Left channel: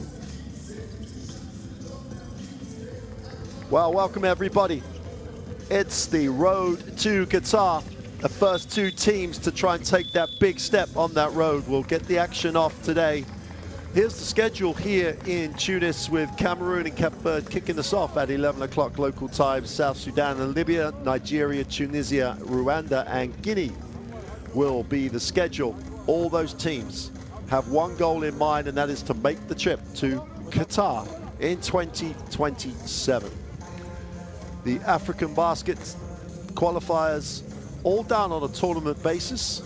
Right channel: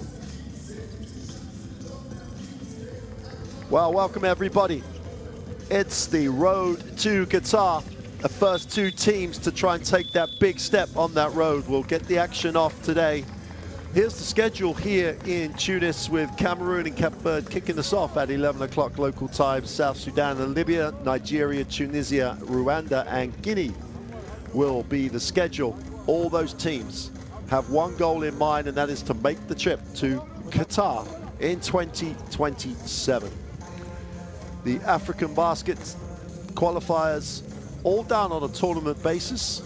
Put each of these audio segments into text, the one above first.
problem. Well, welcome everybody. It's the road to Qatar. The first two teams to try and take that big step on that road will get the action off today. Here's the schedule here in Tunis with Cameroon and Cape Verde kicking us off at 11 o'clock local time. South Sudan and Libya, Nigeria, Tunisia, Rwanda and Guinea will be the schedule. All those teams have one goal in mind, and that is to make the trip to Qatar in 2027. The African basket qualifiers all down on a tournament basis,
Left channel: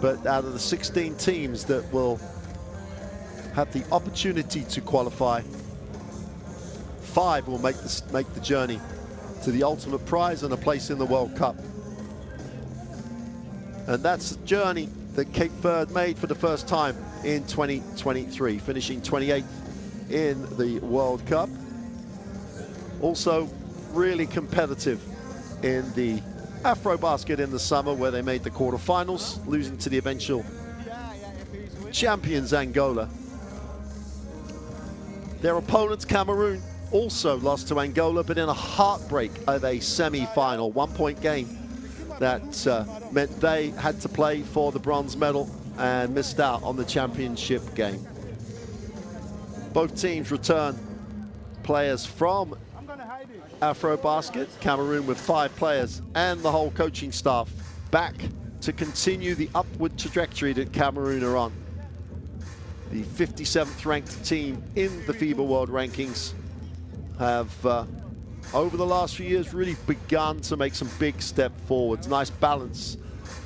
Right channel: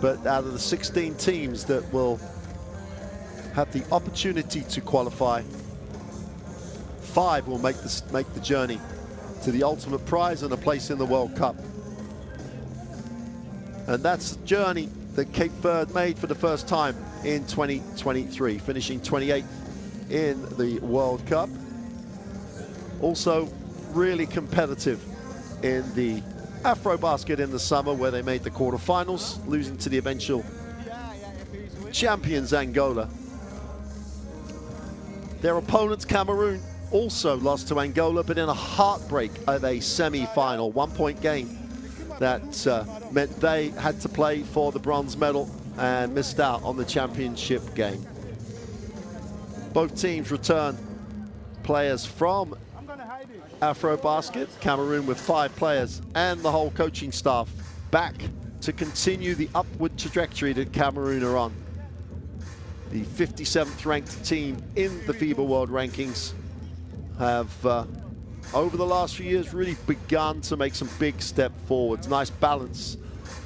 but out of the 16 teams that will have the opportunity to qualify, 5 will make the journey to the ultimate prize and a place in the World Cup. And that's the journey that Cape Verde made for the first time in 2023, finishing 28th in the World Cup. Also really competitive in the Afrobasket in the summer, where they made the quarterfinals, losing to the eventual champions Angola. Their opponents, Cameroon, also lost to Angola, but in a heartbreak of a semi-final, 1-point game that meant they had to play for the bronze medal and missed out on the championship game. Both teams return players from Afrobasket, Cameroon with 5 players and the whole coaching staff back to continue the upward trajectory that Cameroon are on. The 57th ranked team in the FIBA World Rankings have, over the last few years, really begun to make some big step forwards. Nice balance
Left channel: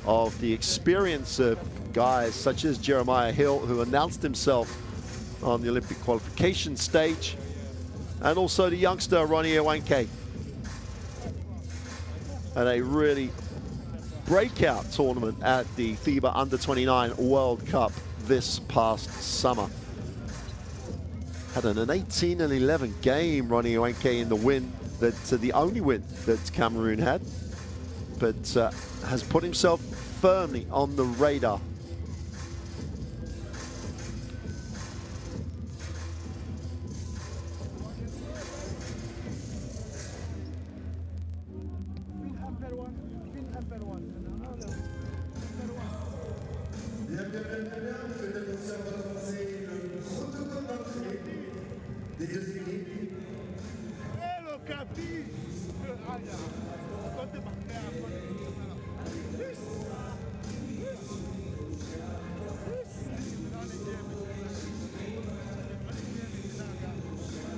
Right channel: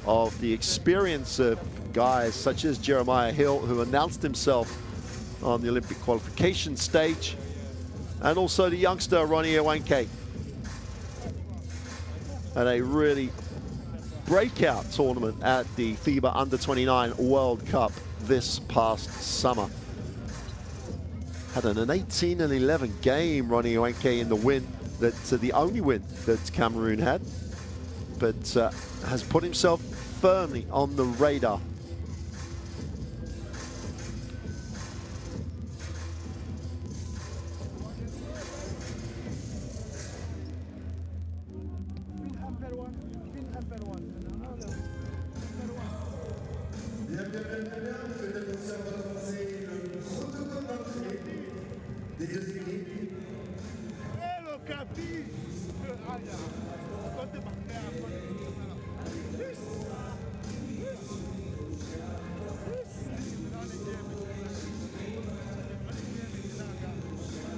of the experience of guys such as Jeremiah Hill, who announced himself on the Olympic qualification stage, and also the youngster Ronnie Iwanke, at a really breakout tournament at the FIBA Under-29 World Cup this past summer. Had an 18-11 game, Ronnie Iwanke, in the win, the only win that Cameroon had, but has put himself firmly on the radar.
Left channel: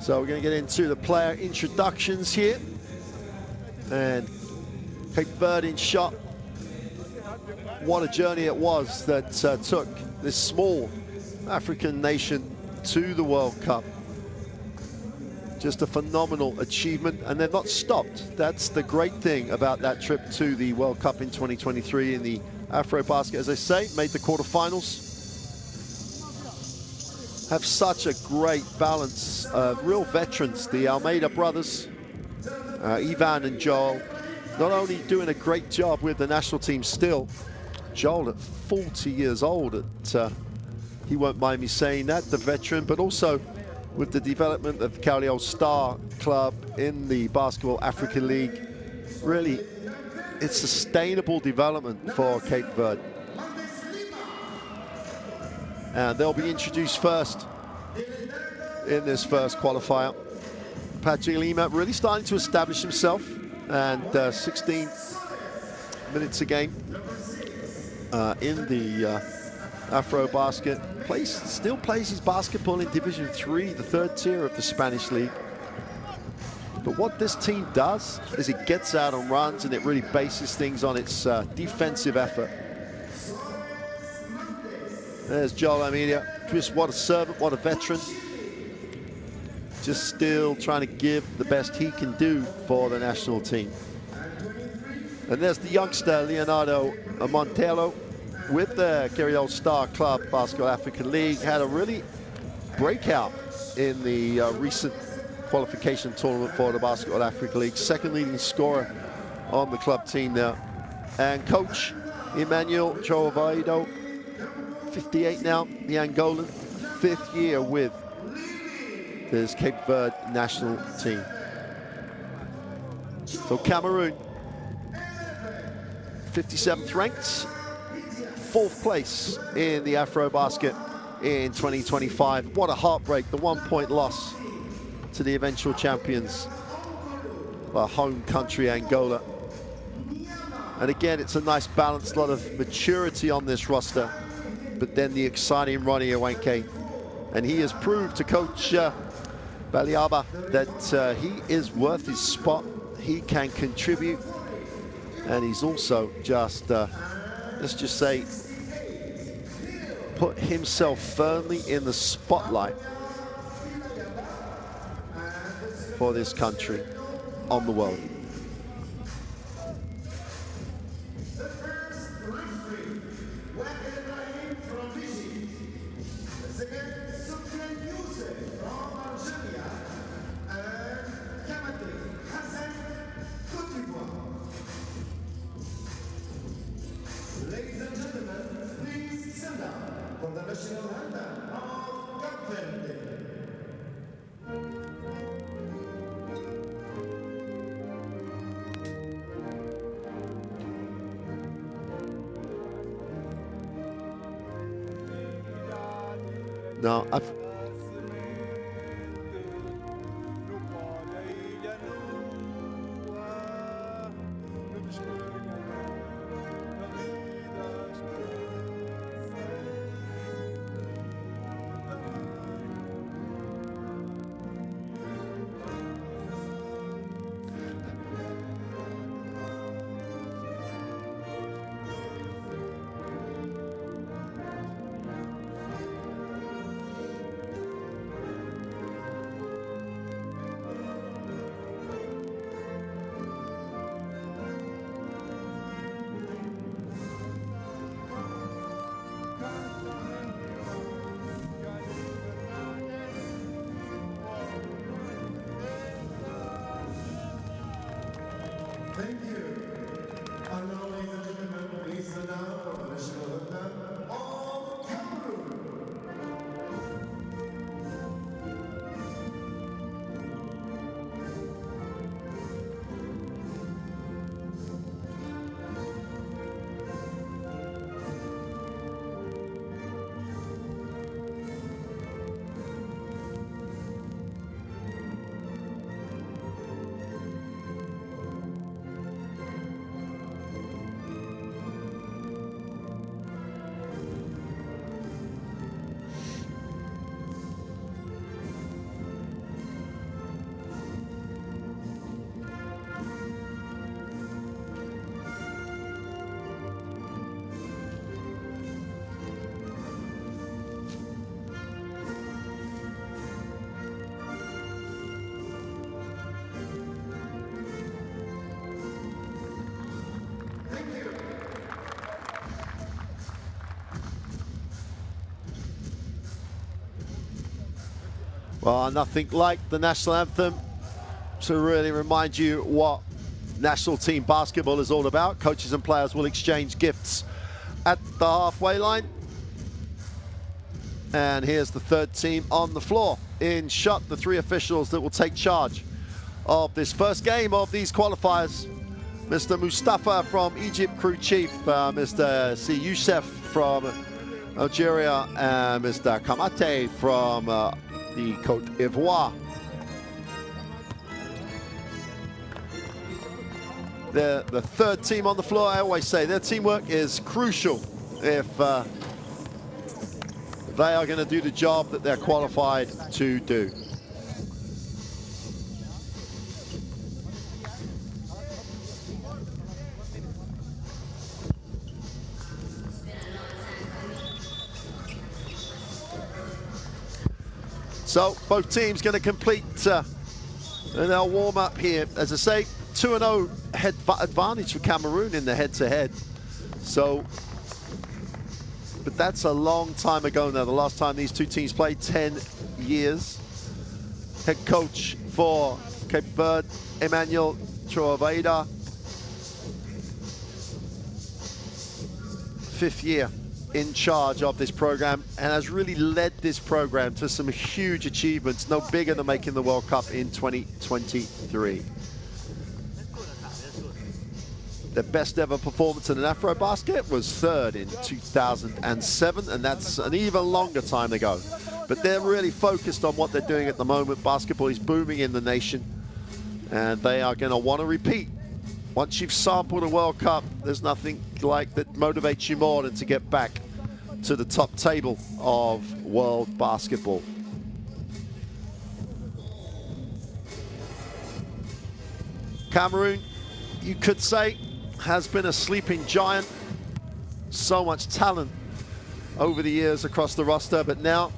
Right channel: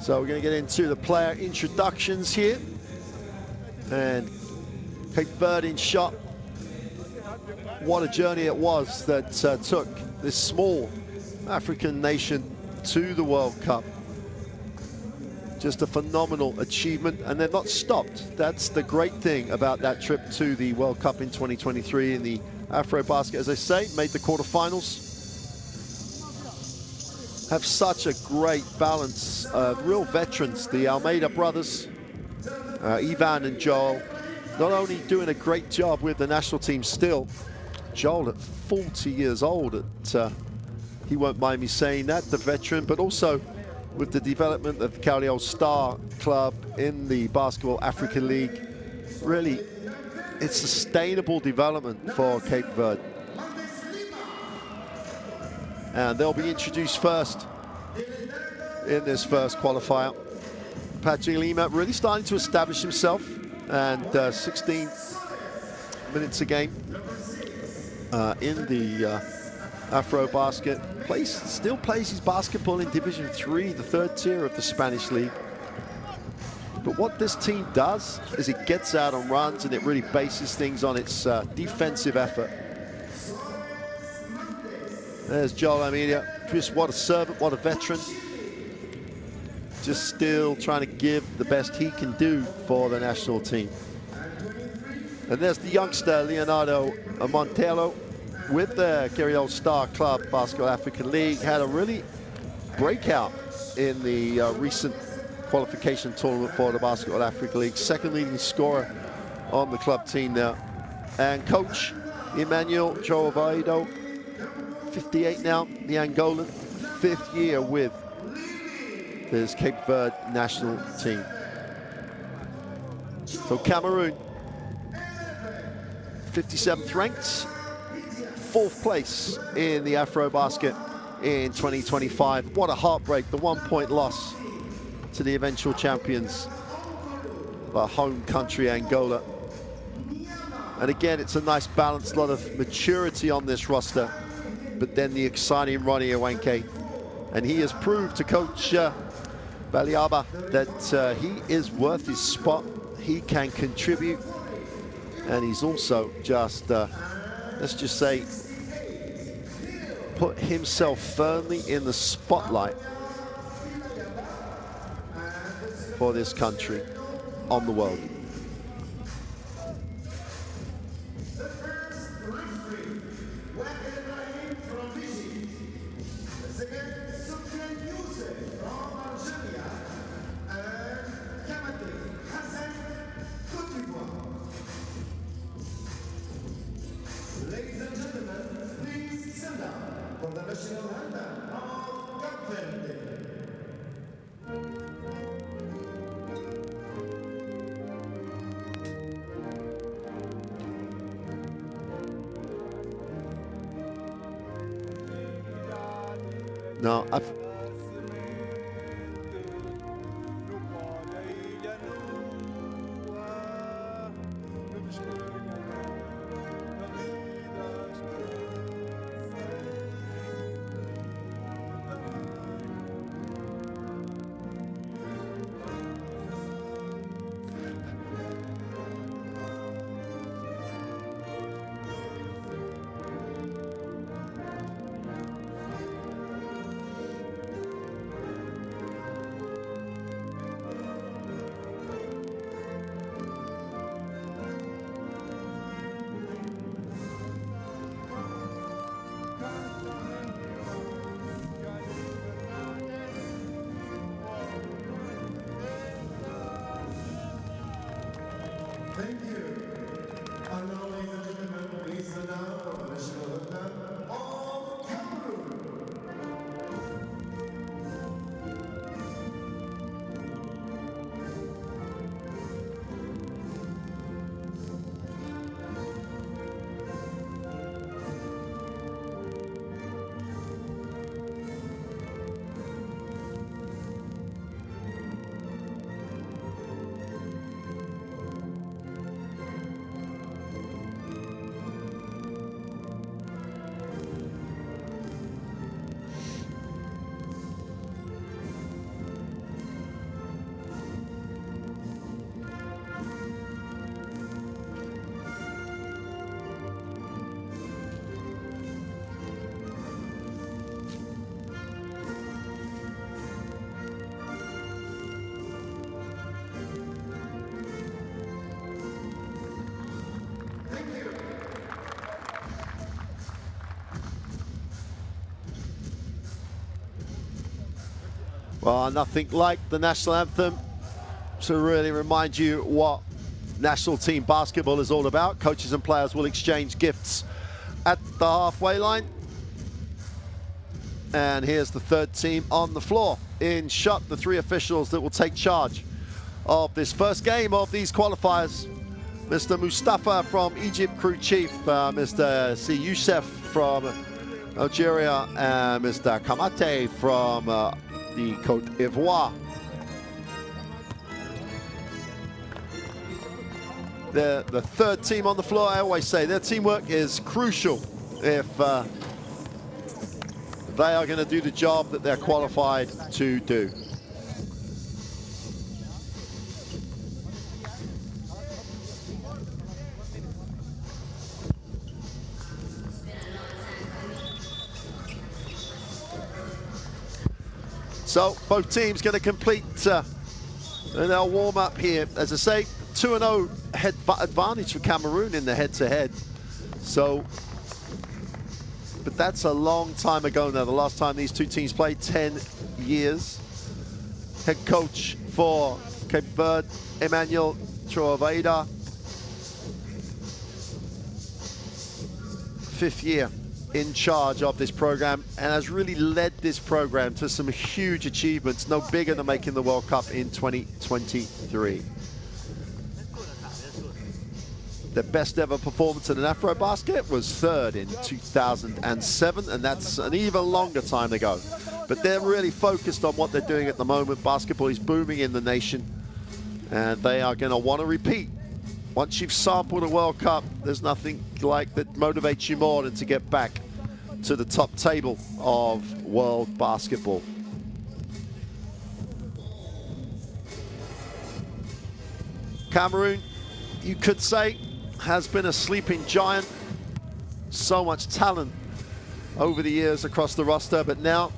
So we're going to get into the player introductions here. And Cape Verde in shot. What a journey it was that took this small African nation to the World Cup. Just a phenomenal achievement, and they've not stopped. That's the great thing about that trip to the World Cup in 2023 in the Afrobasket. As I say, made the quarterfinals. Have such a great balance of real veterans. The Almeida brothers, Ivan and Joel, not only doing a great job with the national team still. Joel at 40 years old, he won't mind me saying that, the veteran, but also with the development of the Cagliari Star Club in the Basketball African League. Really, it's sustainable development for Cape Verde. And they'll be introduced first in this first qualifier. Patrick Lima really starting to establish himself, and 16 minutes a game in the Afrobasket. Still plays his basketball in Division 3, the 3rd tier of the Spanish league. But what this team does is it gets out and runs, and it really bases things on its defensive effort. There's Joel Almeida. Just what a servant, what a veteran. Just still trying to give the best he can do for the national team. And there's the youngster, Leonardo Montelo, with the Cagliari Star Club Basketball African League. Had a really breakout in the recent qualification tournament for the Basketball African League. 2nd leading scorer on the club team there. And coach Emmanuel Joavaido, 58 now, the Angolan, 5th year with this Cape Verde national team. So Cameroon, 57th ranked, 4th place in the Afrobasket in 2025. What a heartbreak, the 1-point loss to the eventual champions, our home country, Angola. And again, it's a nice balanced lot of maturity on this roster, but then the exciting Ronnie Awenke. And he has proved to Coach Baliaba that he is worth his spot. He can contribute, and he's also just, let's just say, put himself firmly in the spotlight for this country on the world. Ladies and gentlemen, please stand up for the national anthem of Verde. No, Thank you. And now, ladies and gentlemen, please stand up for the national anthem of Cameroon. Well, nothing like the national anthem to really remind you what national team basketball is all about. Coaches and players will exchange gifts at the halfway line. And here's the third team on the floor. In shot, the 3 officials that will take charge of this first game of these qualifiers. Mr. Mustafa from Egypt, crew chief, Mr. C. Youssef from Algeria, and Mr. Kamate from the Côte d'Ivoire. The third team on the floor, I always say, their teamwork is crucial if they are going to do the job that they're qualified to do. So both teams going to complete their warm-up here. As I say, 2-0 head advantage for Cameroon in the head-to-head. So, but that's a long time ago now. The last time these two teams played, 10 years. Head coach for Cape Verde, Emmanuel Trovaida. 5th year in charge of this program and has really led this program to some huge achievements, no bigger than making the World Cup in 2023. Their best ever performance in an Afrobasket was third in 2007, and that's an even longer time ago. But they're really focused on what they're doing at the moment. Basketball is booming in the nation, and they are going to want to repeat. Once you've sampled a World Cup, there's nothing like that motivates you more than to get back to the top table of world basketball. Cameroon, you could say, has been a sleeping giant. So much talent over the years across the roster, but now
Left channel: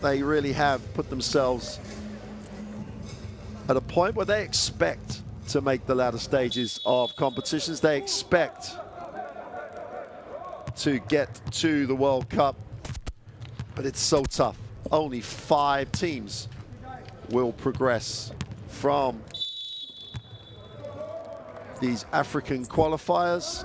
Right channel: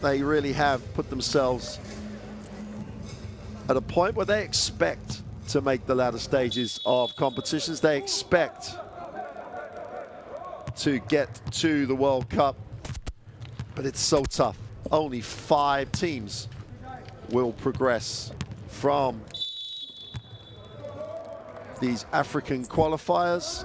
they really have put themselves at a point where they expect to make the latter stages of competitions. They expect to get to the World Cup, but it's so tough. Only 5 teams will progress from these African qualifiers.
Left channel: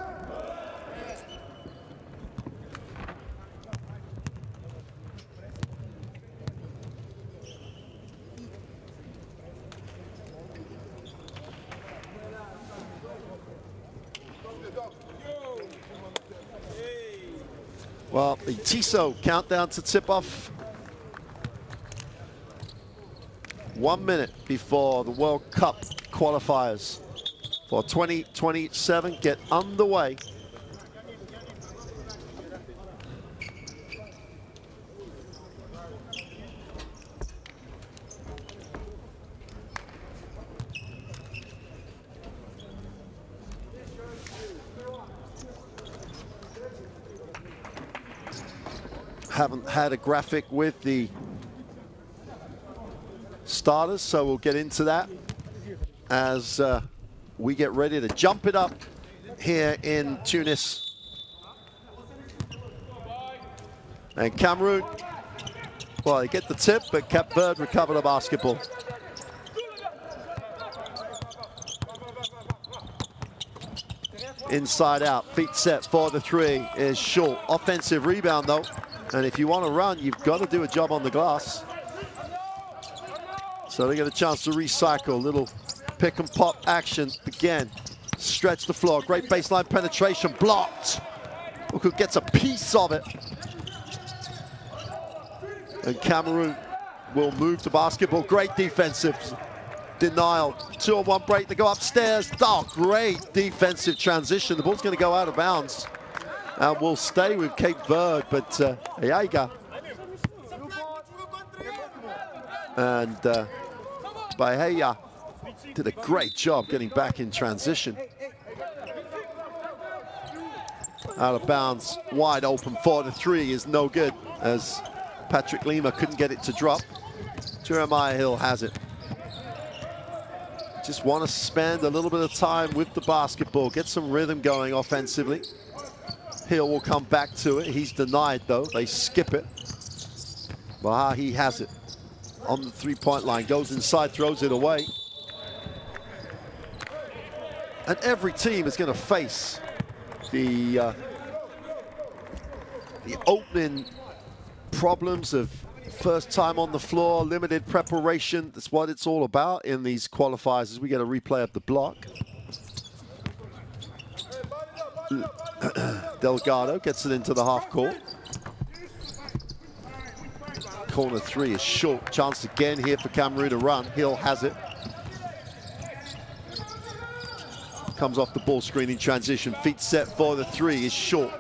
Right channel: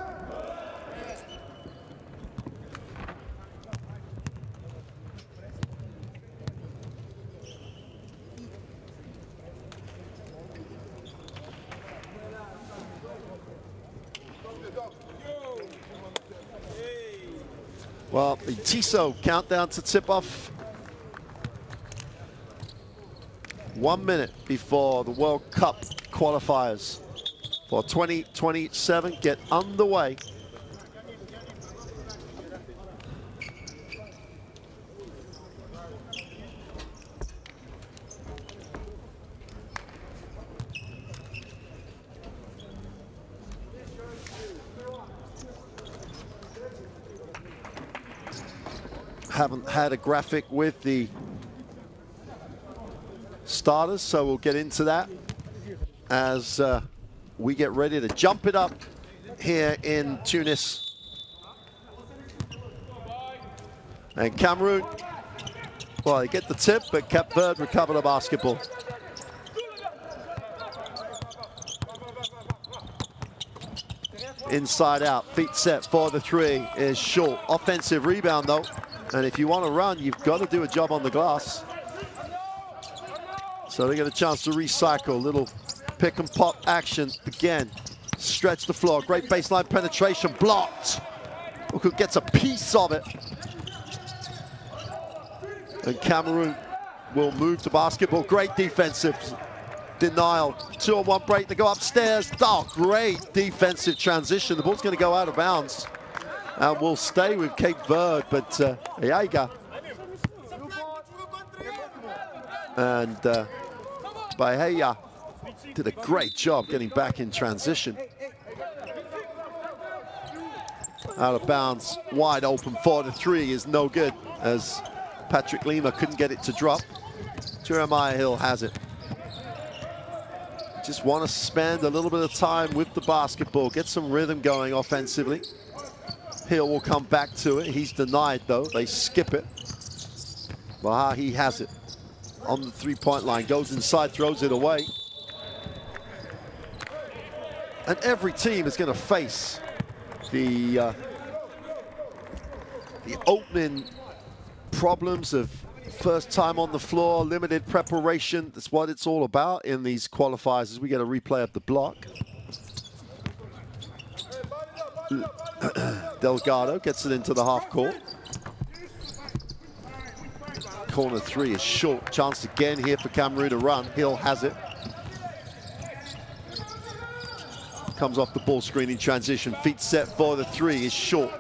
Well, the TISO countdown to tip-off. 1 minute before the World Cup qualifiers for 2027 get underway. Haven't had a graphic with the starters, so we'll get into that as we get ready to jump it up here in Tunis. And Cameroon, well, they get the tip, but Cape Verde recover the basketball. Inside out, feet set for the 3 is short. Offensive rebound though. And if you want to run, you've got to do a job on the glass. So they get a chance to recycle. Little pick and pop action again. Stretch the floor. Great baseline penetration. Blocked. Uku gets a piece of it. And Cameroon will move the basketball. Great defensive denial. 2-on-1 break. They go upstairs. Oh, great defensive transition. The ball's going to go out of bounds. And we'll stay with Cape Verde, but Ayaga and Bahia did a great job getting back in transition. Out of bounds, wide open for the 3 is no good, as Patrick Lima couldn't get it to drop. Jeremiah Hill has it. Just want to spend a little bit of time with the basketball, get some rhythm going offensively. Hill will come back to it. He's denied though. They skip it. Baha, he has it on the 3-point line. Goes inside, throws it away. And every team is going to face the opening problems of first time on the floor, limited preparation. That's what it's all about in these qualifiers, as we get a replay of the block. Delgado gets it into the half court. Corner 3 is short. Chance again here for Cameroon to run. Hill has it. Comes off the ball screen in transition. Feet set for the 3 is short.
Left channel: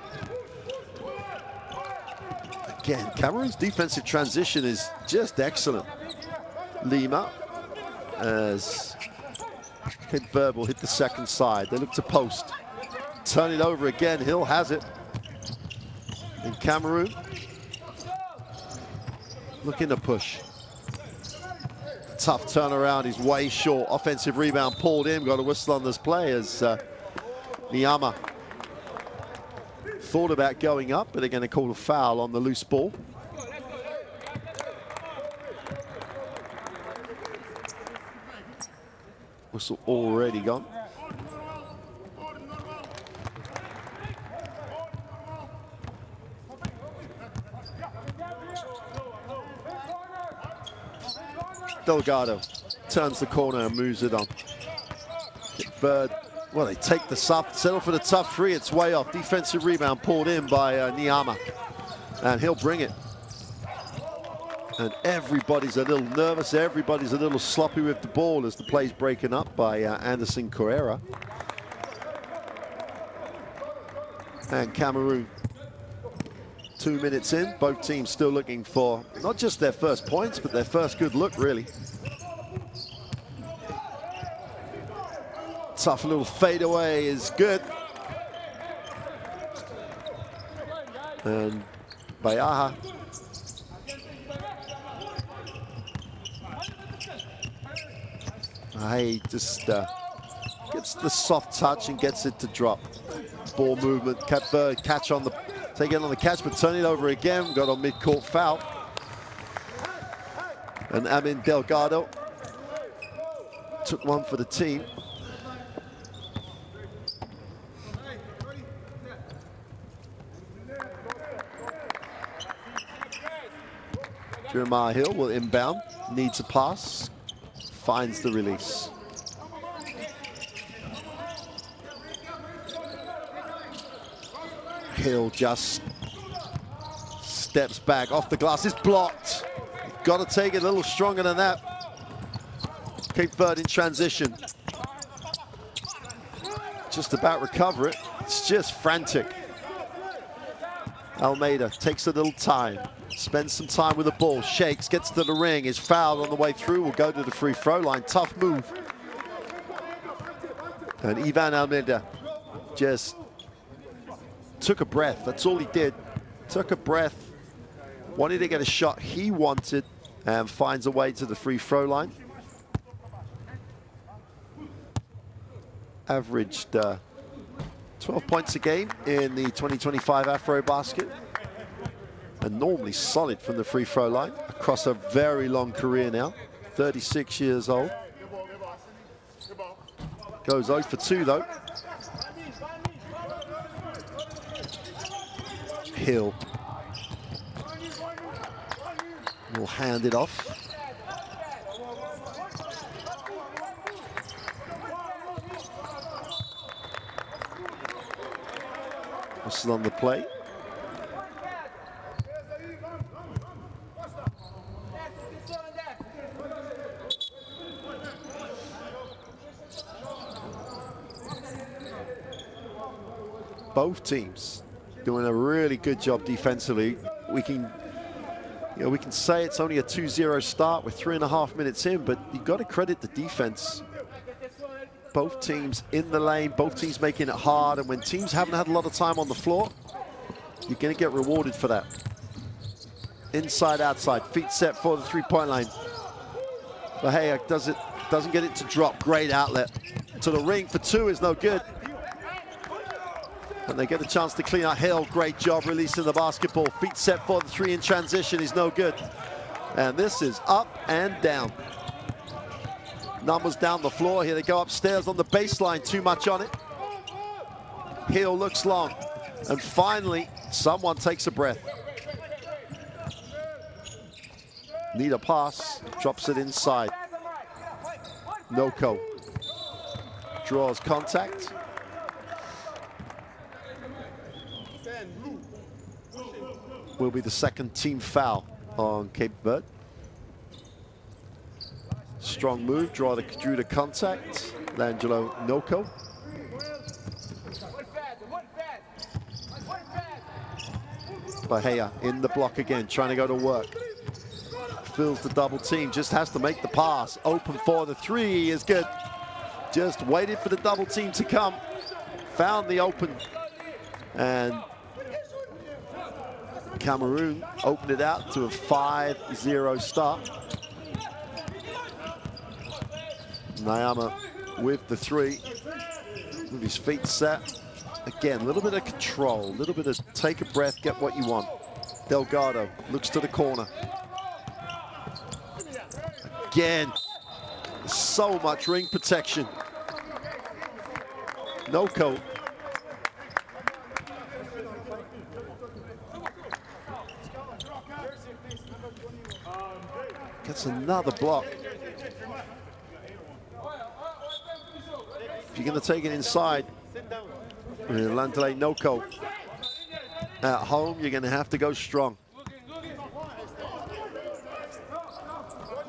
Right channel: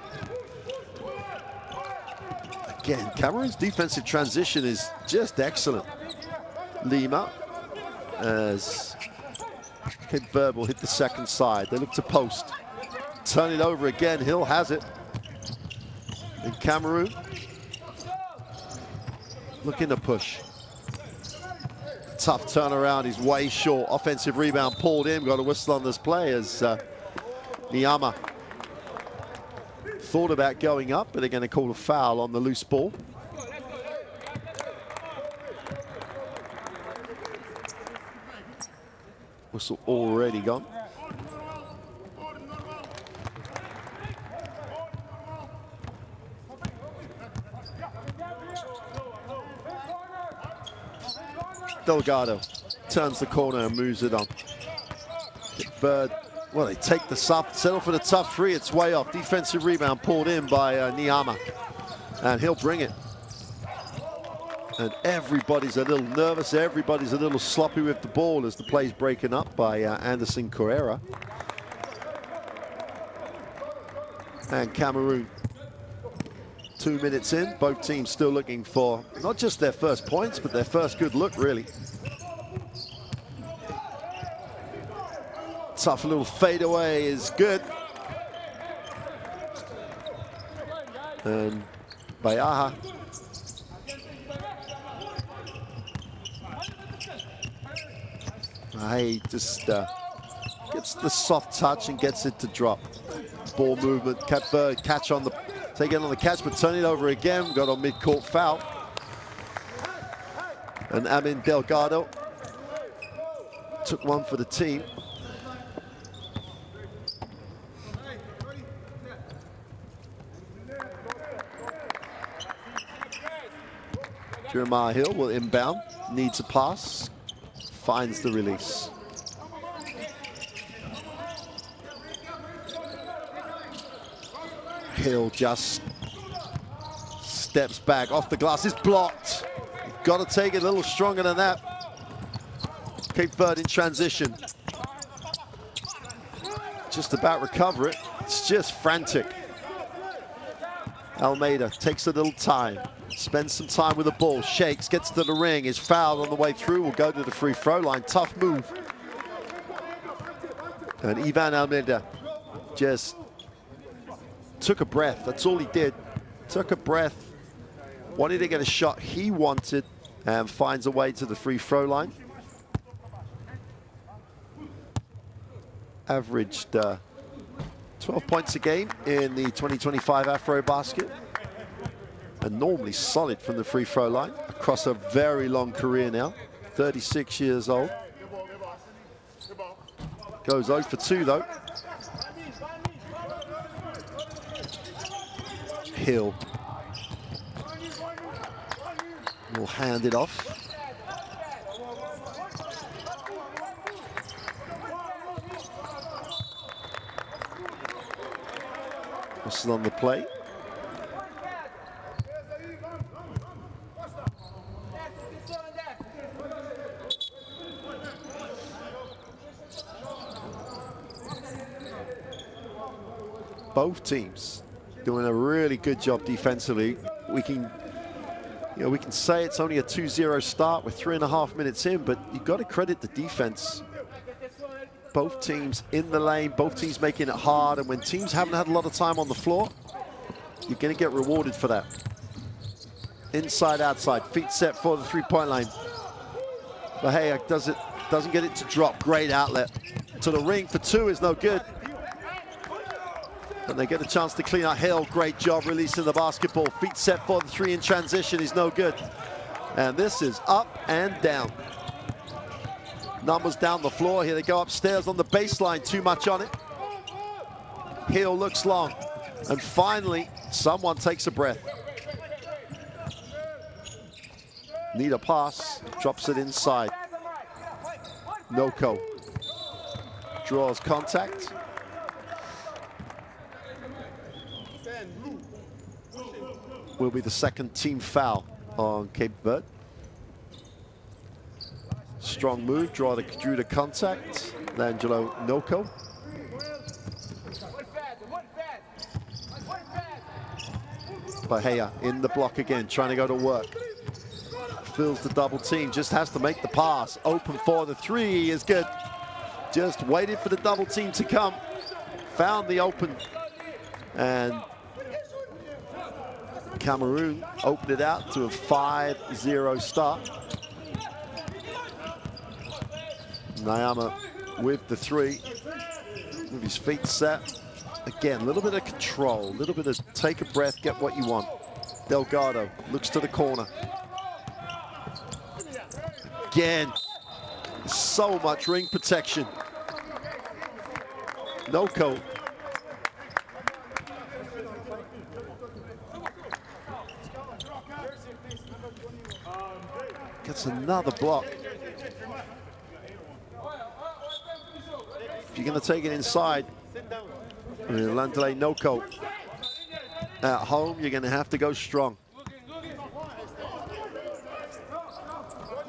Again, Cameroon's defensive transition is just excellent. Lima, as Cape Verde will hit the second side. They look to post. Turn it over again. Hill has it. And Cameroon looking to push. Tough turnaround. He's way short. Offensive rebound pulled in. Got a whistle on this play as Niama thought about going up, but they're going to call a foul on the loose ball. Whistle already gone. Delgado turns the corner and moves it on. Verde, well, they take the settle for the tough three. It's way off. Defensive rebound pulled in by Niama, and he'll bring it. And everybody's a little nervous. Everybody's a little sloppy with the ball as the play's breaking up by Anderson Correa. And Cameroon, 2 minutes in, both teams still looking for not just their first points, but their first good look, really. Tough little fadeaway is good. And Bayaha. He just gets the soft touch and gets it to drop. Ball movement, catch on the, take it on the catch, but turn it over again. Got a mid-court foul. And Amin Delgado took one for the team. Jeremiah Hill will inbound, needs a pass, finds the release. Hill just steps back off the glass. It's blocked. Got to take it a little stronger than that. Cape Verde in transition. Just about recover it. It's just frantic. Almeida takes a little time. Spends some time with the ball. Shakes, gets to the ring. Is fouled on the way through. Will go to the free throw line. Tough move. And Ivan Almeida just took a breath. That's all he did. Took a breath. Wanted to get a shot he wanted, and finds a way to the free throw line. Averaged 12 points a game in the 2025 Afro Basket. And normally solid from the free throw line across a very long career now. 36 years old. Goes 0 for 2 though. Hill will hand it off. Whistle on the play. Both teams doing a really good job defensively. We can say it's only a 2-0 start with 3.5 minutes in, but you've got to credit the defense. Both teams in the lane, both teams making it hard, and when teams haven't had a lot of time on the floor, you're going to get rewarded for that. Inside, outside, feet set for the three-point line. Bahia doesn't get it to drop. Great outlet to the ring for 2 is no good. And they get a chance to clean out. Hill, great job releasing the basketball. Feet set for the 3 in transition is no good. And this is up and down. Numbers down the floor. Here they go upstairs on the baseline. Too much on it. Hill looks long. And finally, someone takes a breath. Need a pass. Drops it inside. Noko draws contact. Will be the second team foul on Cape Verde. Strong move, drew the contact. L'Angelo Noko. Bahia in the block again, trying to go to work. Fills the double team, just has to make the pass. Open for the 3 is good. Just waited for the double team to come. Found the open. And Cameroon opened it out to a 5-0 start. Niama with the 3, with his feet set. Again, a little bit of control, a little bit of take a breath, get what you want. Delgado looks to the corner. Again, so much ring protection. Noko. Gets another block. If you're going to take it inside, Landele Noko at home, you're going to have to go strong.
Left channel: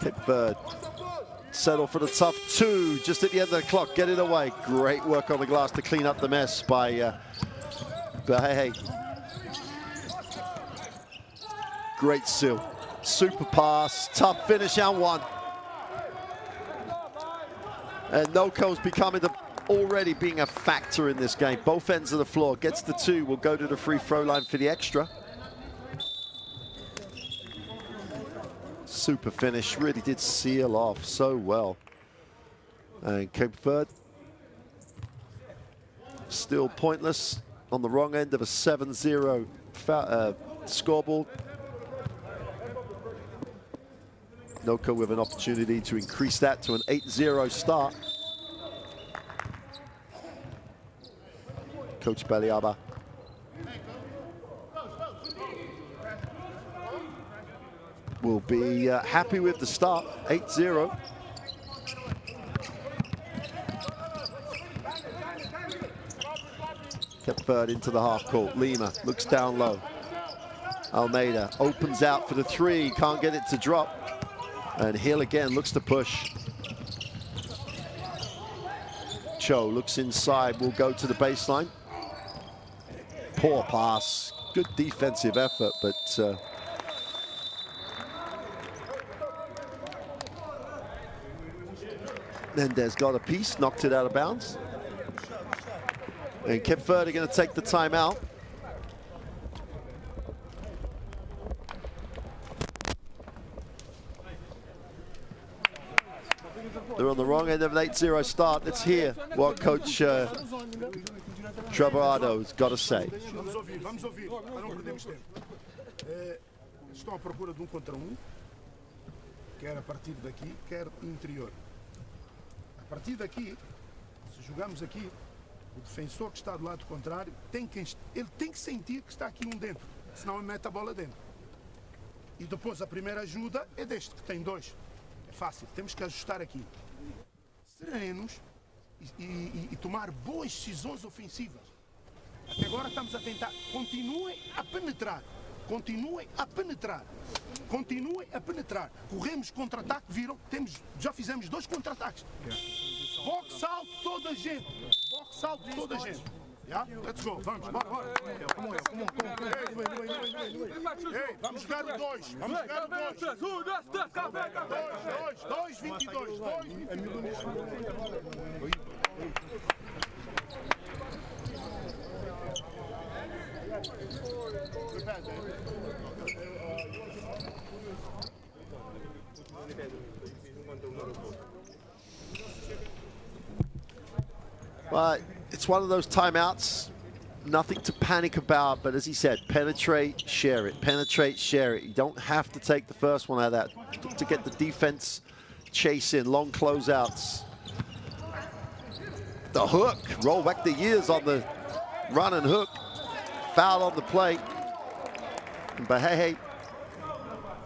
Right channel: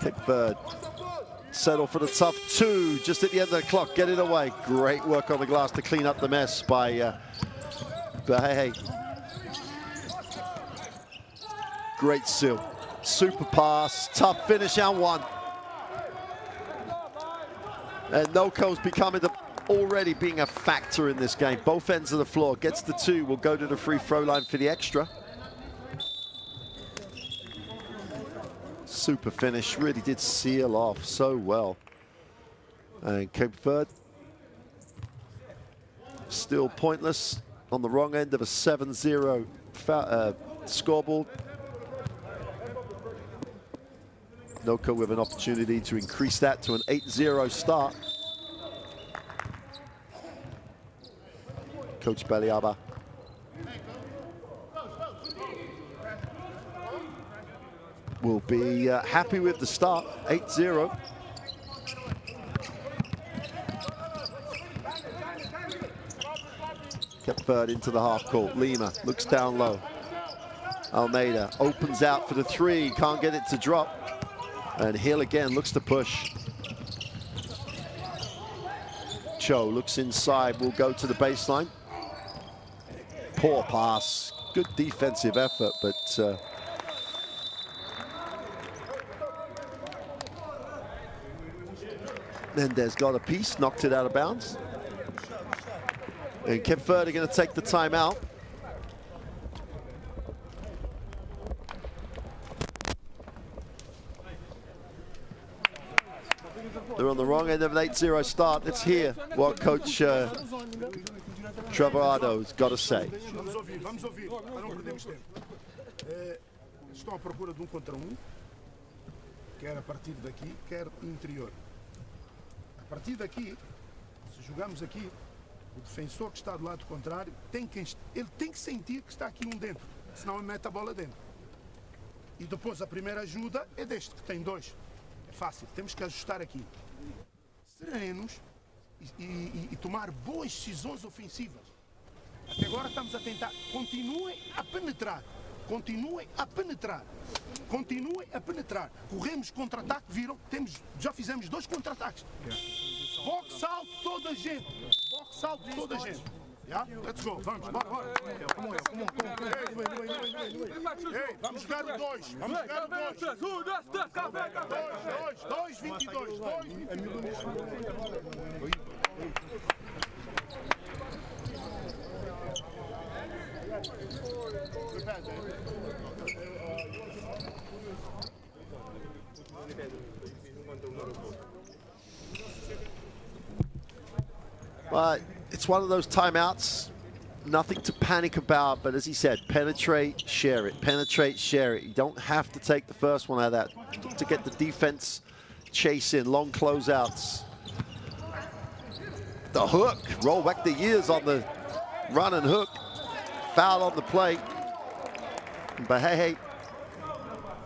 Cape Verde settle for the tough two just at the end of the clock. Get it away. Great work on the glass to clean up the mess by Verde. Great seal. Super pass. Tough finish and one. And Noko's becoming already being a factor in this game. Both ends of the floor. Gets the two. Will go to the free throw line for the extra. Super finish. Really did seal off so well. And Cape Verde still pointless on the wrong end of a 7-0 scoreboard. Noko with an opportunity to increase that to an 8-0 start. Coach Baliaba. Will be happy with the start, 8-0. Cape Verde into the half court. Lima looks down low. Almeida opens out for the three, can't get it to drop. And Hill again looks to push. Cho looks inside, will go to the baseline. Poor pass, good defensive effort, but Mendez got a piece, knocked it out of bounds. And Cape Verde are going to take the timeout. They're on the wrong end of an 8-0 start. Let's hear what Coach Travado's got to say. Vamos ouvir, para não perdermos tempo. Estão à procura de contra quer a partir daqui, quer interior. A partir daqui, se jogamos aqui, o defensor que está do lado contrário, ele tem que sentir que está aqui dentro, senão ele mete a bola dentro. E depois a primeira ajuda é deste, que tem dois. É fácil, temos que ajustar aqui. Serenos e tomar boas decisões ofensivas. Até agora estamos a tentar. Continuem a penetrar. Continuem a penetrar. Continuem a penetrar. Corremos contra-ataque, viram? Já fizemos 2 contra-ataques. Box out toda a gente. Box out toda a gente. Yeah? Let's go. Vamos, bora. Ei, vamos jogar o 2. Vamos jogar o 2. 2, 22. 2, 22. But it's one of those timeouts, nothing to panic about, but as he said, penetrate, share it. Penetrate, share it. You don't have to take the first one out of that to get the defense chase in, long closeouts. The hook, roll back the years on the run and hook. Foul on the play. Bahehe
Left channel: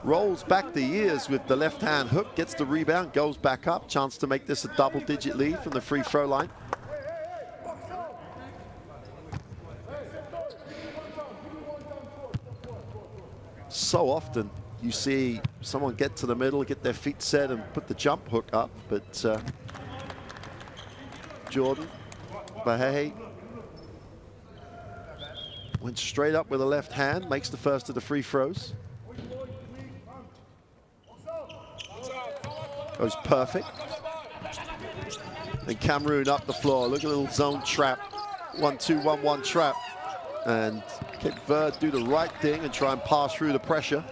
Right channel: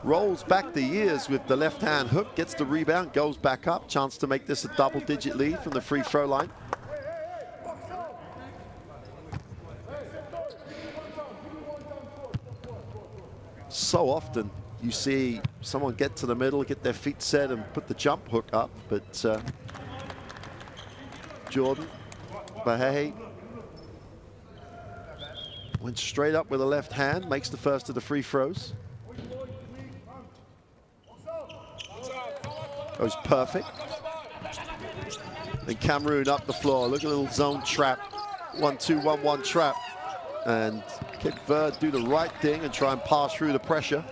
rolls back the years with the left-hand hook, gets the rebound, goes back up. Chance to make this a double-digit lead from the free throw line. So often you see someone get to the middle, get their feet set and put the jump hook up, but Jordan Bahehe went straight up with a left hand, makes the first of the free throws. Goes perfect. And Cameroon up the floor. Look at a little zone trap. 1-2, 1-1 trap. And Cape Verde do the right thing and try and pass through the pressure.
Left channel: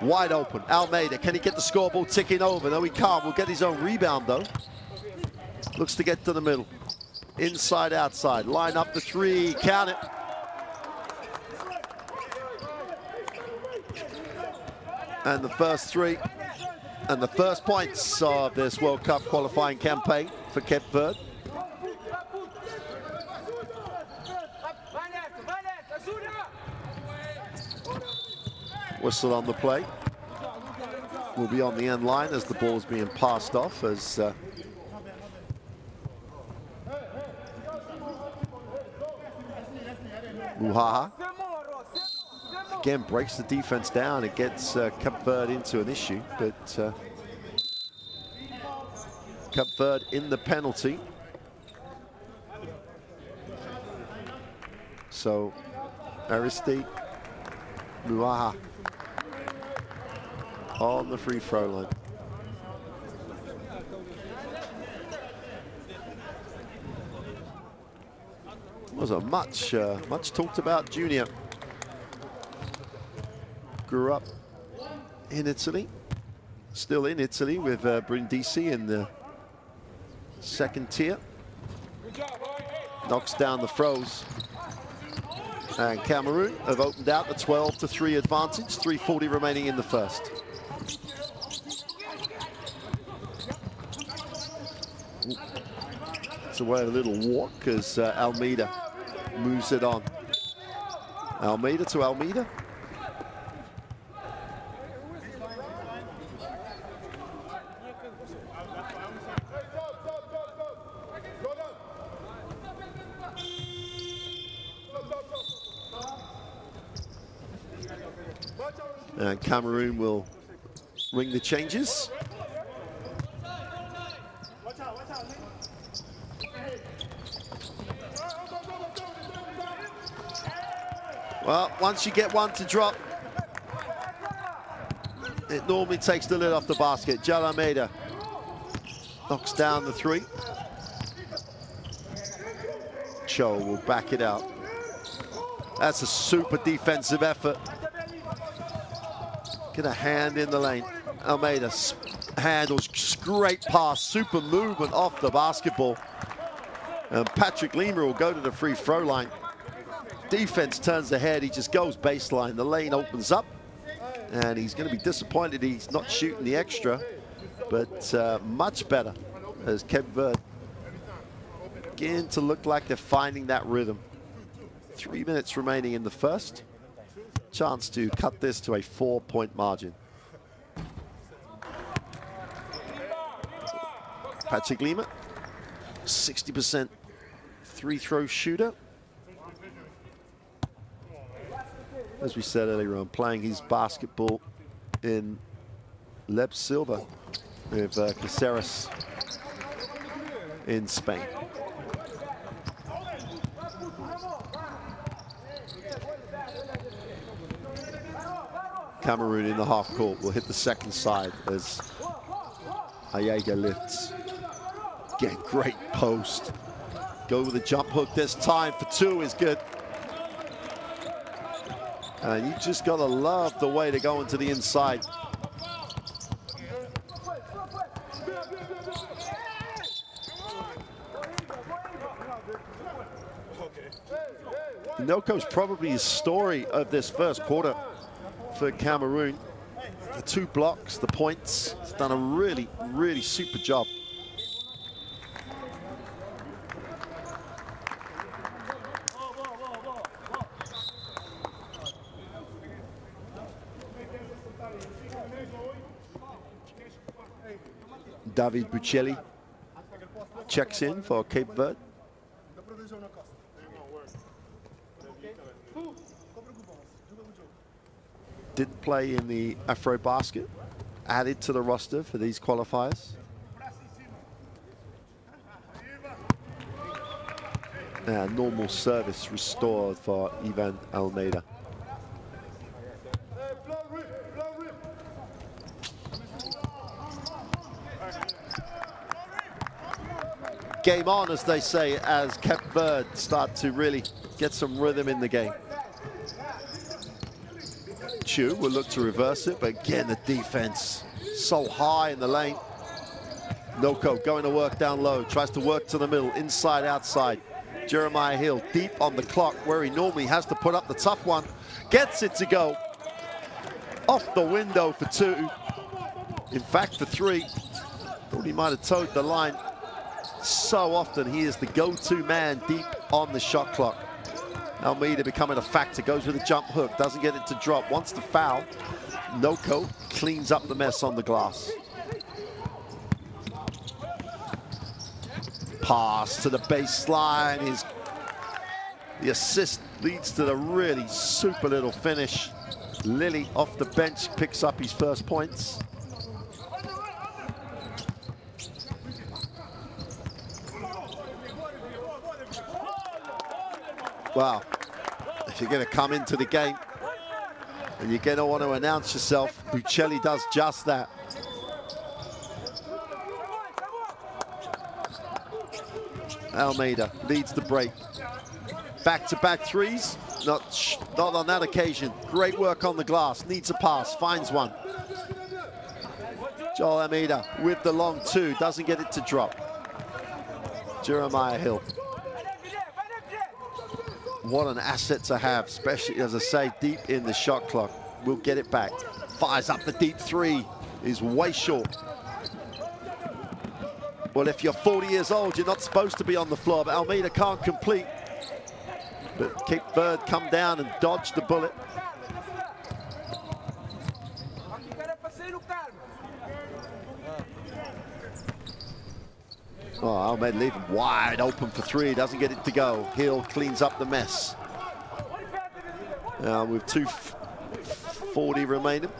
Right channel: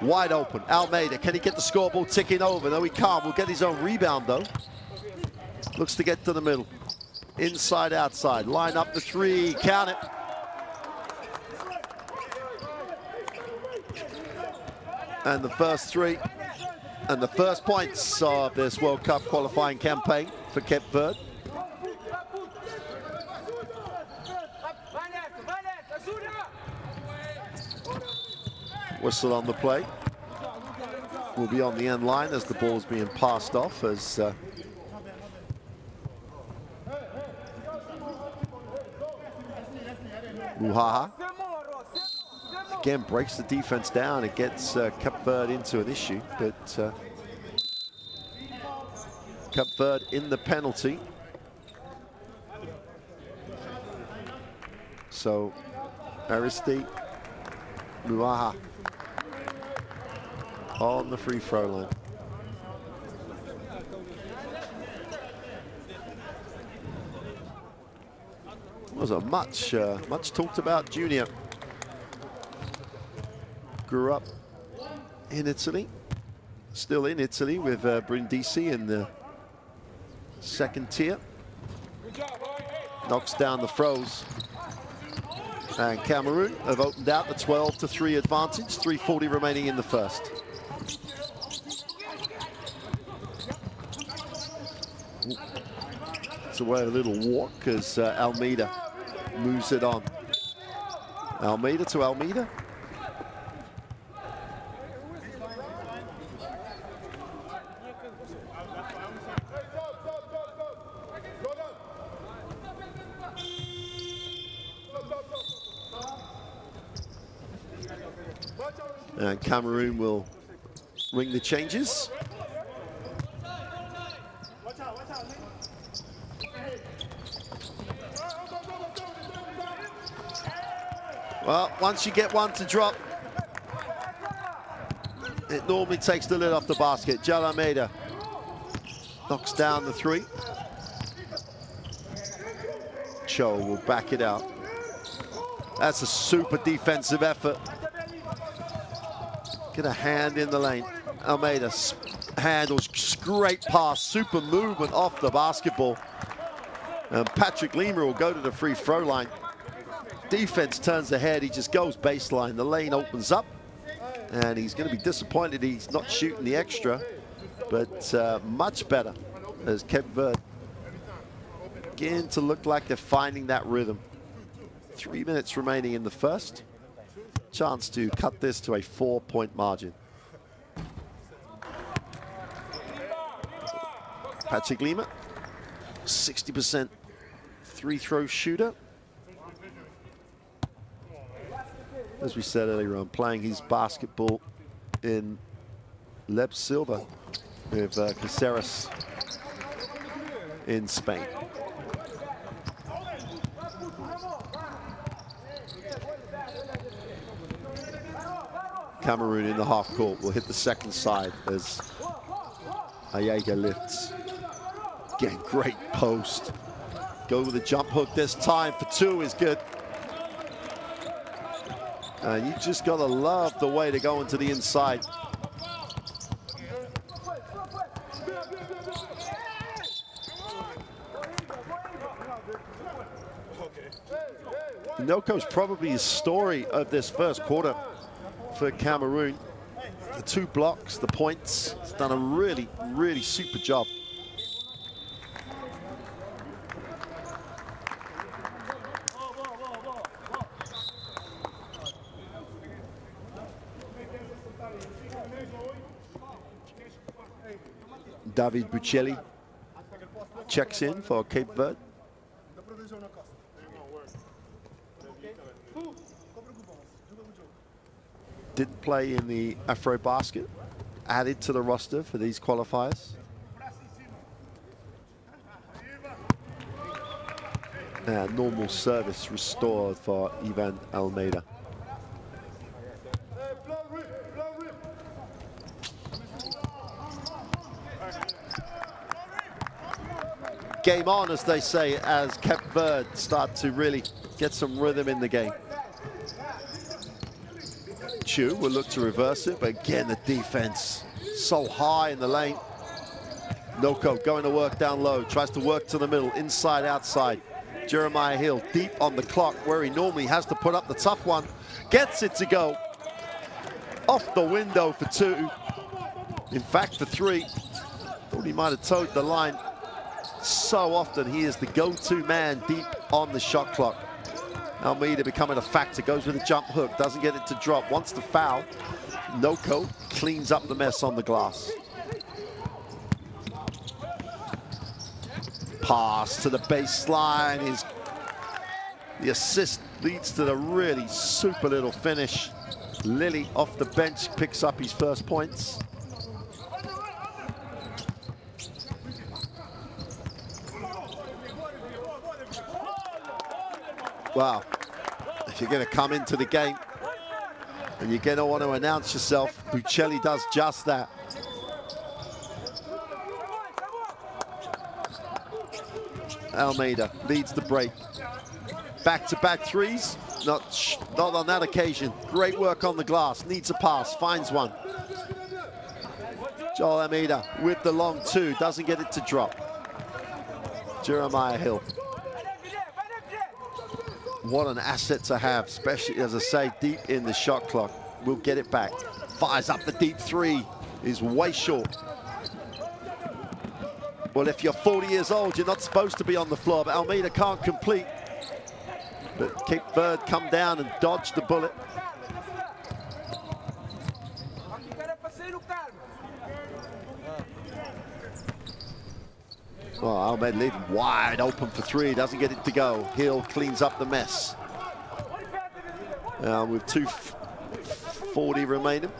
Wide open. Almeida, can he get the scoreboard ticking over? No, he can't. Will get his own rebound, though. Looks to get to the middle. Inside, outside. Line up the three. Count it. And the first three. And the first points of this World Cup qualifying campaign for Cape Verde. Whistle on the play. will be on the end line as the ball's being passed off as Muhaha again breaks the defense down. It gets Cape Verde into an issue, but Cape Verde in the penalty. So Aristide Muhaha on the free throw line. Was a much talked about junior. Grew up in Italy, still in Italy with Brindisi in the second tier. Knocks down the throws. And Cameroon have opened out the 12-3 advantage, 3:40 remaining in the first. It's away a little walk as Almeida moves it on. Almeida to Almeida. And Cameroon will ring the changes. Well, once you get one to drop, it normally takes the lid off the basket. Jal Almeida knocks down the three. Cho will back it out. That's a super defensive effort. Get a hand in the lane. Almeida handles, great pass, super movement off the basketball. And Patrick Lima will go to the free throw line. Defense turns ahead, he just goes baseline. The lane opens up, and he's going to be disappointed he's not shooting the extra, but much better as Cape Verde begin to look like they're finding that rhythm. 3 minutes remaining in the first. Chance to cut this to a 4-point margin. Patrick Lima, 60% free throw shooter. As we said earlier on, playing his basketball in Leb Silva with Caceres in Spain. Cameroon in the half court will hit the second side as Ayega lifts. Again, great post. Go with a jump hook this time for two is good. And you just gotta love the way to go into the inside. Noko's probably the story of this first quarter for Cameroon. The 2 blocks, the points. He's done a really, really super job. David Buccelli checks in for Cape Verde. Didn't play in the Afro Basket, added to the roster for these qualifiers. And normal service restored for Ivan Almeida. Game on, as they say, as Cape Verde start to really get some rhythm in the game. Chu will look to reverse it, but again, the defense so high in the lane. Noko going to work down low, tries to work to the middle, inside, outside. Jeremiah Hill deep on the clock where he normally has to put up the tough one. Gets it to go. Off the window for 2. In fact, for 3. Thought he might have towed the line. So often he is the go-to man deep on the shot clock. Almeida becoming a factor, goes with a jump hook, doesn't get it to drop, wants to foul. Noko cleans up the mess on the glass. Pass to the baseline. The assist leads to the really super little finish. Lily off the bench picks up his first points. Wow, if you're going to come into the game and you're going to want to announce yourself, Buccelli does just that. Almeida leads the break. Back-to-back threes, not on that occasion. Great work on the glass, needs a pass, finds one. Joel Almeida with the long two, doesn't get it to drop. Jeremiah Hill. What an asset to have, especially, as I say, deep in the shot clock. We'll get it back. Fires up the deep three, is way short. Well, if you're 40 years old, you're not supposed to be on the floor, but Almeida can't complete. But Cape Verde come down and dodge the bullet. Oh, Almeida leaving wide open for three, doesn't get it to go. Hill cleans up the mess. Now with 2:40 remaining.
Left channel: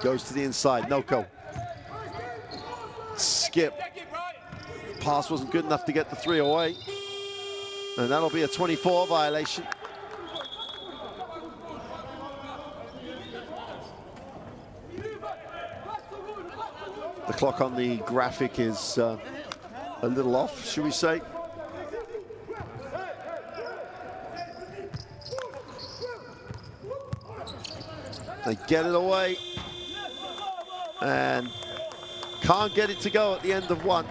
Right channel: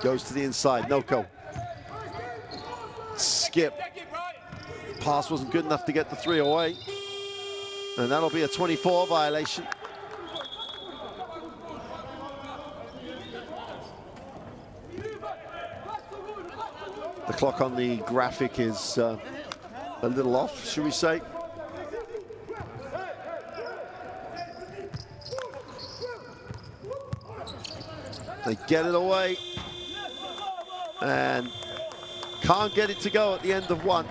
Goes to the inside, Noko. Skip. Pass wasn't good enough to get the three away. And that'll be a 24 violation. The clock on the graphic is a little off, should we say. They get it away and can't get it to go at the end of one.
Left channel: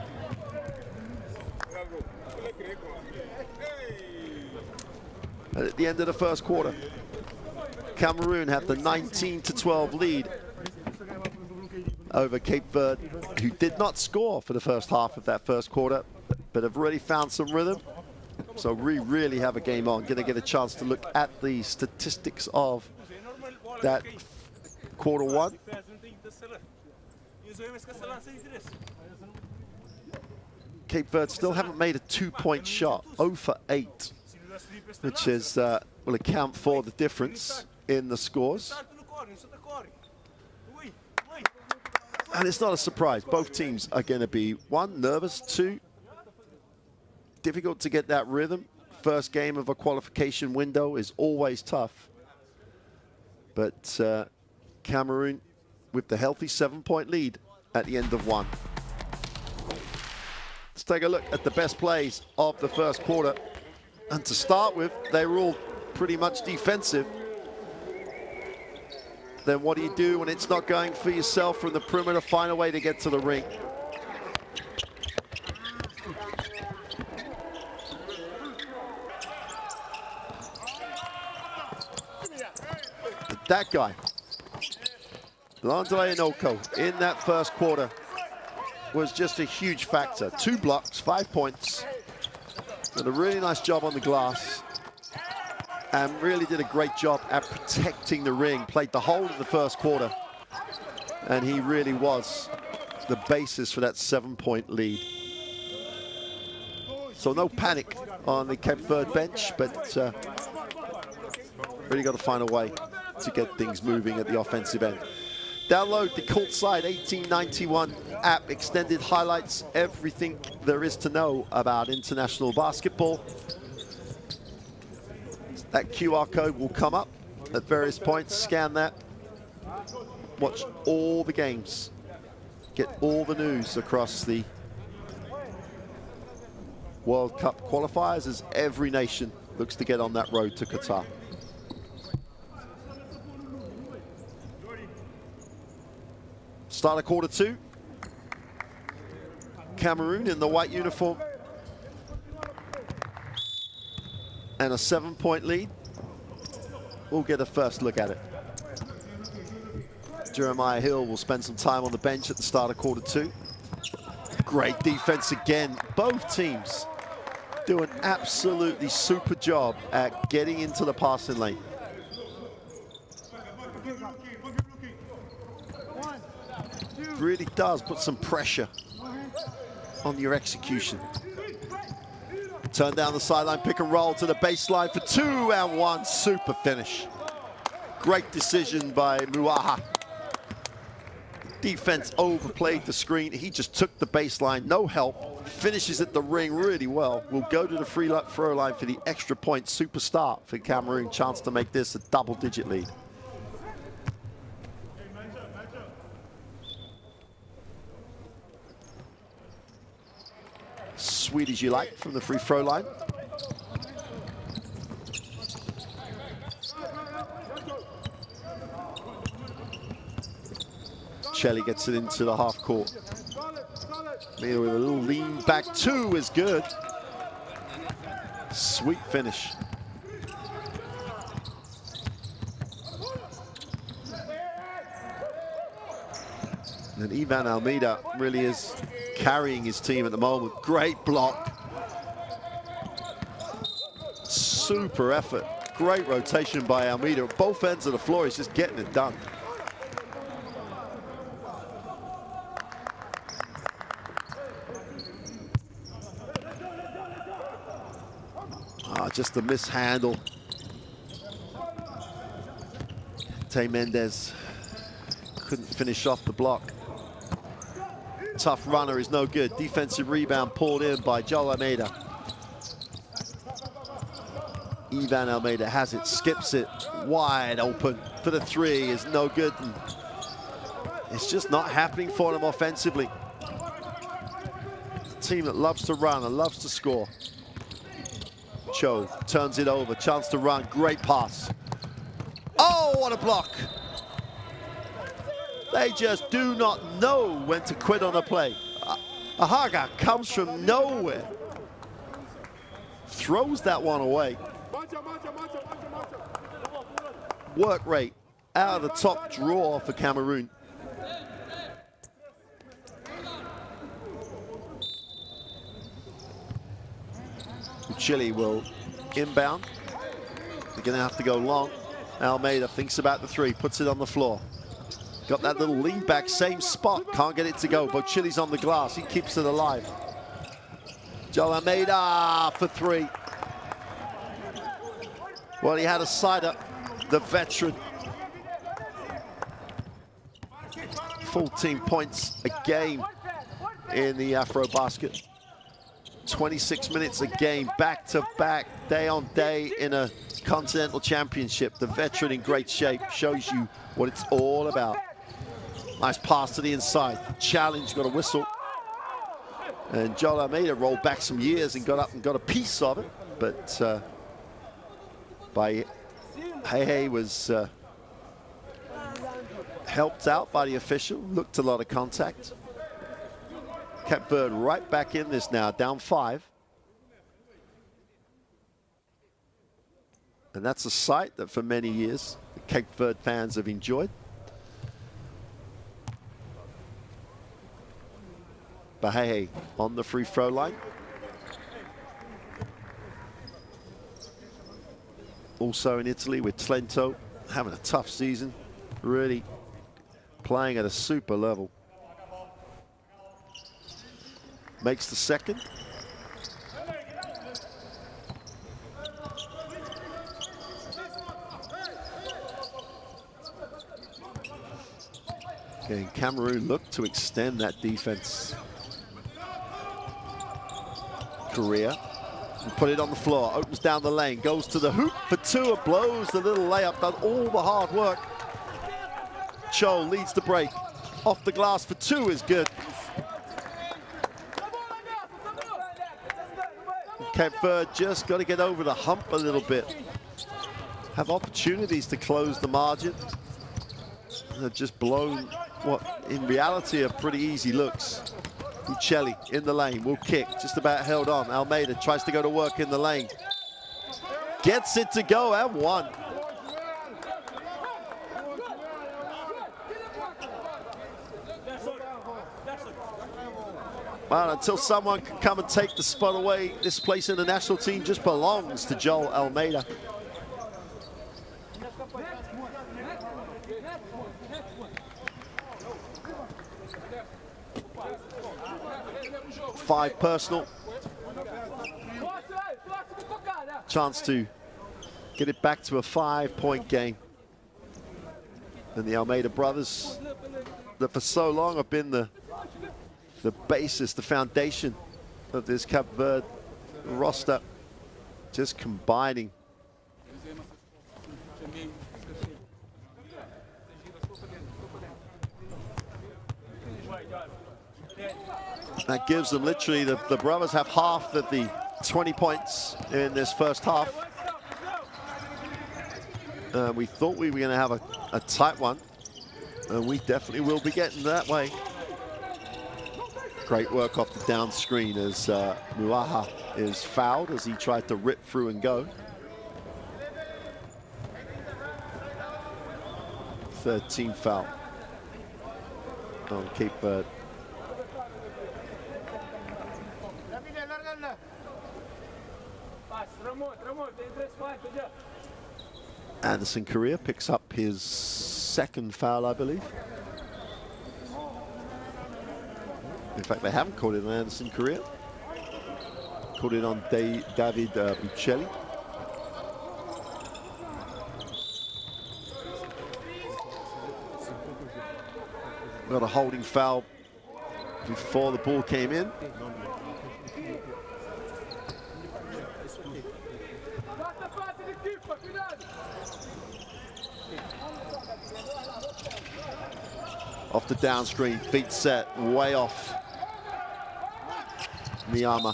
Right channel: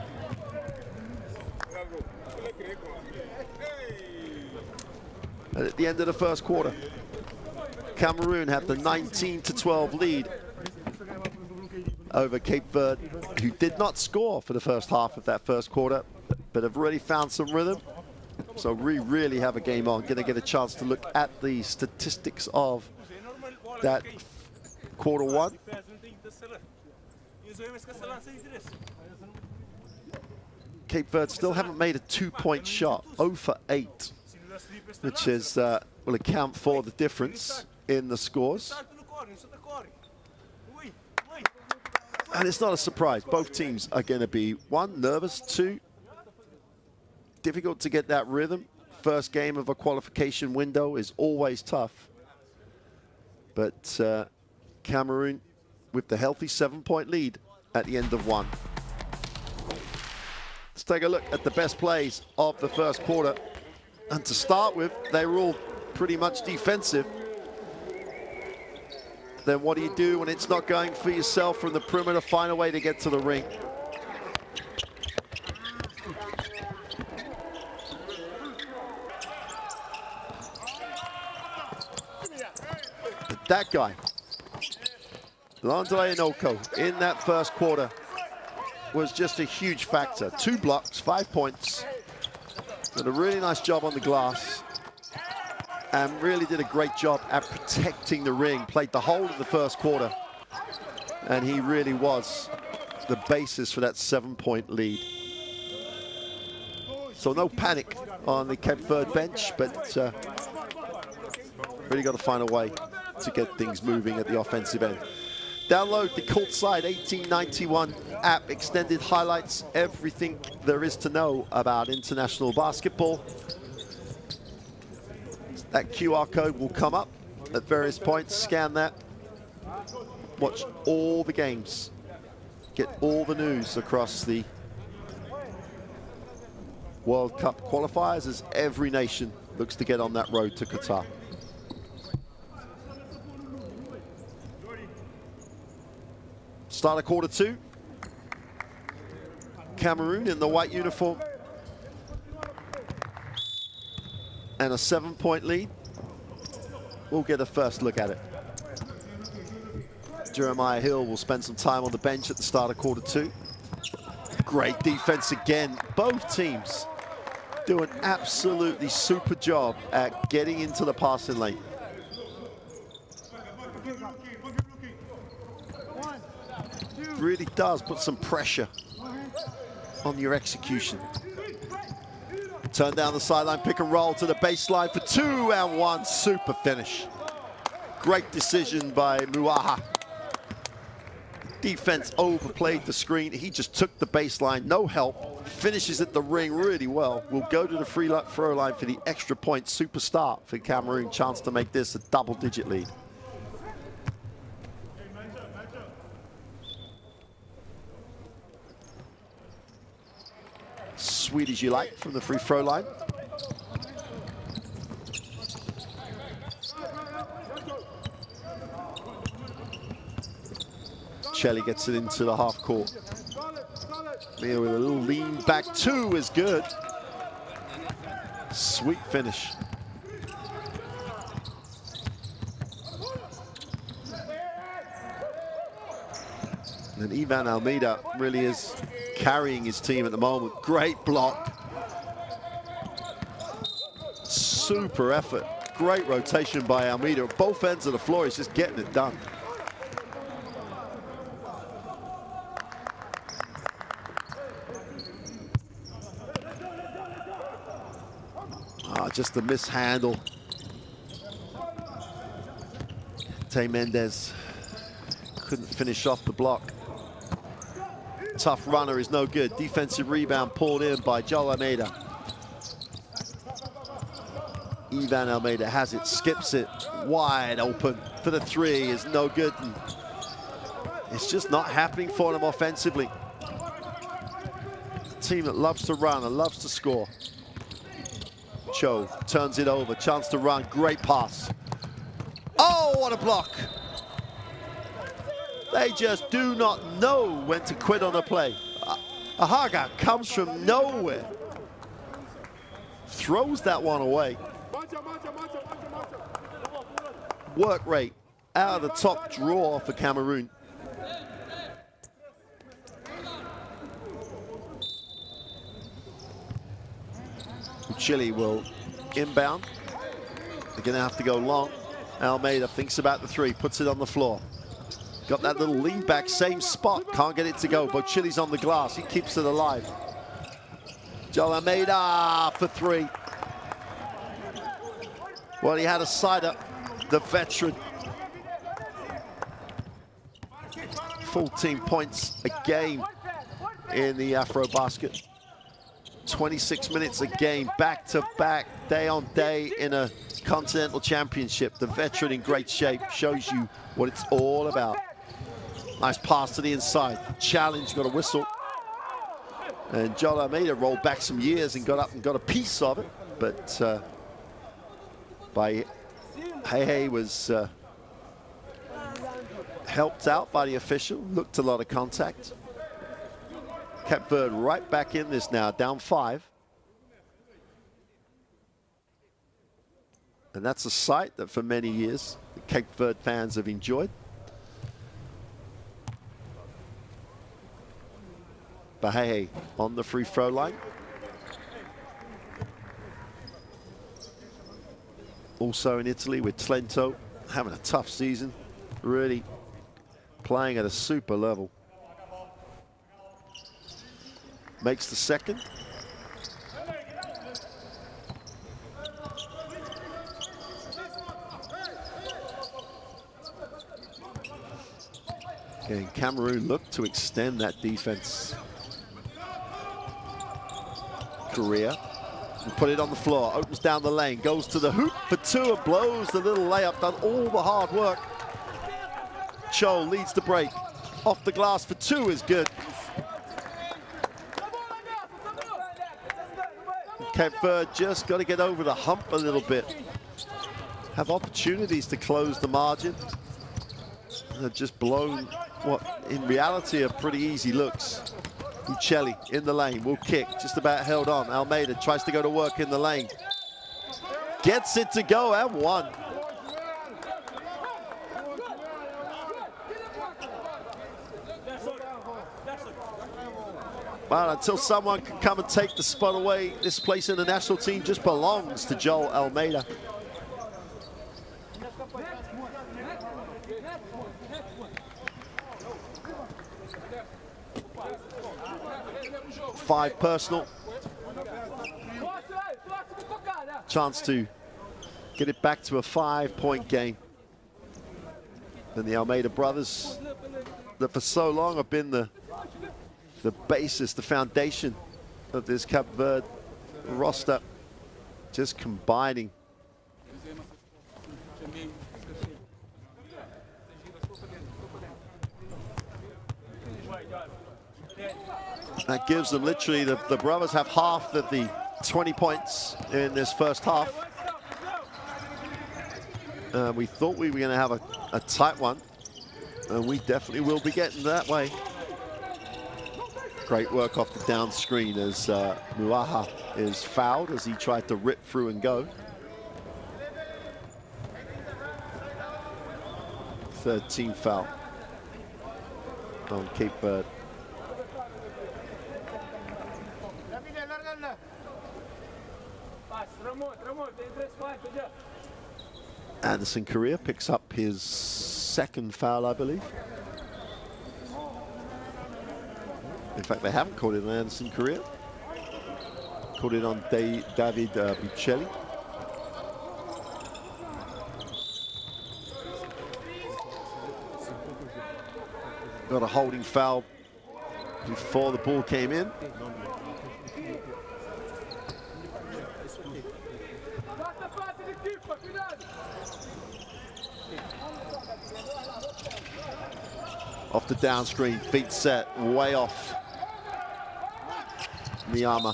And at the end of the first quarter, Cameroon had the 19-12 lead over Cape Verde, who did not score for the first half of that first quarter, but have really found some rhythm. So we really have a game on. Going to get a chance to look at the statistics of that quarter one. Cape Verde still haven't made a two-point shot, 0 for 8, which is will account for the difference in the scores. And it's not a surprise. Both teams are going to be, 1, nervous, 2, difficult to get that rhythm. First game of a qualification window is always tough. But Cameroon with the healthy 7-point lead at the end of one. Let's take a look at the best plays of the first quarter. And to start with, they were all pretty much defensive. Then what do you do when it's not going for yourself from the perimeter? Find a way to get to the ring. That guy, Landele Noko, in that first quarter was just a huge factor. 2 blocks, 5 points, did a really nice job on the glass, and really did a great job at protecting the ring. Played the whole of the first quarter, and he really was the basis for that 7-point lead. So no panic on the Cape Verde bench, but really got to find a way to get things moving at the offensive end. Download the Courtside 1891 app, extended highlights, everything there is to know about international basketball. That QR code will come up at various points. Scan that. Watch all the games. Get all the news across the World Cup qualifiers as every nation looks to get on that road to Qatar. Start of quarter 2. Cameroon in the white uniform. And a 7-point lead. We'll get a first look at it. Jeremiah Hill will spend some time on the bench at the start of quarter 2. Great defense again. Both teams do an absolutely super job at getting into the passing lane. Really does put some pressure on your execution. Turn down the sideline, pick and roll to the baseline for 2 and 1. Super finish. Great decision by Muaha. Defense overplayed the screen. He just took the baseline, no help. Finishes at the ring really well. Will go to the free throw line for the extra point. Super start for Cameroon. Chance to make this a double-digit lead. Sweet as you like from the free throw line. Shelley gets it into the half court. Mia with a little lean back 2 is good. Sweet finish. And Ivan Almeida really is carrying his team at the moment. Great block. Super effort. Great rotation by Almeida. At both ends of the floor, he's just getting it done. Just a mishandle. Tay Mendez couldn't finish off the block. Tough runner is no good. Defensive rebound pulled in by Joel Almeida. Ivan Almeida has it, skips it, wide open for the 3 is no good. And it's just not happening for them offensively. It's a team that loves to run and loves to score. Cho turns it over, chance to run, great pass. Oh, what a block. They just do not know when to quit on a play. Ahaga comes from nowhere. Throws that one away. Work rate out of the top drawer for Cameroon. Chile will inbound. They're going to have to go long. Almeida thinks about the 3, puts it on the floor. Got that little lean back, same spot. Can't get it to go. Bochili's on the glass. He keeps it alive. Joel Almeida for 3. Well, he had a side up, the veteran. 14 points a game in the Afro basket. 26 minutes a game, back-to-back, day on day in a continental championship. The veteran in great shape, shows you what it's all about. Nice pass to the inside. Challenge, got a whistle. And Joel Almeida rolled back some years and got up and got a piece of it. But by Hey was helped out by the official. Looked a lot of contact. Cape Verde right back in this now, down 5. And that's a sight that for many years the Cape Verde fans have enjoyed. Bahei on the free throw line. Also in Italy with Trento, having a tough season, really playing at a super level. Makes the second. Okay, Cameroon look to extend that defense. Korea, and put it on the floor, opens down the lane, goes to the hoop for 2, blows the little layup, done all the hard work. Cho leads the break. Off the glass for 2 is good. Cape Verde just got to get over the hump a little bit. Have opportunities to close the margin. They've just blown what in reality are pretty easy looks. Uccelli in the lane, will kick, just about held on. Almeida tries to go to work in the lane. Gets it to go and 1. Well, until someone can come and take the spot away, this place in the national team just belongs to Joel Almeida. Five personal. Chance to get it back to a 5-point game. And the Almeida brothers, that for so long have been the basis, the foundation of this Cape Verde roster, just combining. That gives them literally, the brothers have half of the 20 points in this first half. We thought we were going to have a tight one, and we definitely will be getting that way. Great work off the down screen as Muaha is fouled as he tried to rip through and go. Third team foul on Cape Verde. Anderson Correa picks up his second foul, I believe. In fact, they haven't called it on Anderson Correa. Called it on David Buccelli. Got a holding foul before the ball came in. Off the down screen, feet set, way off. Miyama.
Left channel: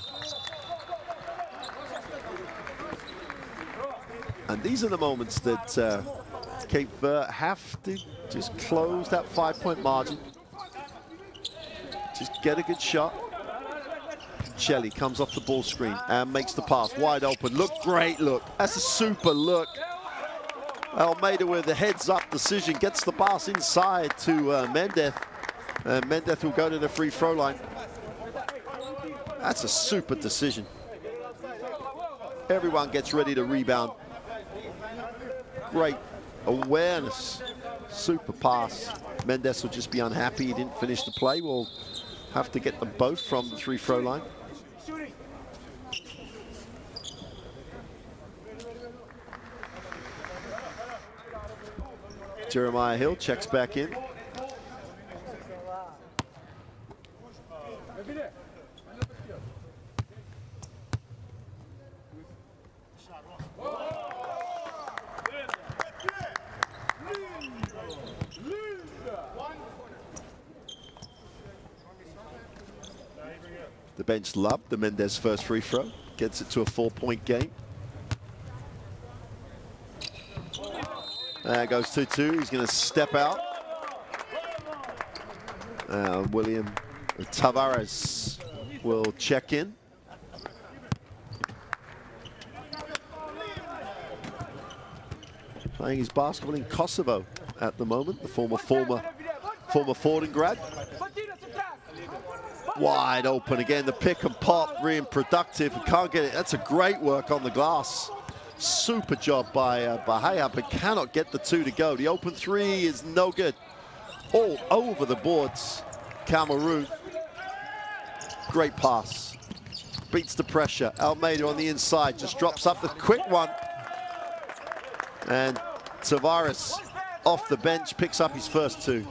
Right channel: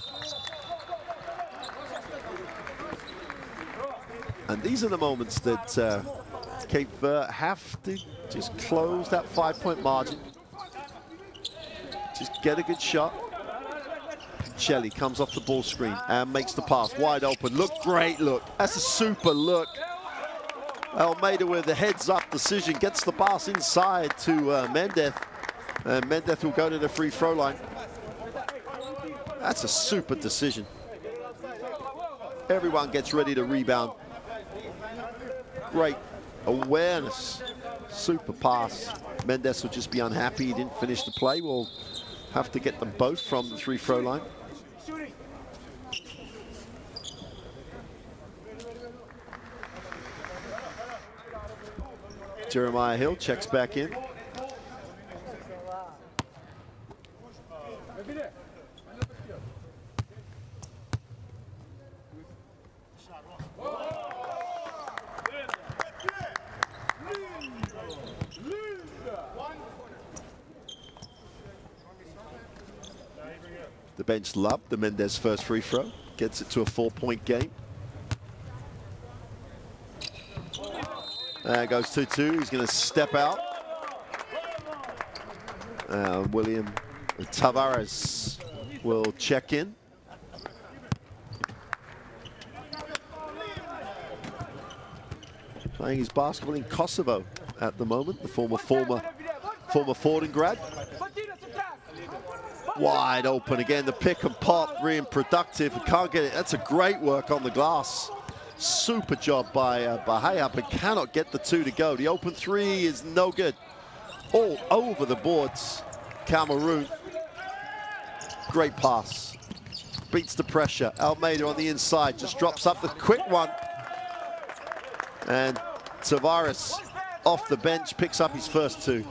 And these are the moments that Cape Verde have to just close that 5-point margin. Just get a good shot. Shelley comes off the ball screen and makes the pass, wide open. Look, great look. That's a super look. Almeida with the heads-up decision, gets the pass inside to Mendez. Mendez will go to the free throw line. That's a super decision. Everyone gets ready to rebound. Great awareness, super pass. Mendez will just be unhappy he didn't finish the play. We'll have to get them both from the free throw line. Jeremiah Hill checks back in. The bench loved the Mendez first free throw. Gets it to a 4-point game. There goes 2-2. He's going to step out. William Tavares will check in. Playing his basketball in Kosovo at the moment. The former Forden grad. Wide open again. The pick and pop, really productive. Can't get it. That's a great work on the glass. Super job by Bahia, but cannot get the two to go. The open three is no good. All over the boards, Cameroon. Great pass. Beats the pressure. Almeida on the inside, just drops up the quick one. And Tavares off the bench, picks up his first two.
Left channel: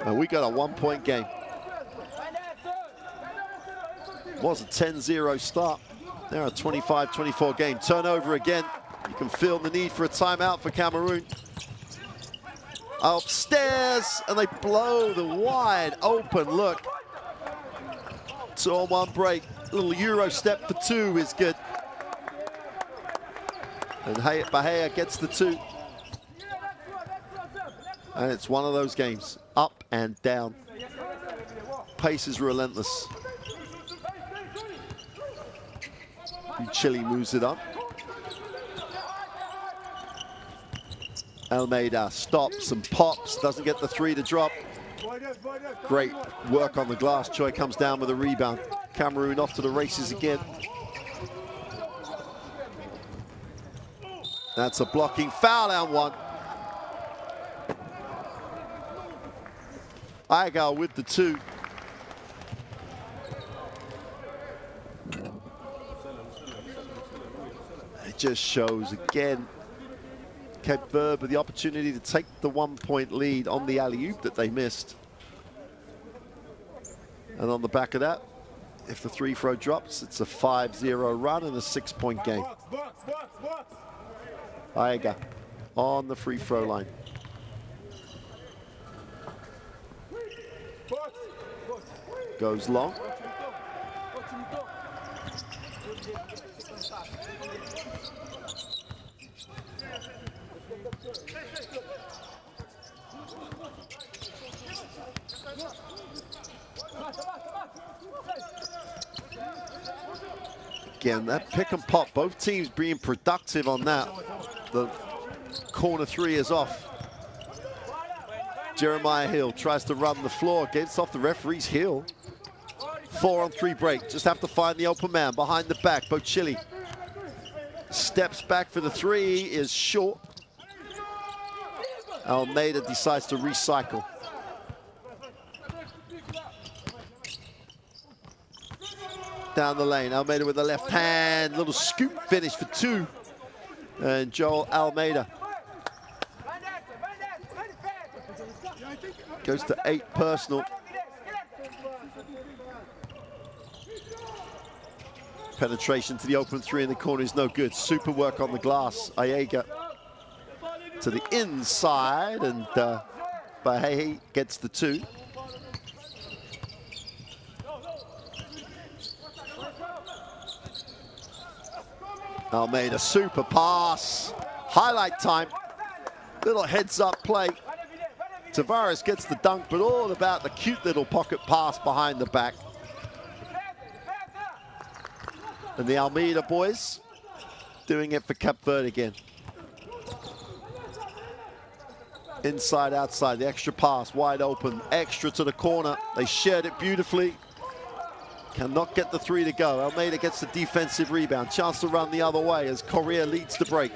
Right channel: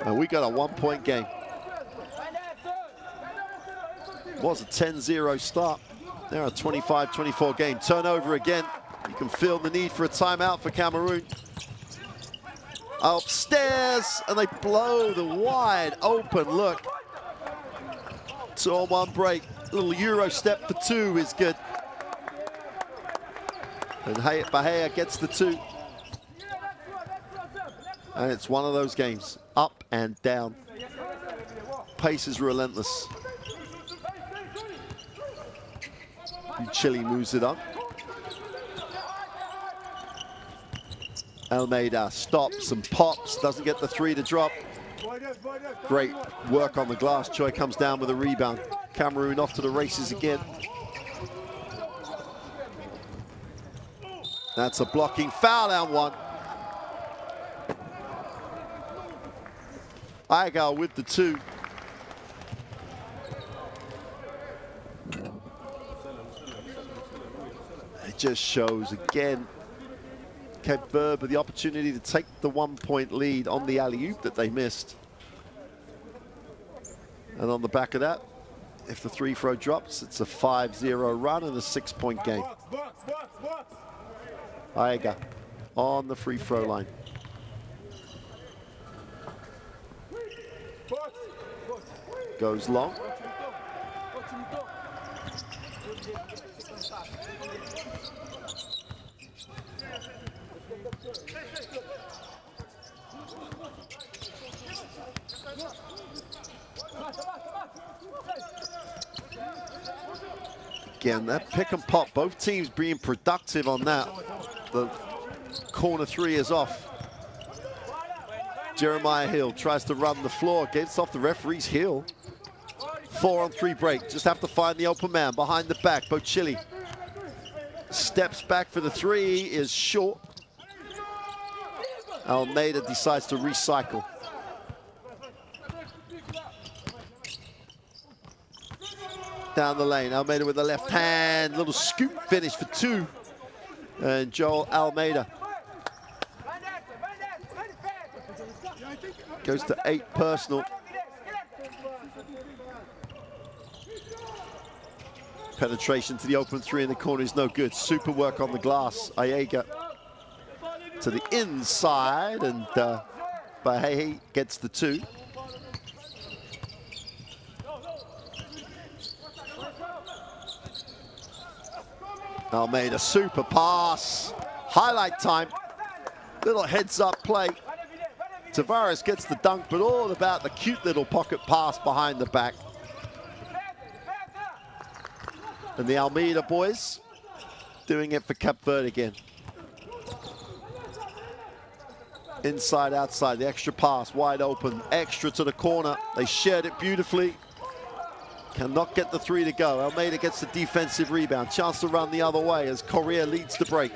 And we got a 1-point game. Was a 10-0 start. Now a 25-24 game. Turnover again. You can feel the need for a timeout for Cameroon. Upstairs, and they blow the wide open look. 2-on-1 break. Little Euro step for two is good. And Bahia gets the two. And it's one of those games. Up and down. Pace is relentless. Chile moves it up. Almeida stops and pops, doesn't get the three to drop. Great work on the glass. Choi comes down with a rebound. Cameroon off to the races again. That's a blocking foul and one. Igal with the two. It just shows again Cape Verde with the opportunity to take the 1-point lead on the alley-oop that they missed. And on the back of that, if the free throw drops, it's a 5-0 run and a 6-point game. Aiga on the free throw line. Goes long. Again, that pick and pop, both teams being productive on that. The corner three is off. Jeremiah Hill tries to run the floor, gets off the referee's heel. 4-on-3 break, just have to find the open man behind the back. Bochili steps back for the three, is short. Almeida decides to recycle. Down the lane, Almeida with the left hand, little scoop finish for two. And Joel Almeida goes to 8 personal. Penetration to the open three in the corner is no good. Super work on the glass. Aiega to the inside, and Bahehi gets the two. Almeida, super pass. Highlight time. Little heads up play. Tavares gets the dunk, but all about the cute little pocket pass behind the back. And the Almeida boys doing it for Cape Verde again. Inside, outside, the extra pass, wide open, extra to the corner. They shared it beautifully. Cannot get the three to go. Almeida gets the defensive rebound. Chance to run the other way as Correa leads the break.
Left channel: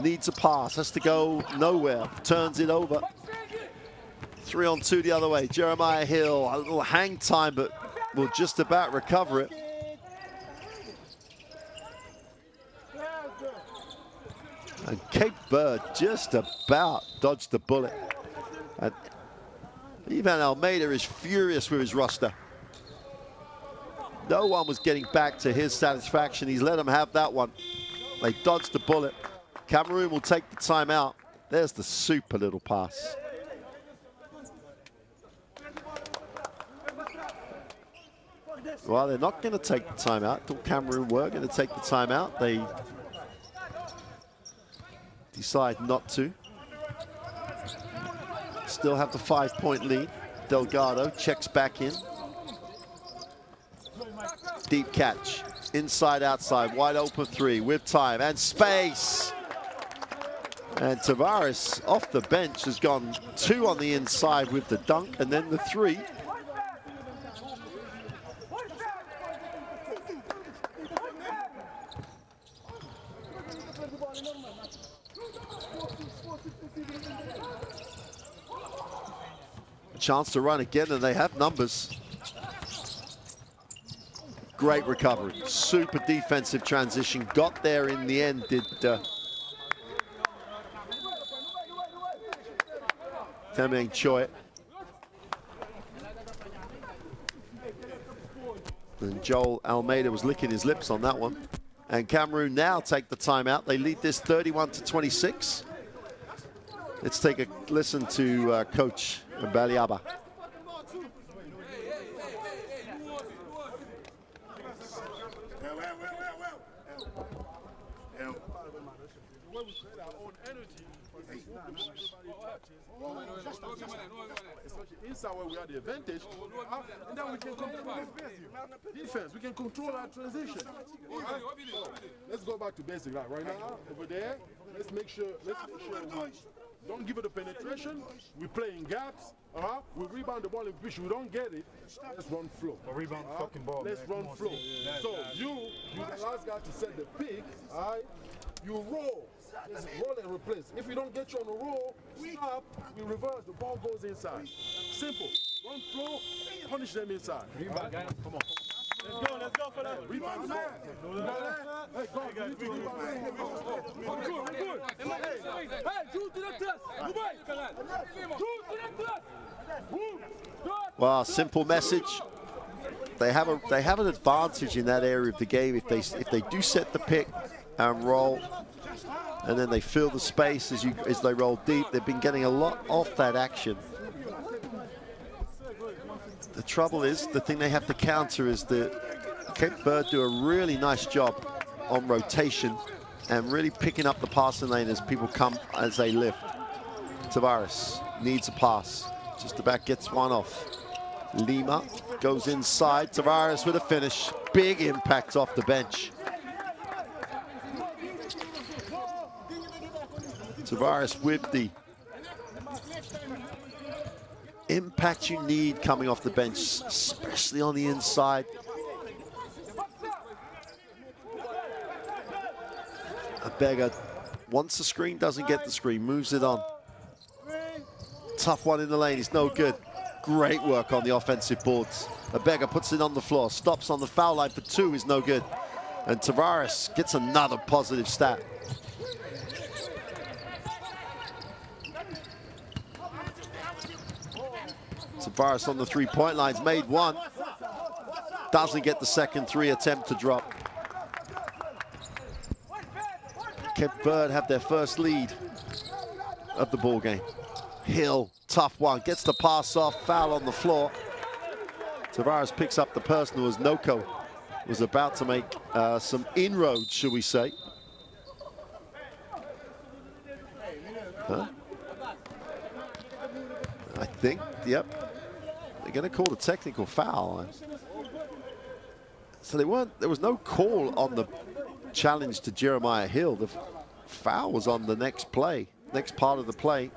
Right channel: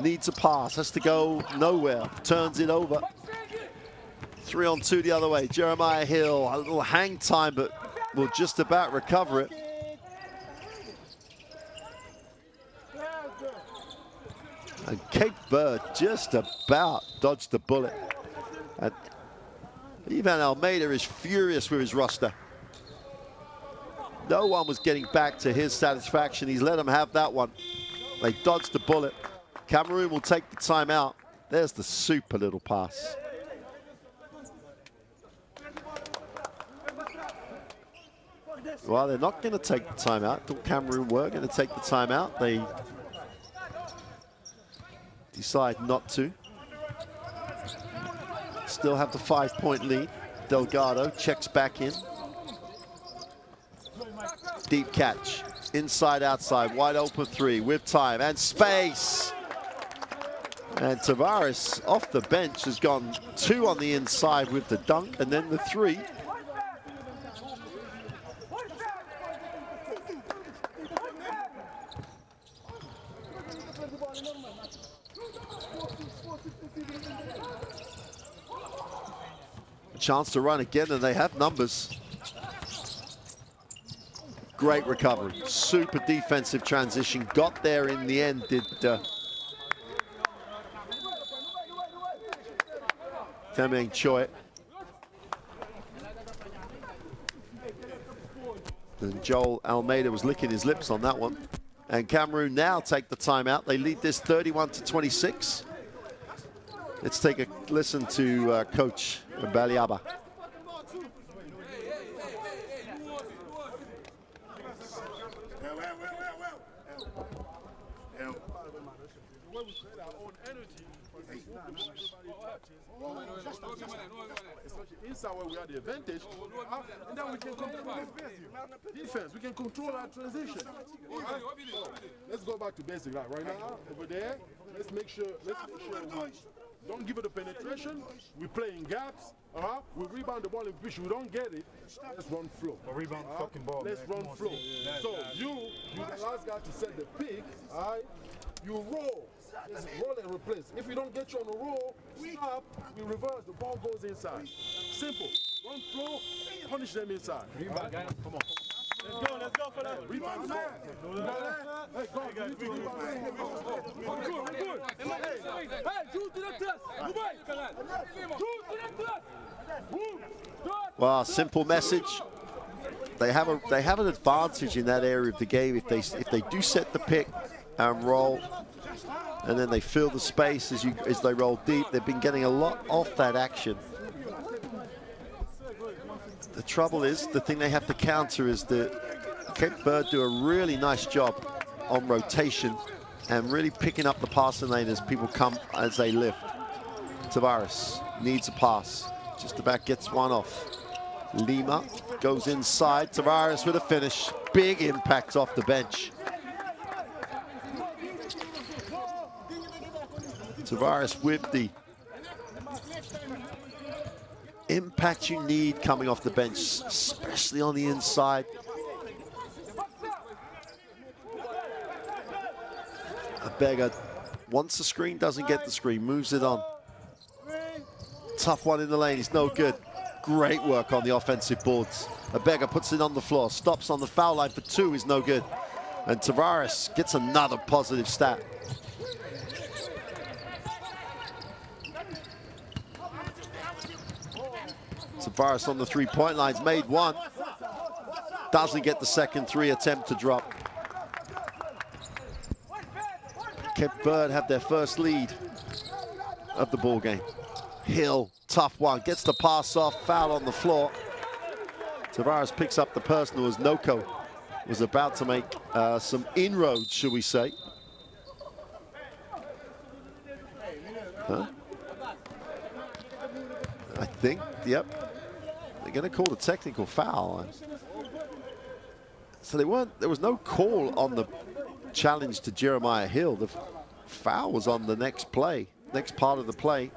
Needs a pass, has to go nowhere. Turns it over. 3-on-2 the other way. Jeremiah Hill, a little hang time, but will just about recover it. And Cape Verde just about dodged the bullet. And Ivan Almeida is furious with his roster. No one was getting back to his satisfaction. He's let them have that one. They dodged the bullet. Cameroon will take the timeout. There's the super little pass. Well, they're not going to take the timeout. Thought Cameroon were going to take the timeout. They decide not to. Still have the 5-point lead. Delgado checks back in. Deep catch, inside, outside, wide open three with time and space. And Tavares off the bench has gone 2 on the inside with the dunk and then the 3. A chance to run again, and they have numbers. Great recovery, super defensive transition. Got there in the end, did Temeng Choi. And Joel Almeida was licking his lips on that one. And Cameroon now take the timeout. They lead this 31-26. Let's take a listen to Coach Baliaba. Inside where we have the advantage, and then we can control defense. We can control our transition. Let's go back to basic right now. Over there, let's make sure Don't give it a penetration. We play in gaps. We rebound the ball in which we don't get it. Let's run flow. Rebound fucking ball. Let's run flow. So you the last guy to set the pick. You roll. Just roll and replace. If we don't get you on the roll, stop. We reverse. The ball goes inside. Simple. Run flow. Punish them inside. Rebound, guys. Come on. Let's go for that. Rebound. Hey, go. Good. Hey, shoot to the test. Well, simple message. They have an advantage in that area of the game if they do set the pick and roll, and then they fill the space as they roll deep. They've been getting a lot off that action. The trouble is, the thing they have to counter is that Cape Verde do a really nice job on rotation and really picking up the passing lane as people come, as they lift. Tavares needs a pass. Just about gets one off. Lima goes inside. Tavares with a finish. Big impact off the bench. Tavares with the impact you need coming off the bench, especially on the inside. Abega, once the screen doesn't get the screen, moves it on. Tough one in the lane, it's no good. Great work on the offensive boards. Abega puts it on the floor, stops on the foul line for two, is no good. And Tavares gets another positive stat. Tavares on the three-point line's made one. Doesn't get the second three attempt to drop. Cape Verde have their first lead of the ball game. Hill, tough one, gets the pass off, foul on the floor. Tavares picks up the personal as Noko was about to make some inroads, shall we say. Huh? I think, yep. They're going to call a technical foul. So there was no call on the challenge to Jeremiah Hill. The foul was on the next play, next part of the play.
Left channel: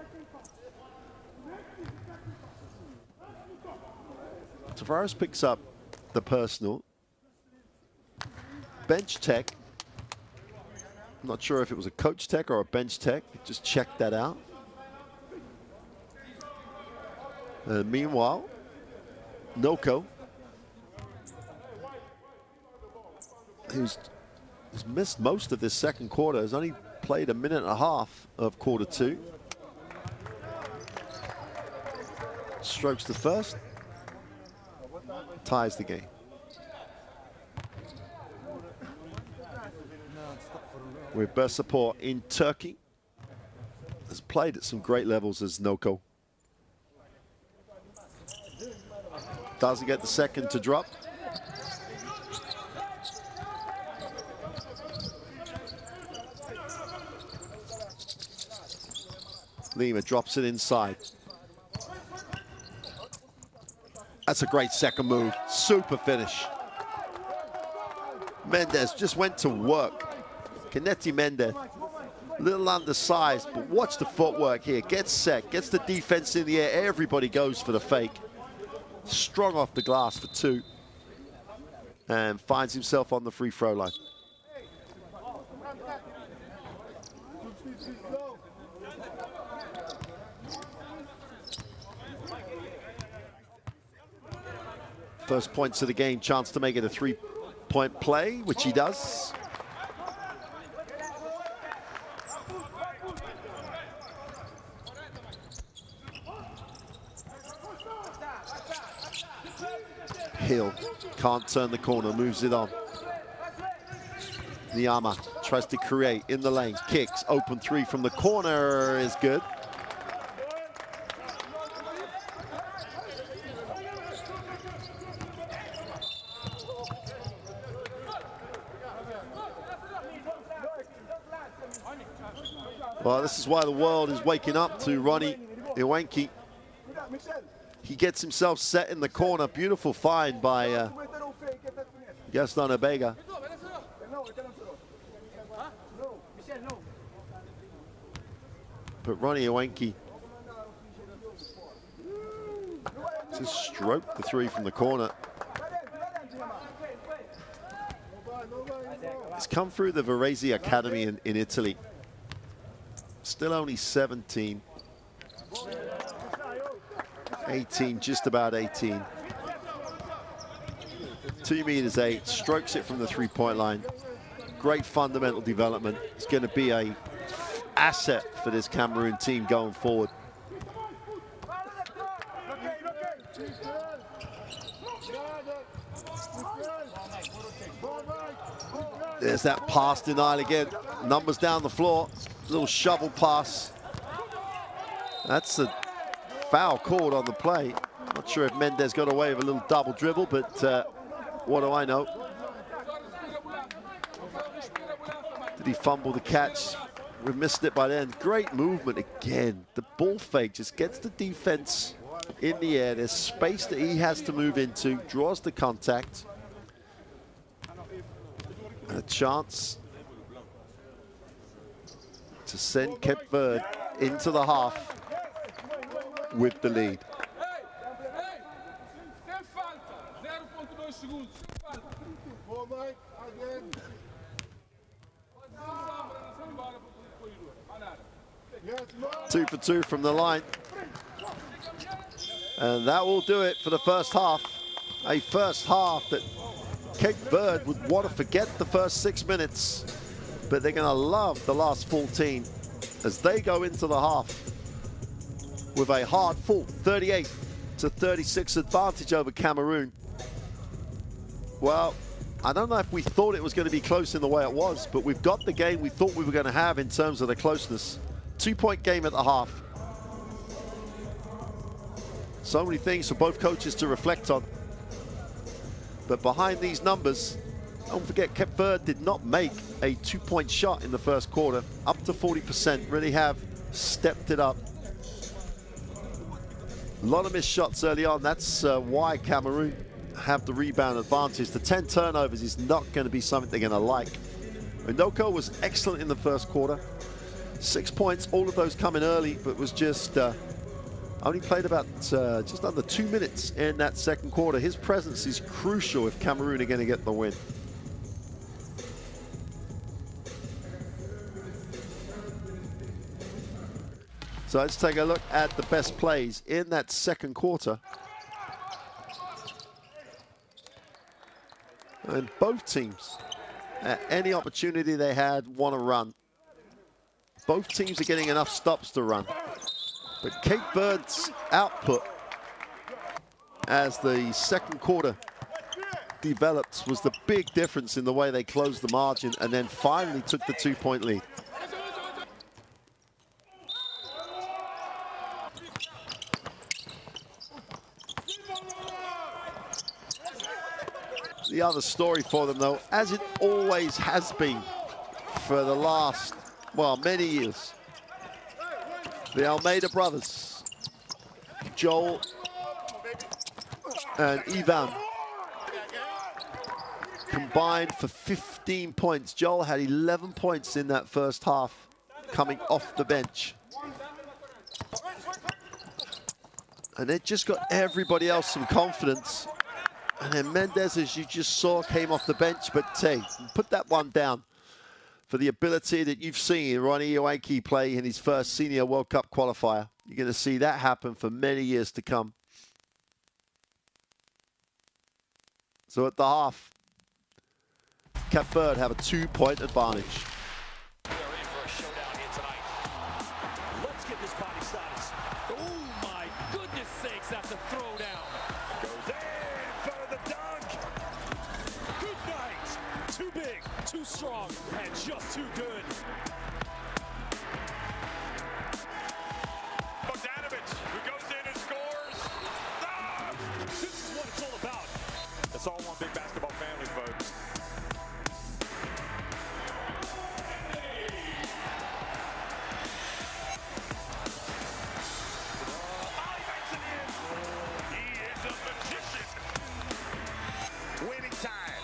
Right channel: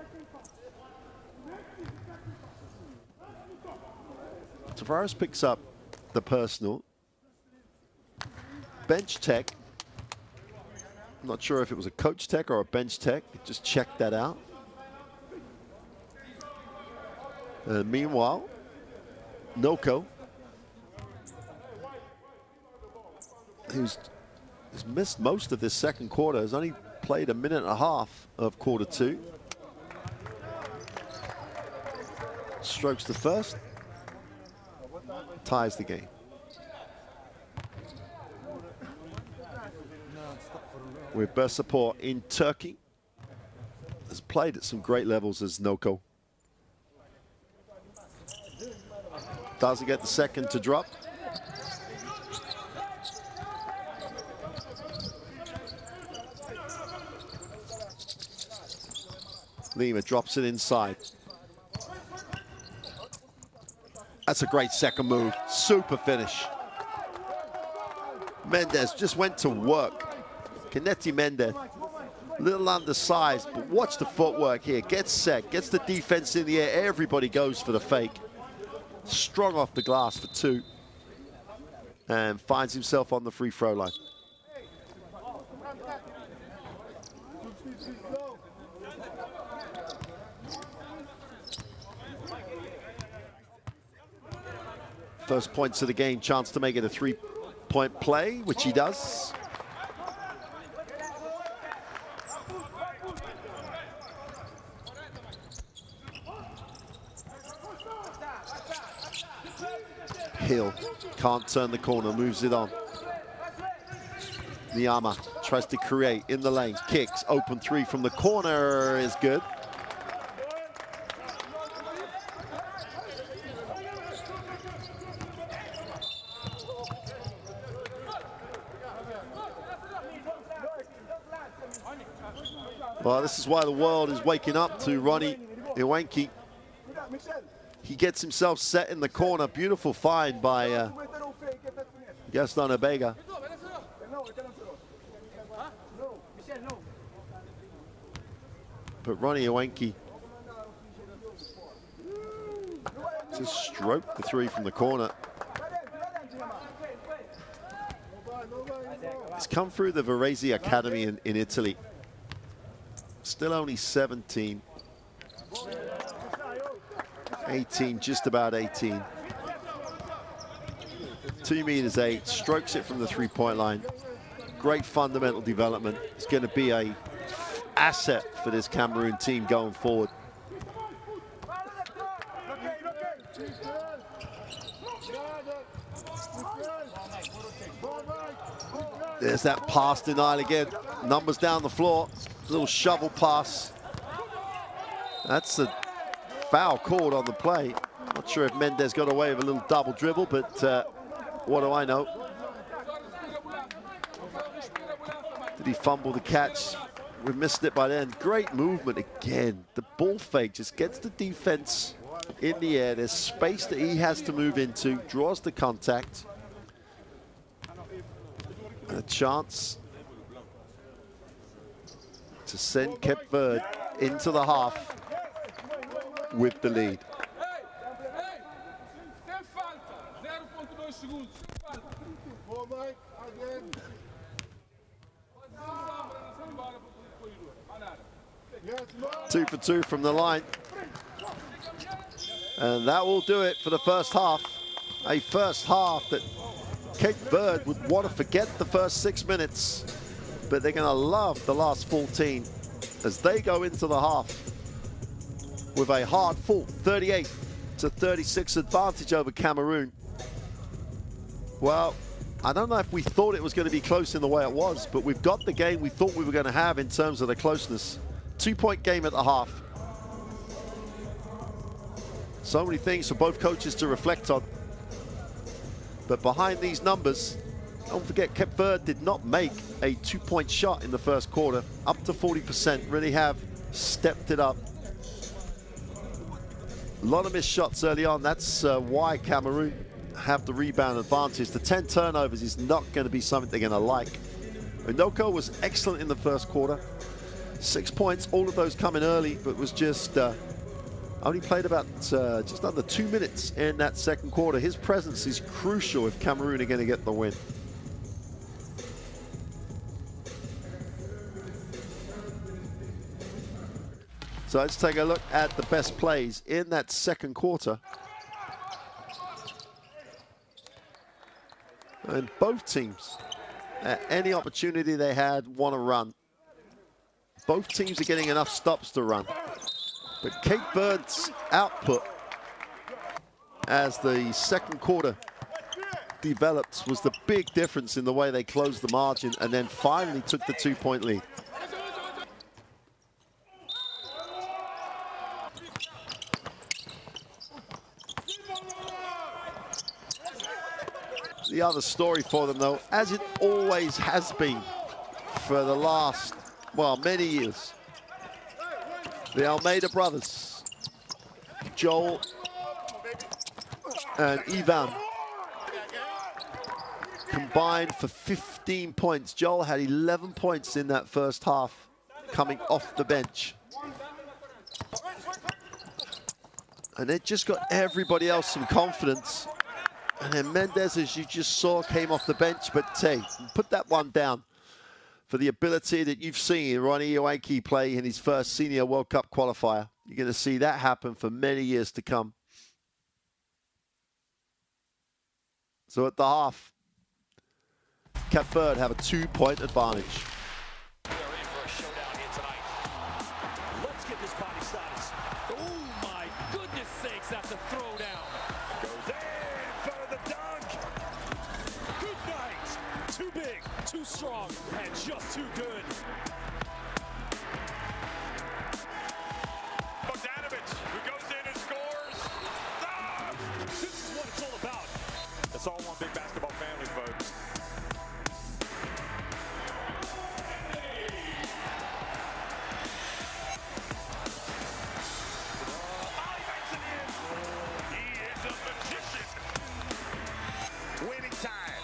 Tavares picks up the personal. Bench tech. I'm not sure if it was a coach tech or a bench tech. Just check that out. Meanwhile, Noko, who's missed most of this second quarter, has only played a minute and a half of quarter two. Strokes the first, ties the game. With Bursaspor in Turkey, has played at some great levels as Noko. Doesn't get the second to drop. Lima drops it inside. That's a great second move. Super finish. Mendez just went to work. Kennedy Mendez, a little undersized, but watch the footwork here. Gets set, gets the defense in the air. Everybody goes for the fake. Strong off the glass for two. And finds himself on the free throw line. First points of the game, chance to make it a three-point play, which he does. Hill can't turn the corner, moves it on. Niama tries to create in the lane, kicks, open three from the corner is good. Well, this is why the world is waking up to Ronnie Iwanki. He gets himself set in the corner. Beautiful find by Gaston Abega. But Ronnie Owenki just stroked the three from the corner. He's come through the Verde Academy in Italy. Still only 17. 18, just about 18. 2 meters 8, strokes it from the three-point line. Great fundamental development. It's going to be an asset for this Cameroon team going forward. There's that pass denial again. Numbers down the floor. Little shovel pass. That's a foul called on the play. Not sure if Mendes got away with a little double dribble, but what do I know? Did he fumble the catch? We missed it by then. Great movement again. The ball fake just gets the defense in the air. There's space that he has to move into, draws the contact. And a chance to send Cape Verde into the half with the lead. Two for two from the line. And that will do it for the first half. A first half that Cape Verde would want to forget the first 6 minutes, but they're going to love the last 14 as they go into the half with a hard-fought 38-36 advantage over Cameroon. Well, I don't know if we thought it was going to be close in the way it was, but we've got the game we thought we were going to have in terms of the closeness. 2-point game at the half. So many things for both coaches to reflect on. But behind these numbers, don't forget Cape Verde did not make a 2-point shot in the first quarter. Up to 40%, really have stepped it up. A lot of missed shots early on. That's why Cameroon have the rebound advantage. The 10 turnovers is not going to be something they're going to like. Ndoko was excellent in the first quarter. 6 points, all of those coming early, but was just only played about just under 2 minutes in that second quarter. His presence is crucial if Cameroon are going to get the win. So let's take a look at the best plays in that second quarter. And both teams, at any opportunity they had, want to run. Both teams are getting enough stops to run. But Cape Verde's output as the second quarter developed was the big difference in the way they closed the margin and then finally took the 2-point lead. The other story for them, though, as it always has been for the last, well, many years, the Almeida brothers, Joel and Ivan, combined for 15 points. Joel had 11 points in that first half, coming off the bench. And it just got everybody else some confidence. And then Mendes, as you just saw, came off the bench, but hey, put that one down for the ability that you've seen Ronnie Owenki play in his first Senior World Cup qualifier. You're going to see that happen for many years to come. So at the half, Cape Verde have a 2-point advantage. We are in for a showdown here tonight. Let's get this body started. Oh my goodness sakes, that's a throwdown. Goes in for the dunk. Good night. Too big, too strong, and just too good. Bogdanovich, who goes in and scores. Ah! This is what it's all about. It's all one big basketball family, folks. Winning time.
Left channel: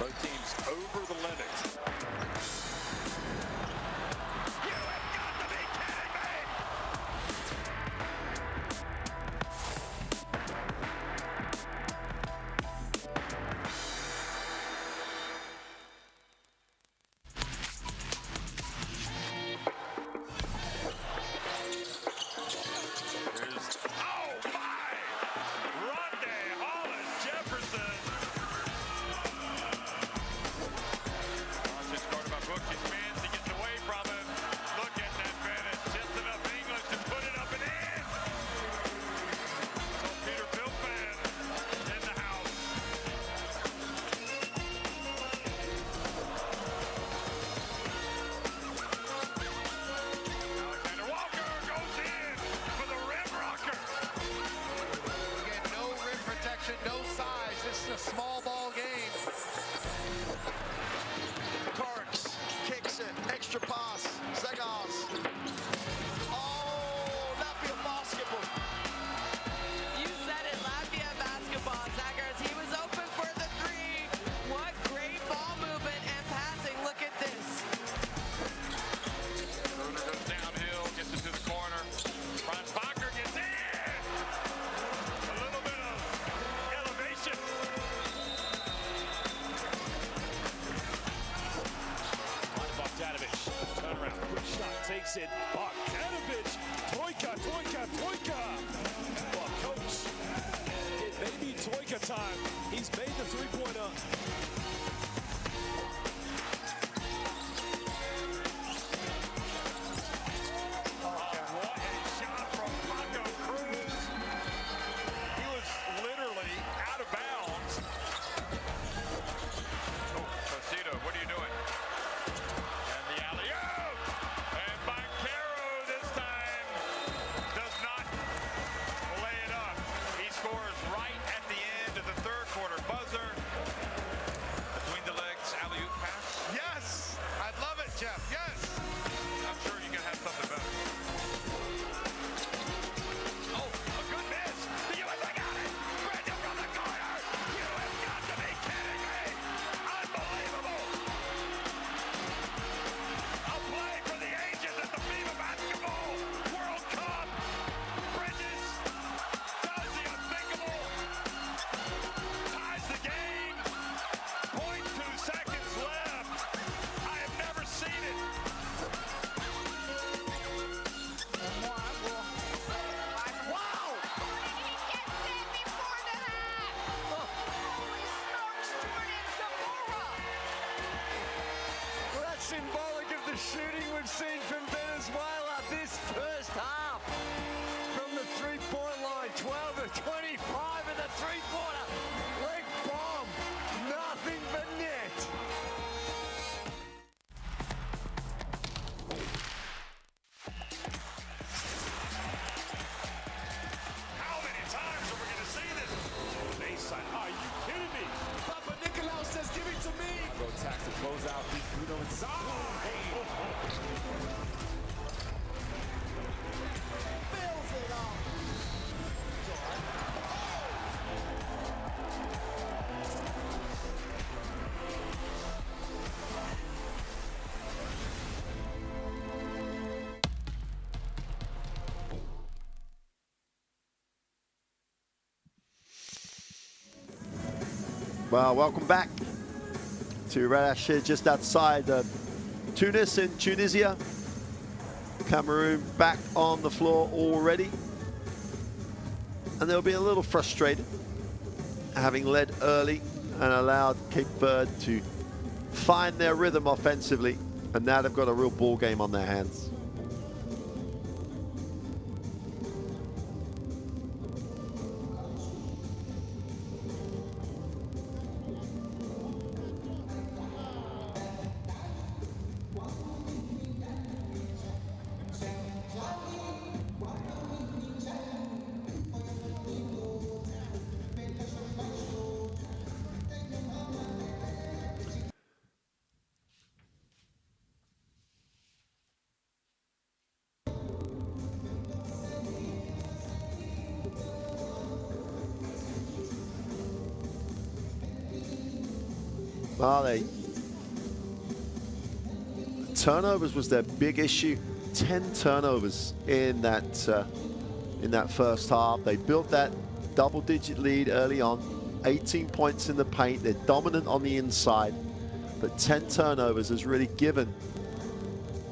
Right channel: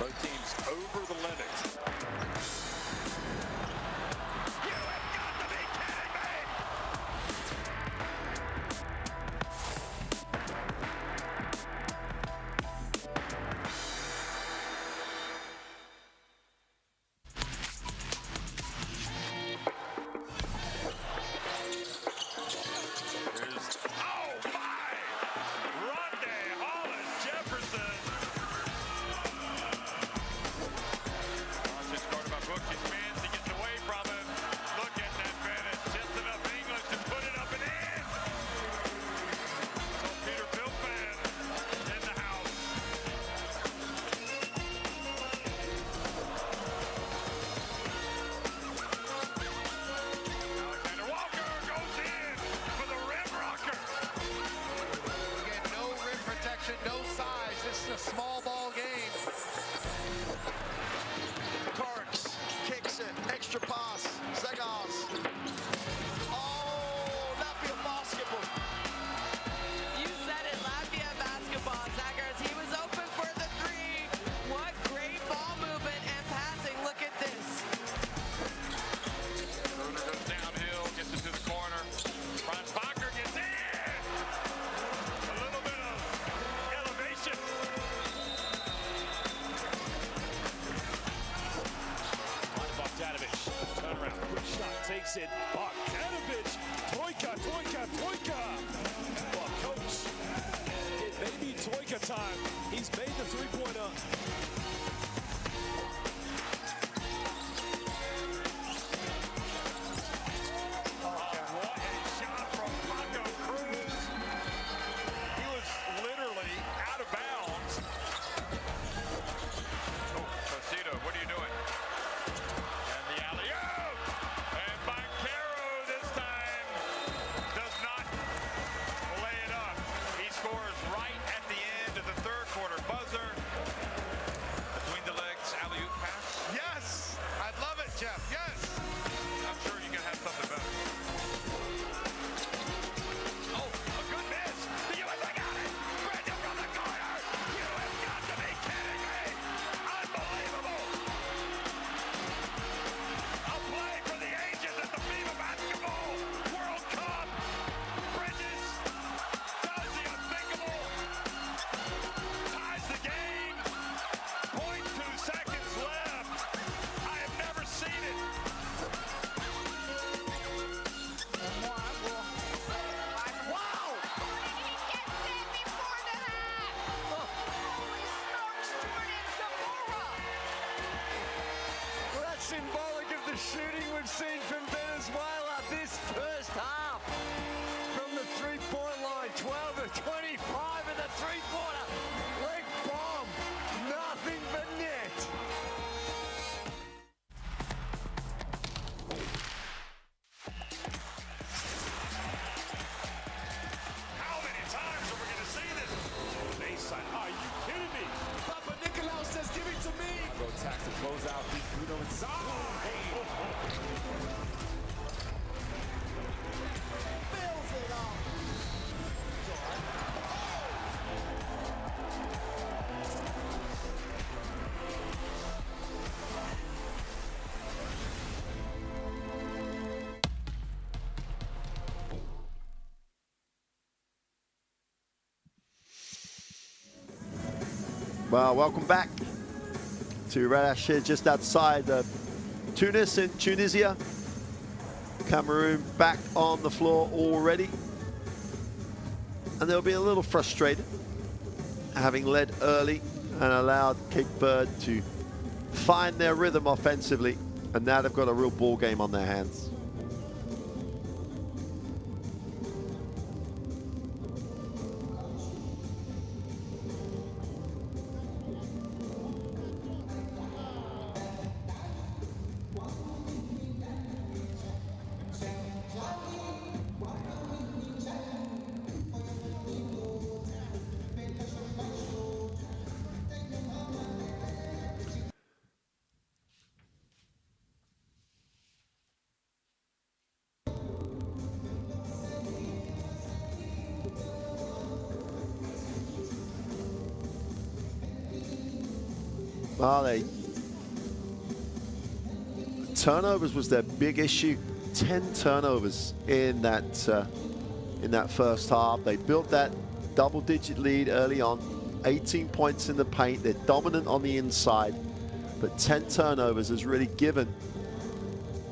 Both teams over the limit. takes it. Bogdanovic. Troika, Troika, Troika. Well, coach, it may be Troika time. He's made the three-pointer. Symbolic of the shooting we've seen from Venezuela this first half. From the three-point line, 12 of 25 in the three-pointer. Leg bomb, nothing but net. How many times are we going to see this? Baseline, are you kidding me? Papa Nicolau says, give it to me. Go tax to close out. Bruno inside. Fills it up. Well, welcome back to Radash here just outside Tunis in Tunisia. Cameroon back on the floor already. And they'll be a little frustrated having led early and allowed Cape Verde to find their rhythm offensively. And now they've got a real ball game on their hands. Turnovers was their big issue. 10 turnovers in that first half. They built that double-digit lead early on. 18 points in the paint. They're dominant on the inside, but 10 turnovers has really given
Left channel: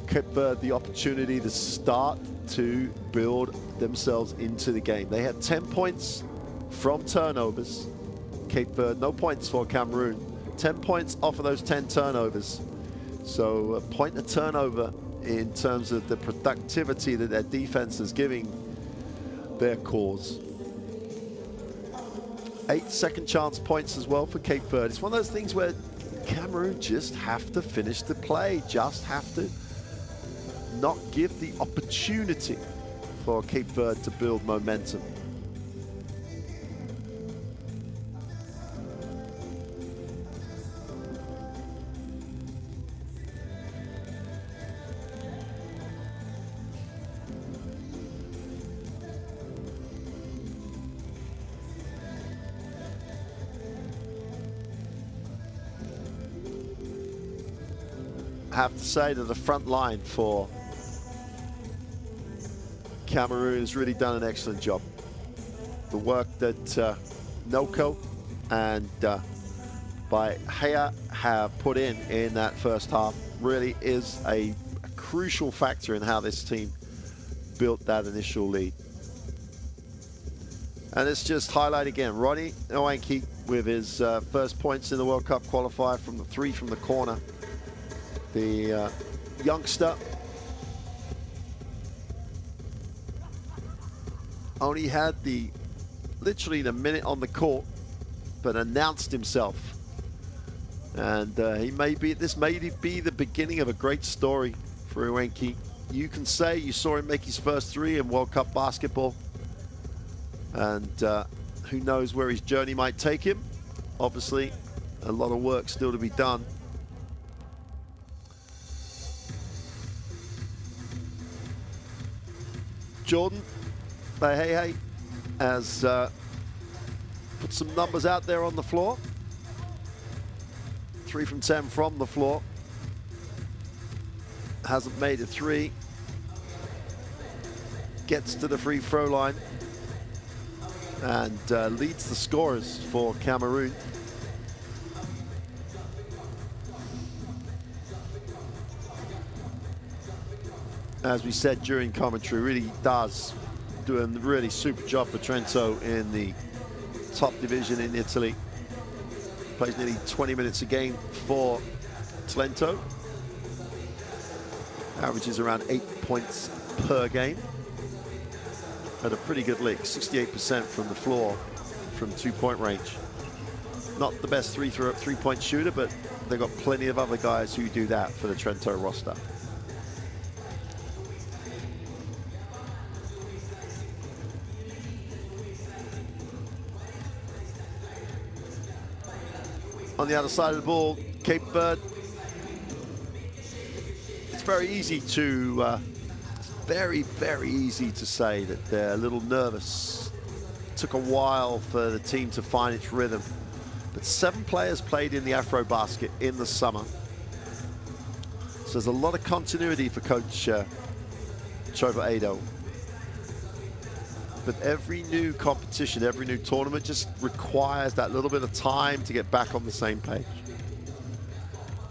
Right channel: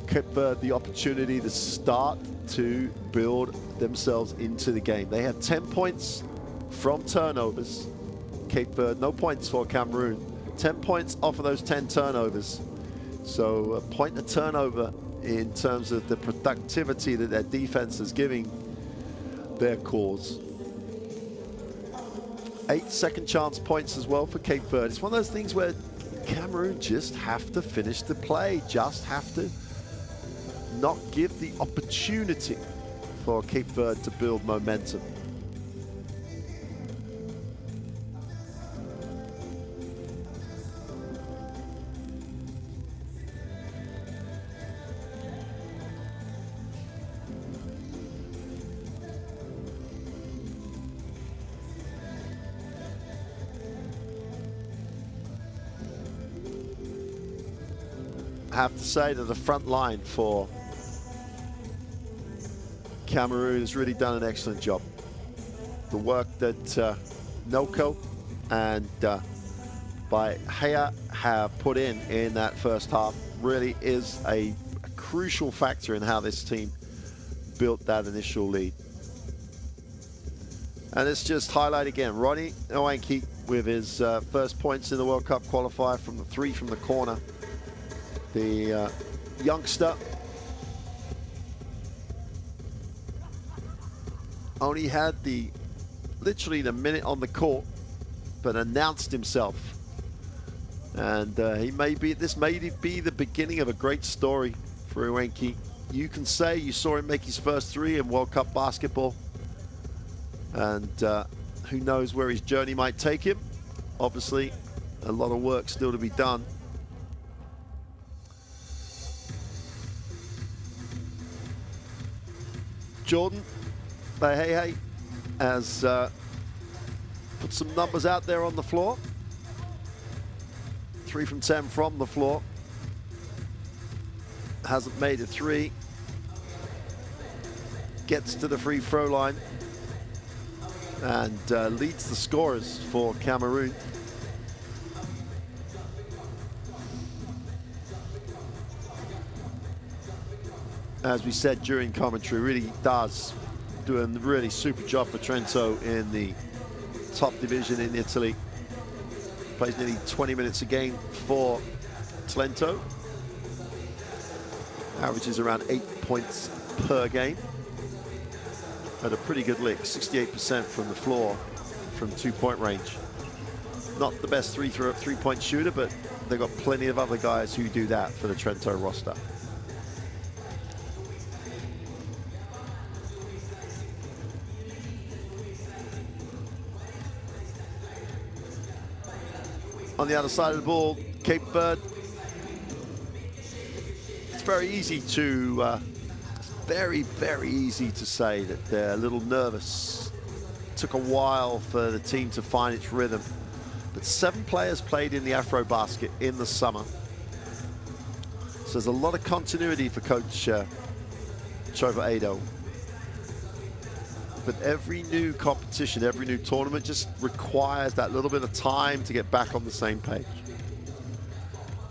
Cape Verde the opportunity to start to build themselves into the game. They had 10 points from turnovers. Cape Verde, no points for Cameroon. 10 points off of those 10 turnovers. So a point a turnover in terms of the productivity that their defense is giving their cause. 8 second chance points as well for Cape Verde. It's one of those things where Cameroon just have to finish the play, just have to not give the opportunity for Cape Verde to build momentum. I have to say that the front line for Cameroon has really done an excellent job. The work that Noko and by Hea have put in that first half really is a crucial factor in how this team built that initial lead. And let's just highlight again, Ronnie Nwankwo with his first points in the World Cup qualifier from the 3 from the corner. The youngster only had literally the minute on the court, but announced himself. And this may be the beginning of a great story for Nwankwo. You can say you saw him make his first 3 in World Cup basketball. And who knows where his journey might take him. Obviously, a lot of work still to be done. Jordan, hey, has put some numbers out there on the floor. 3 from 10 from the floor. Hasn't made a 3. Gets to the free throw line. And leads the scorers for Cameroon. As we said during commentary, really does do a really super job for Trento in the top division in Italy. Plays nearly 20 minutes a game for Trento. Averages around 8 points per game. At a pretty good lick, 68% from the floor from 2-point range. Not the best three-point shooter, but they've got plenty of other guys who do that for the Trento roster. On the other side of the ball, Cape Verde. It's very easy to very easy to say that they're a little nervous. Took a while for the team to find its rhythm. But 7 players played in the AfroBasket in the summer. So there's a lot of continuity for Coach Chova Ado. But every new competition, every new tournament just requires that little bit of time to get back on the same page.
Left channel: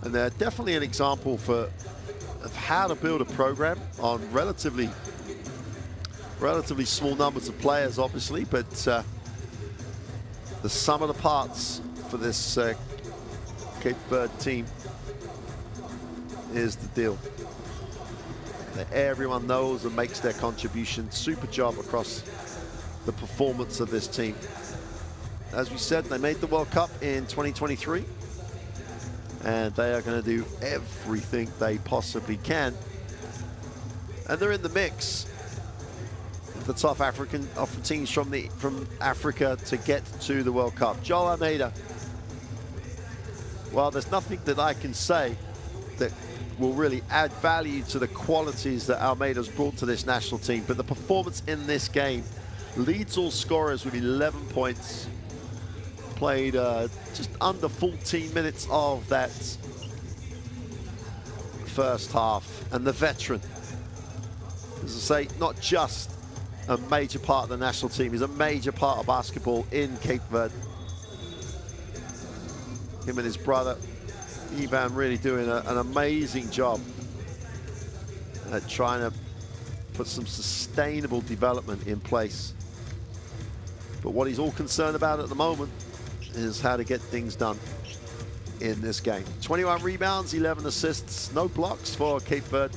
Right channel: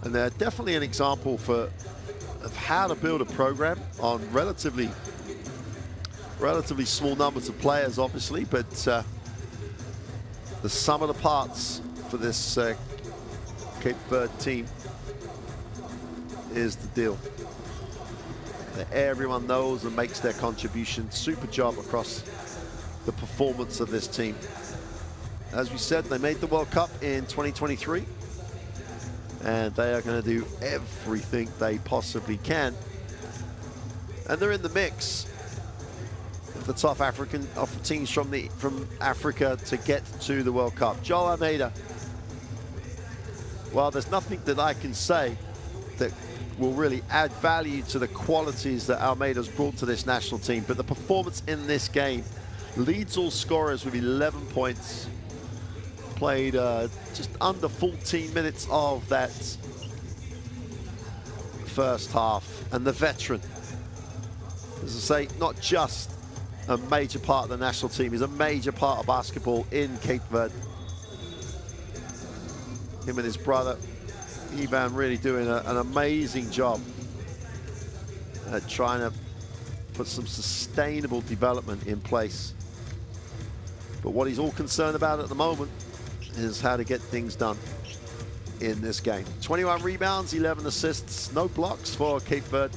And they're definitely an example of how to build a program on relatively small numbers of players, obviously, but the sum of the parts for this Cape Verde team is the deal. That everyone knows and makes their contribution. Super job across the performance of this team. As we said, they made the World Cup in 2023. And they are going to do everything they possibly can. And they're in the mix. The top African teams from Africa to get to the World Cup. Joel Almeida. Well, there's nothing that I can say that will really add value to the qualities that Almeida's brought to this national team. But the performance in this game leads all scorers with 11 points. Played just under 14 minutes of that first half. And the veteran, as I say, not just a major part of the national team, he's a major part of basketball in Cape Verde. Him and his brother, Ivan, really doing an amazing job at trying to put some sustainable development in place. But what he's all concerned about at the moment is how to get things done in this game. 21 rebounds, 11 assists, no blocks for Cape Verde.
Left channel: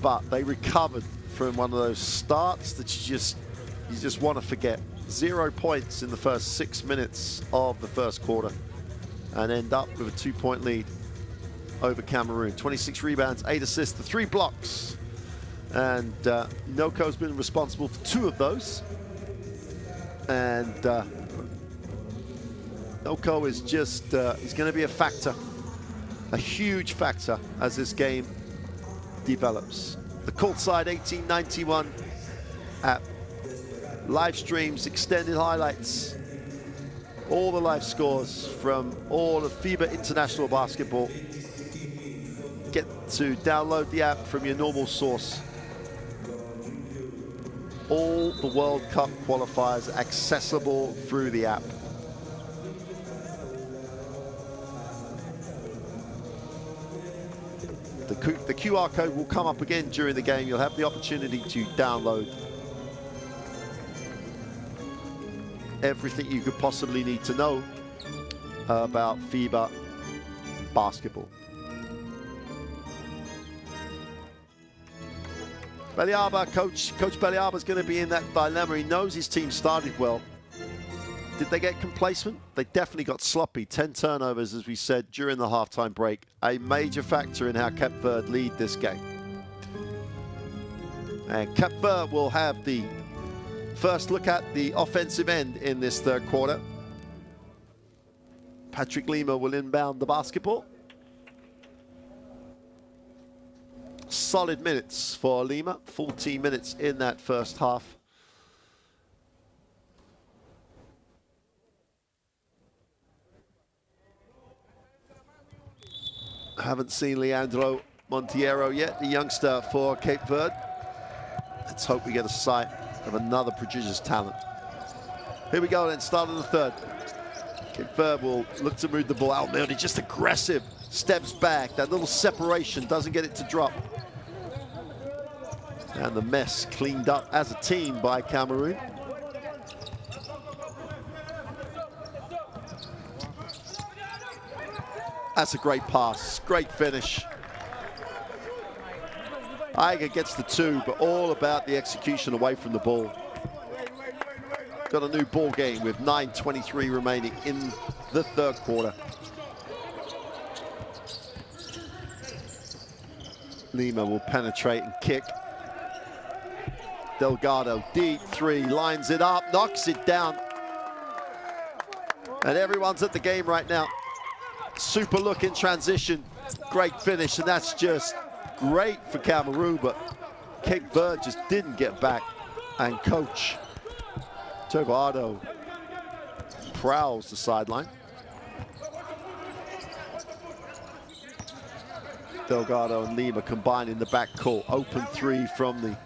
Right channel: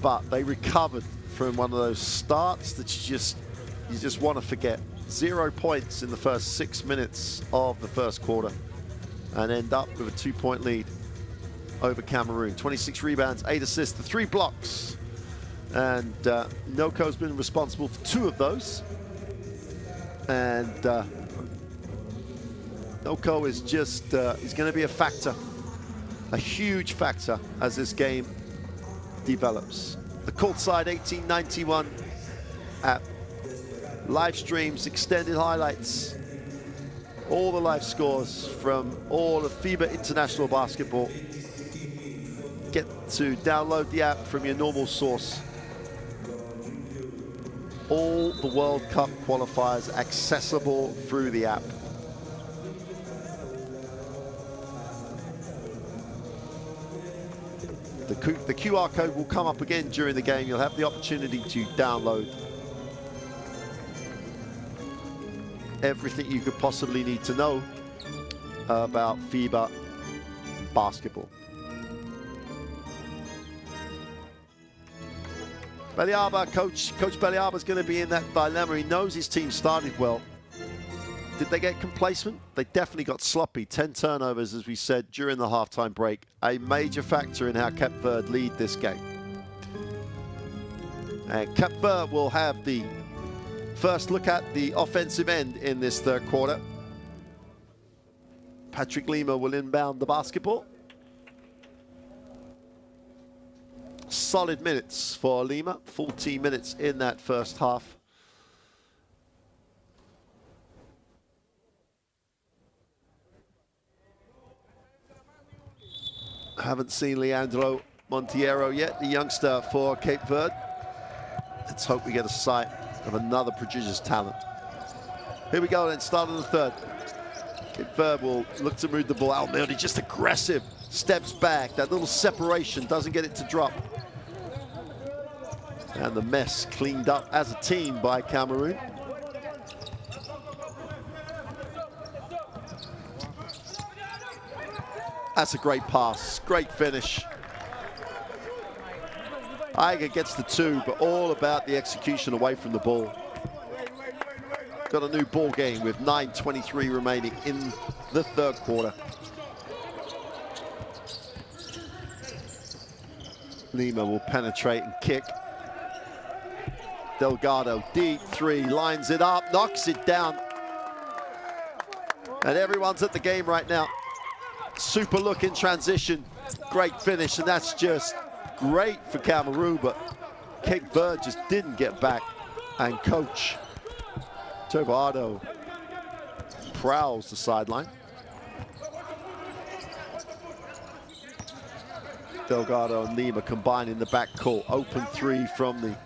But they recovered from one of those starts that you just want to forget. 0 points in the first 6 minutes of the first quarter and end up with a 2-point lead over Cameroon. 26 rebounds, 8 assists, the 3 blocks. And Noko's been responsible for 2 of those. And Noko is just, he's going to be a factor, a huge factor as this game develops. The courtside 1891 app, live streams, extended highlights, all the live scores from all of FIBA International Basketball. Get to download the app from your normal source. All the World Cup qualifiers accessible through the app. The QR code will come up again during the game. You'll have the opportunity to download everything you could possibly need to know about FIBA basketball. Beliaba, Coach Beliaba is going to be in that dilemma. He knows his team started well. Did they get complacent? They definitely got sloppy. 10 turnovers, as we said, during the halftime break. A major factor in how Cape Verde lead this game. And Cape Verde will have the first look at the offensive end in this third quarter. Patrick Lima will inbound the basketball. Solid minutes for Lima, 14 minutes in that first half. Haven't seen Leandro Monteiro yet, the youngster for Cape Verde. Let's hope we get a sight of another prodigious talent. Here we go then, start of the third. Cape Verde will look to move the ball out there. He's just aggressive, steps back. That little separation doesn't get it to drop. And the mess cleaned up as a team by Cameroon. That's a great pass, great finish. Aiga gets the two, but all about the execution away from the ball. Got a new ball game with 9:23 remaining in the third quarter. Lima will penetrate and kick. Delgado, deep three, lines it up, knocks it down. And everyone's at the game right now. Super look in transition, great finish, and that's just great for Cameroon, but Cape Verde just didn't get back. And Coach Delgado prowls the sideline. Delgado and Lima combined in the backcourt. Open three from the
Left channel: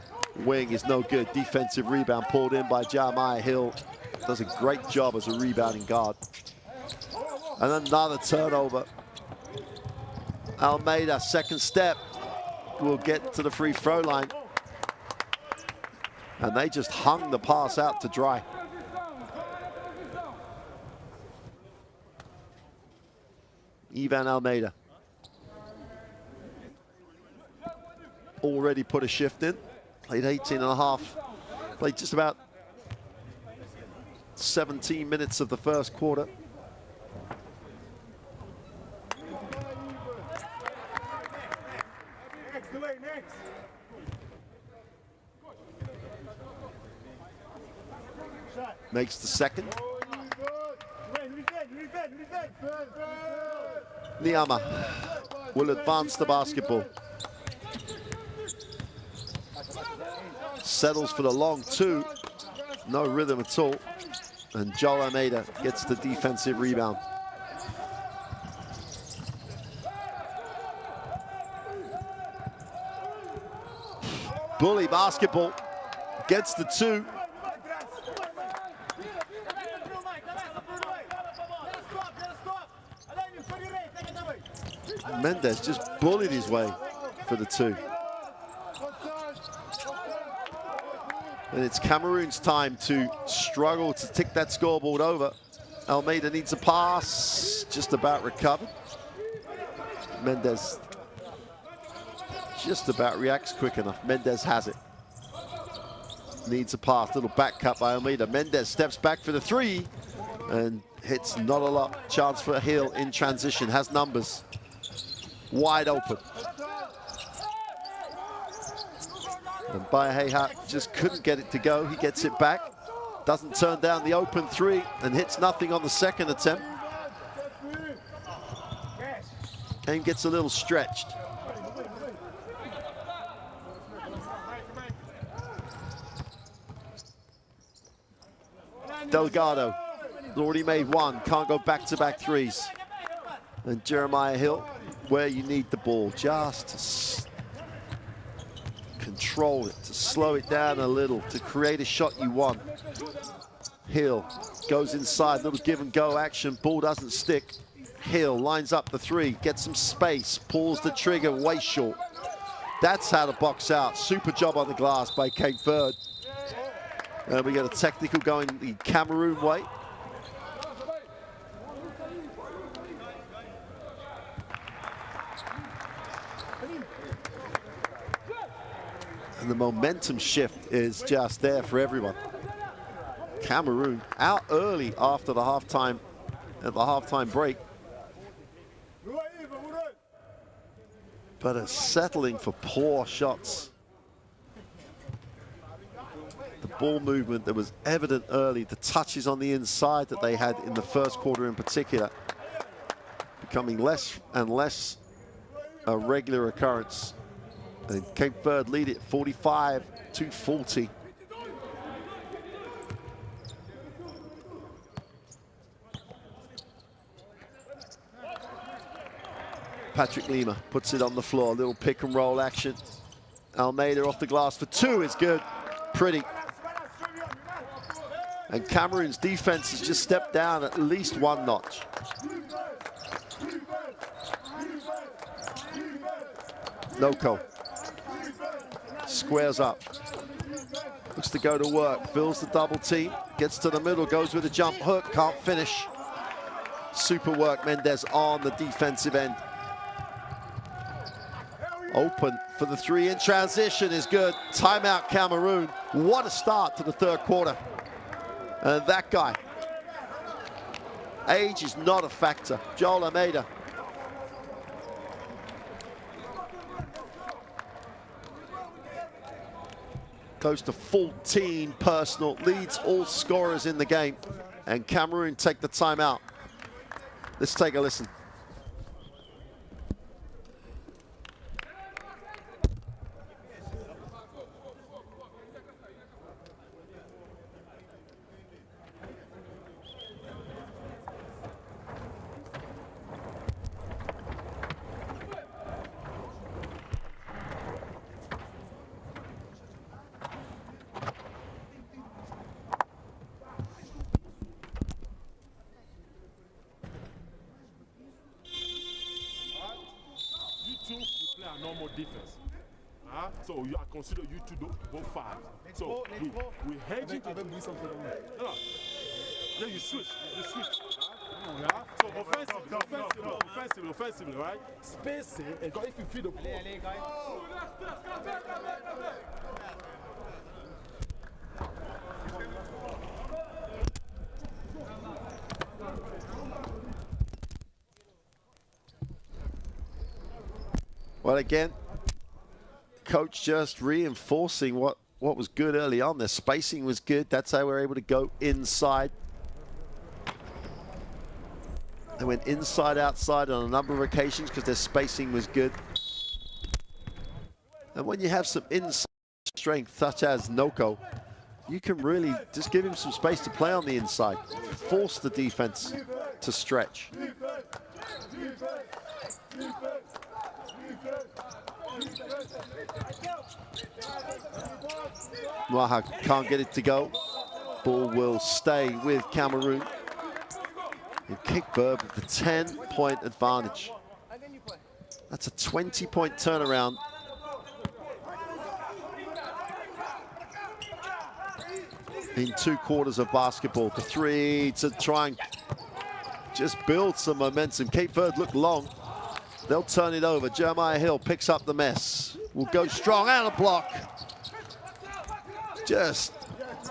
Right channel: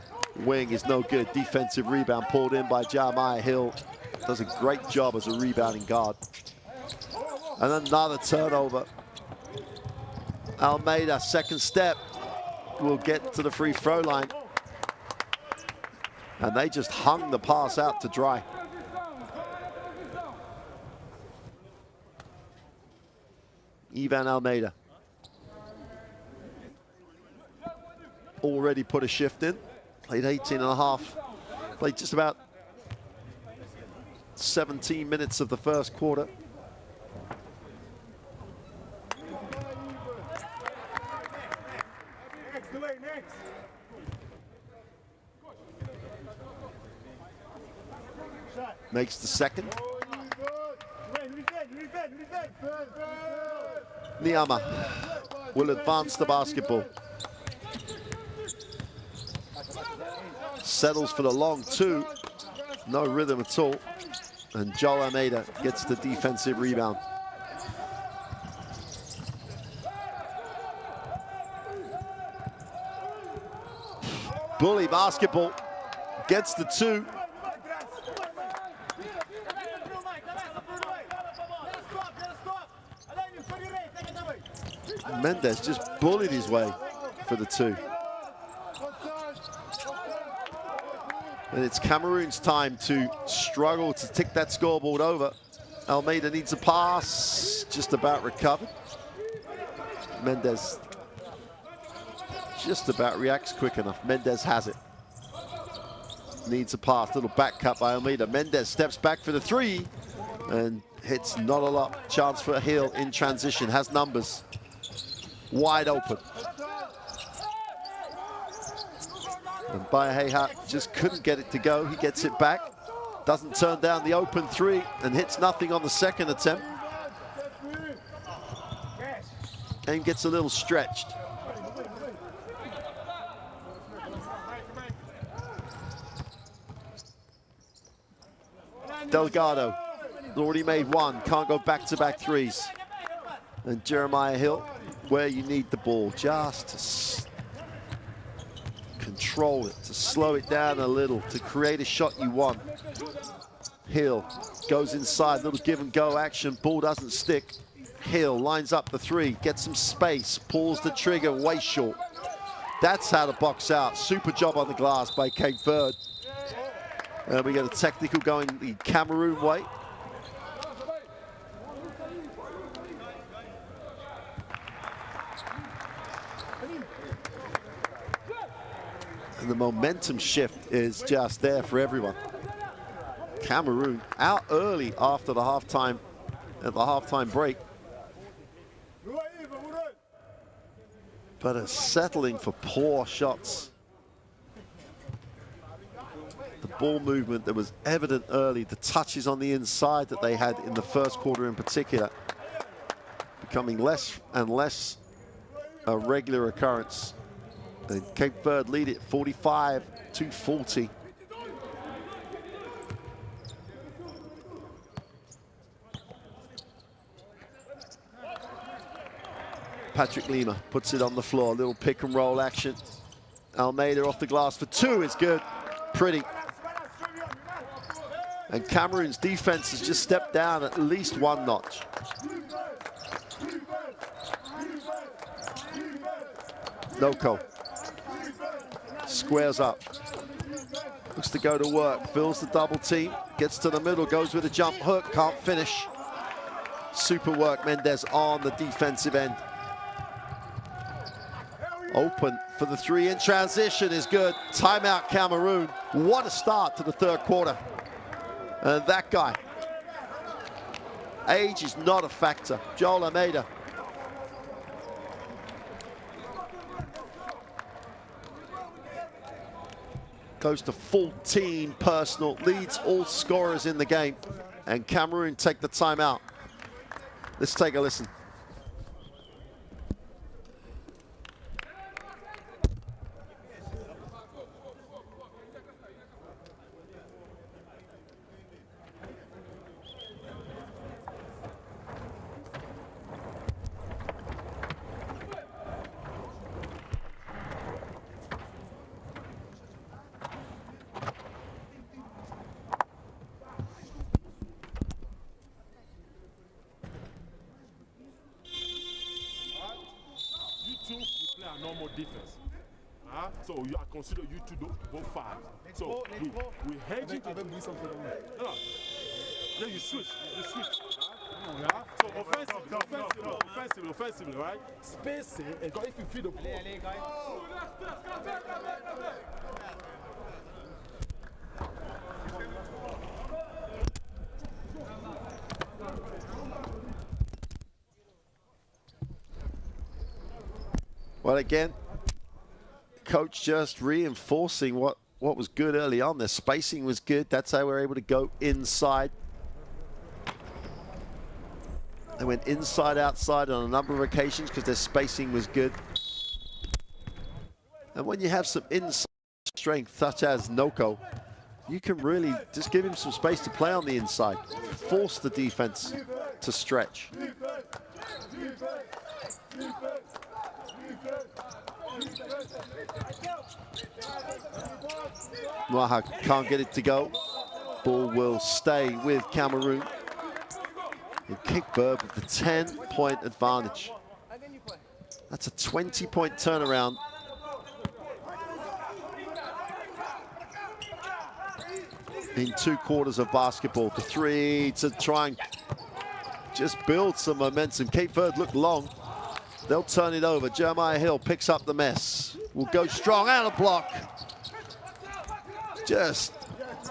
wing is no good. Defensive rebound pulled in by Jeremiah Hill. Does a great job as a rebounding guard. And another turnover. Almeida, second step, will get to the free throw line. And they just hung the pass out to dry. Ivan Almeida. Already put a shift in. Played 18 and a half. Played just about 17 minutes of the first quarter. Makes the second. Liama will advance the basketball. Settles for the long two. No rhythm at all. And Joel Almeida gets the defensive rebound. Bully basketball. Gets the two. Mendes just bullied his way for the two. And it's Cameroon's time to struggle to tick that scoreboard over. Almeida needs a pass, just about recovered. Mendes just about reacts quick enough. Mendes has it. Needs a pass, little back cut by Almeida. Mendes steps back for the three and hits not a lot. Chance for Hill in transition, has numbers. Wide open. And Bayeha just couldn't get it to go. He gets it back. Doesn't turn down the open three and hits nothing on the second attempt. Game gets a little stretched. Delgado has already made one. Can't go back-to-back threes. And Jeremiah Hill, where you need the ball, just to control it, to slow it down a little, to create a shot you want. Hill goes inside, little give and go action, ball doesn't stick. Hill lines up the three, gets some space, pulls the trigger way short. That's how to box out. Super job on the glass by Cape Verde. And we get a technical going the Cameroon way. And the momentum shift is just there for everyone. Cameroon out early after the halftime, at the halftime break. But are settling for poor shots. The ball movement that was evident early, the touches on the inside that they had in the first quarter in particular, becoming less and less a regular occurrence. And Cape Verde lead it 45-40. Patrick Lima puts it on the floor, little pick and roll action. Almeida off the glass for two is good, pretty. And Cameroon's defense has just stepped down at least one notch. Noko squares up, looks to go to work, fills the double team, gets to the middle, goes with a jump hook, can't finish. Super work, Mendez on the defensive end. Open for the three in transition is good. Timeout Cameroon. What a start to the third quarter. And that guy, age is not a factor. Joel Almeida. Goes to 14 personal, leads all scorers in the game. And Cameroon take the timeout. Let's take a listen. Defense. So I consider you two both five. So we hedge it. No. Yeah, you switch. So offensively, right? Spacing, and if you feed the ball. Well, again, coach just reinforcing what was good early on. Their spacing was good. That's how we were able to go inside. They went inside, outside on a number of occasions because their spacing was good. And when you have some inside strength, such as Noko, you can really just give him some space to play on the inside. Force the defense to stretch. Mwaha can't get it to go. Ball will stay with Cameroon. And Cape Verde with the 10-point advantage. That's a 20-point turnaround. In 2 quarters of basketball. The three to try and just build some momentum. Cape Verde look long. They'll turn it over. Jeremiah Hill picks up the mess. Will go strong and a block.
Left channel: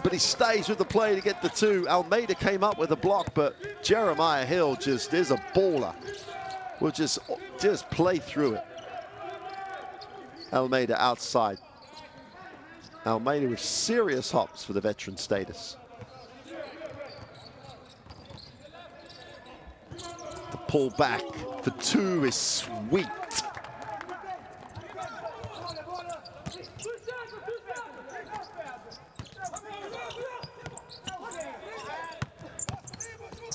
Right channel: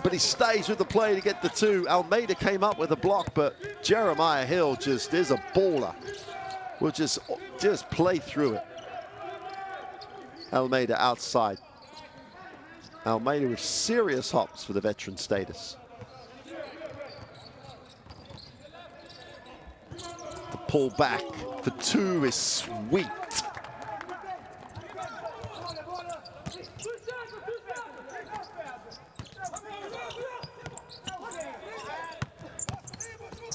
But he stays with the play to get the two. Almeida came up with a block, but Jeremiah Hill just is a baller. Will just play through it. Almeida outside. Almeida with serious hops for the veteran status. The pull back for two is sweet.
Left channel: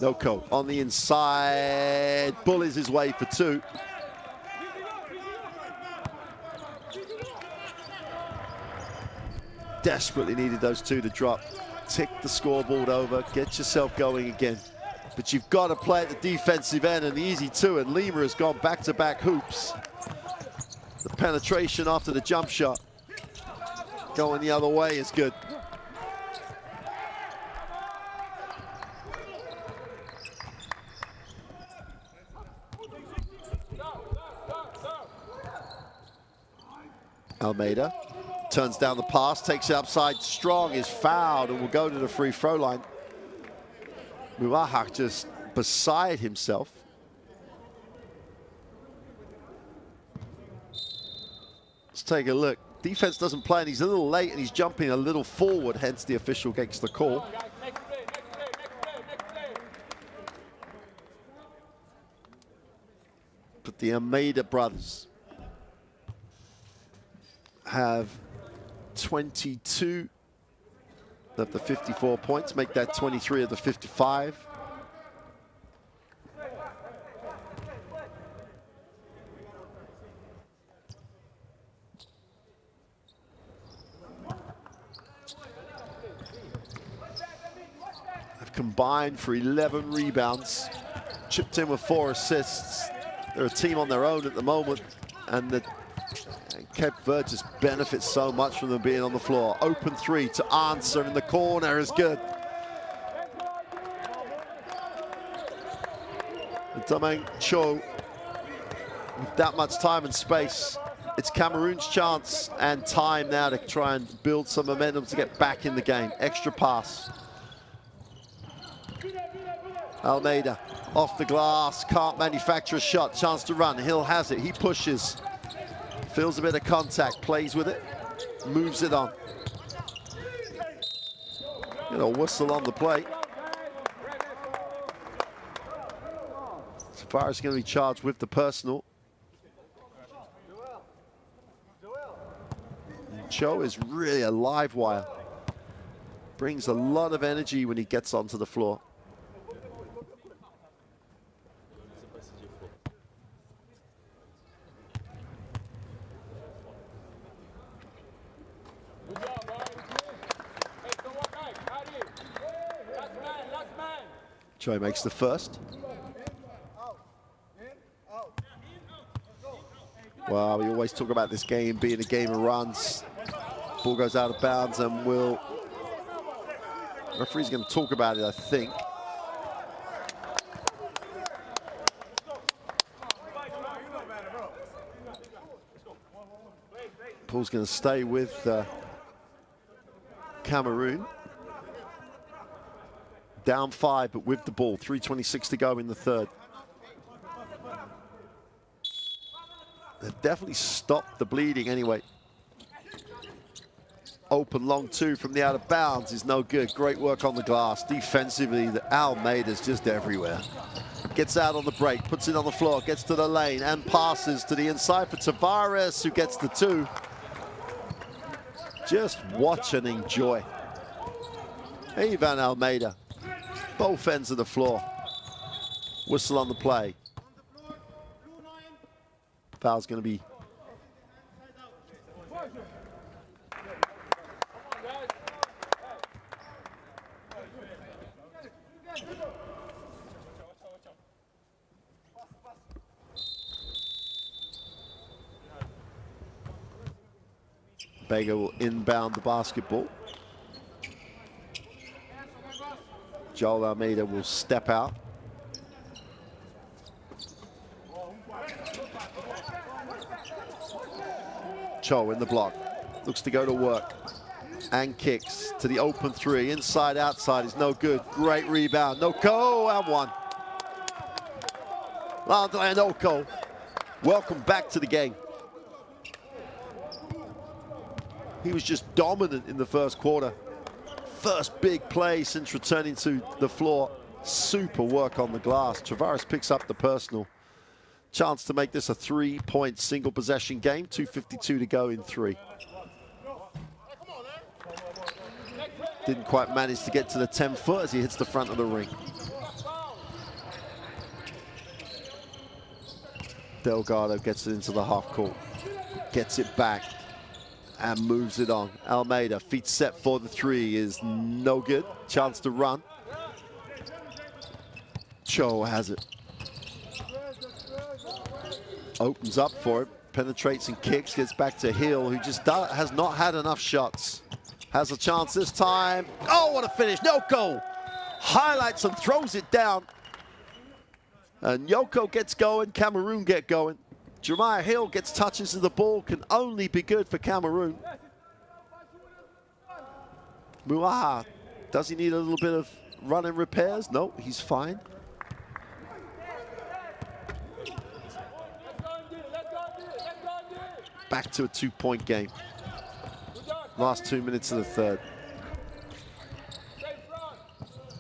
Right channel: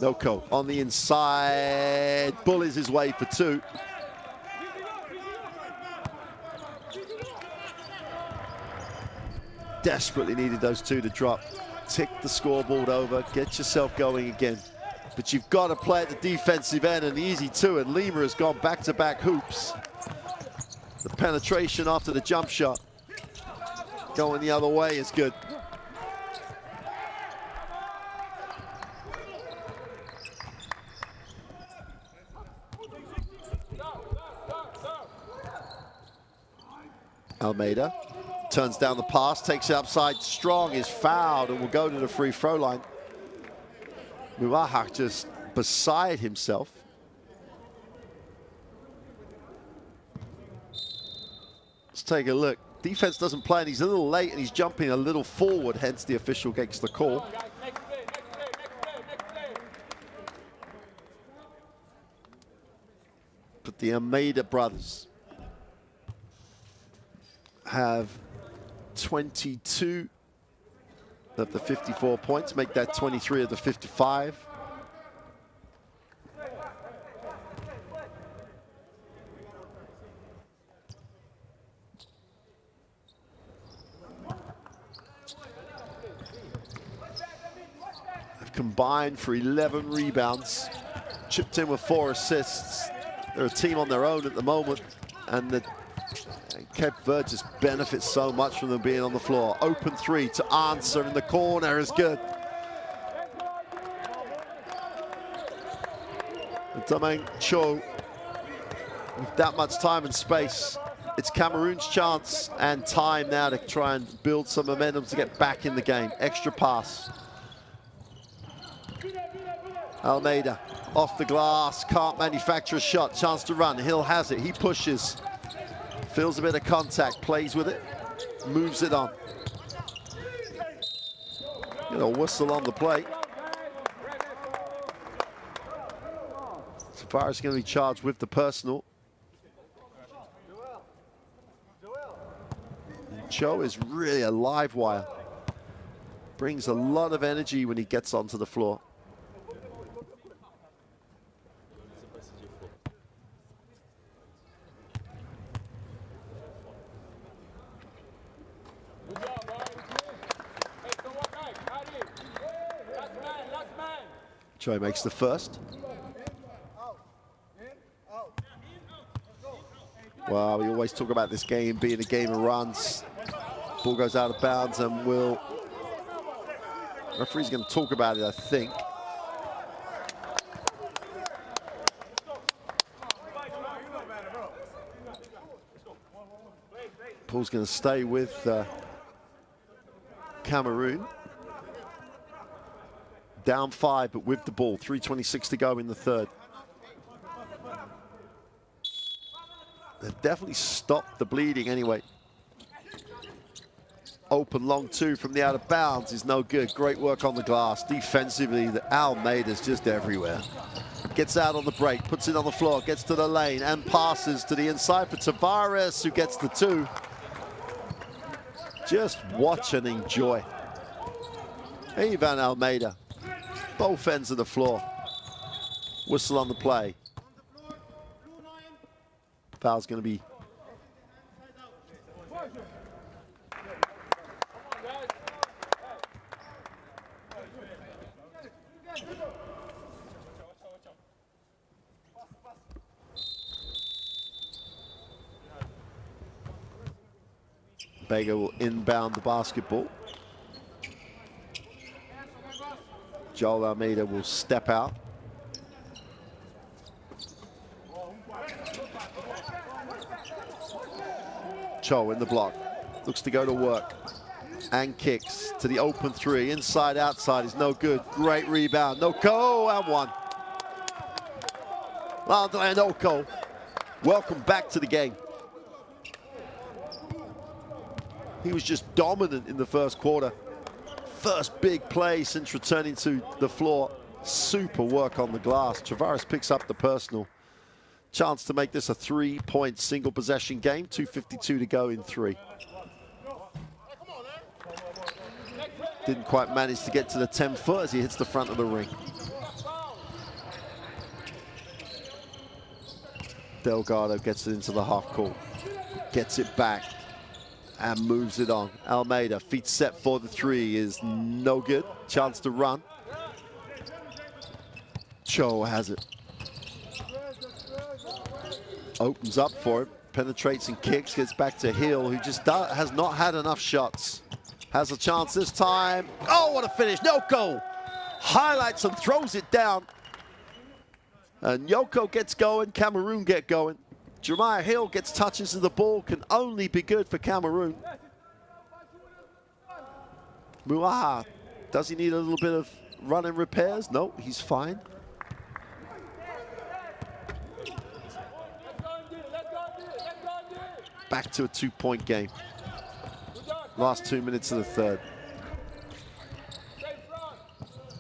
Noko on the inside, bullies his way for two. Desperately needed those two to drop. Tick the scoreboard over, get yourself going again. But you've got to play at the defensive end, and easy two, and Lima has gone back-to-back hoops. The penetration after the jump shot going the other way is good. Almeida turns down the pass, takes it upside strong, is fouled, and will go to the free throw line. Muahak just beside himself. Let's take a look. Defense doesn't play, and he's a little late, and he's jumping a little forward, hence the official gets the call. But the Almeida brothers have 22 of the 54 points, make that 23 of the 55. They've combined for 11 rebounds, chipped in with 4 assists. They're a team on their own at the moment, and Cape Verde just benefits so much from them being on the floor. Open three to answer in the corner is good. Damang Cho, with that much time and space, it's Cameroon's chance and time now to try and build some momentum to get back in the game. Extra pass. Almeida off the glass, can't manufacture a shot, chance to run. Hill has it, he pushes. Feels a bit of contact, plays with it, moves it on. Get a whistle on the play. Tavares is going to be charged with the personal. Cho is really a live wire. Brings a lot of energy when he gets onto the floor. Choi makes the first. Well, we always talk about this game being a game of runs. Ball goes out of bounds, and referee's going to talk about it, I think. Ball's going to stay with Cameroon. Down 5, but with the ball. 3:26 to go in the third. They've definitely stopped the bleeding anyway. Open long two from the out of bounds is no good. Great work on the glass. Defensively, the Almeida's just everywhere. Gets out on the break, puts it on the floor, gets to the lane and passes to the inside for Tavares, who gets the 2. Just watch and enjoy. Ivan Almeida. Both ends of the floor. Whistle on the play. Foul's going to be. Bega will inbound the basketball. Joel Almeida will step out. Cho in the block. Looks to go to work. And kicks to the open 3. Inside, outside is no good. Great rebound. No go, and 1. Landry Oko, welcome back to the game. He was just dominant in the first quarter. First big play since returning to the floor. Super work on the glass. Tavares picks up the personal. Chance to make this a 3-point single possession game. 2:52 to go in 3. Didn't quite manage to get to the 10-foot as he hits the front of the ring. Delgado gets it into the half court. Gets it back and moves it on. Almeida, feet set for the 3 is no good. Chance to run. Cho has it. Opens up for it, penetrates and kicks, gets back to Hill, who just has not had enough shots. Has a chance this time. Oh, what a finish. Nyoko highlights and throws it down. And Nyoko gets going, Cameroon get going. Jeremiah Hill gets touches of the ball, can only be good for Cameroon. Muaha, does he need a little bit of running repairs? No, he's fine. Back to a 2-point game. Last 2 minutes of the third.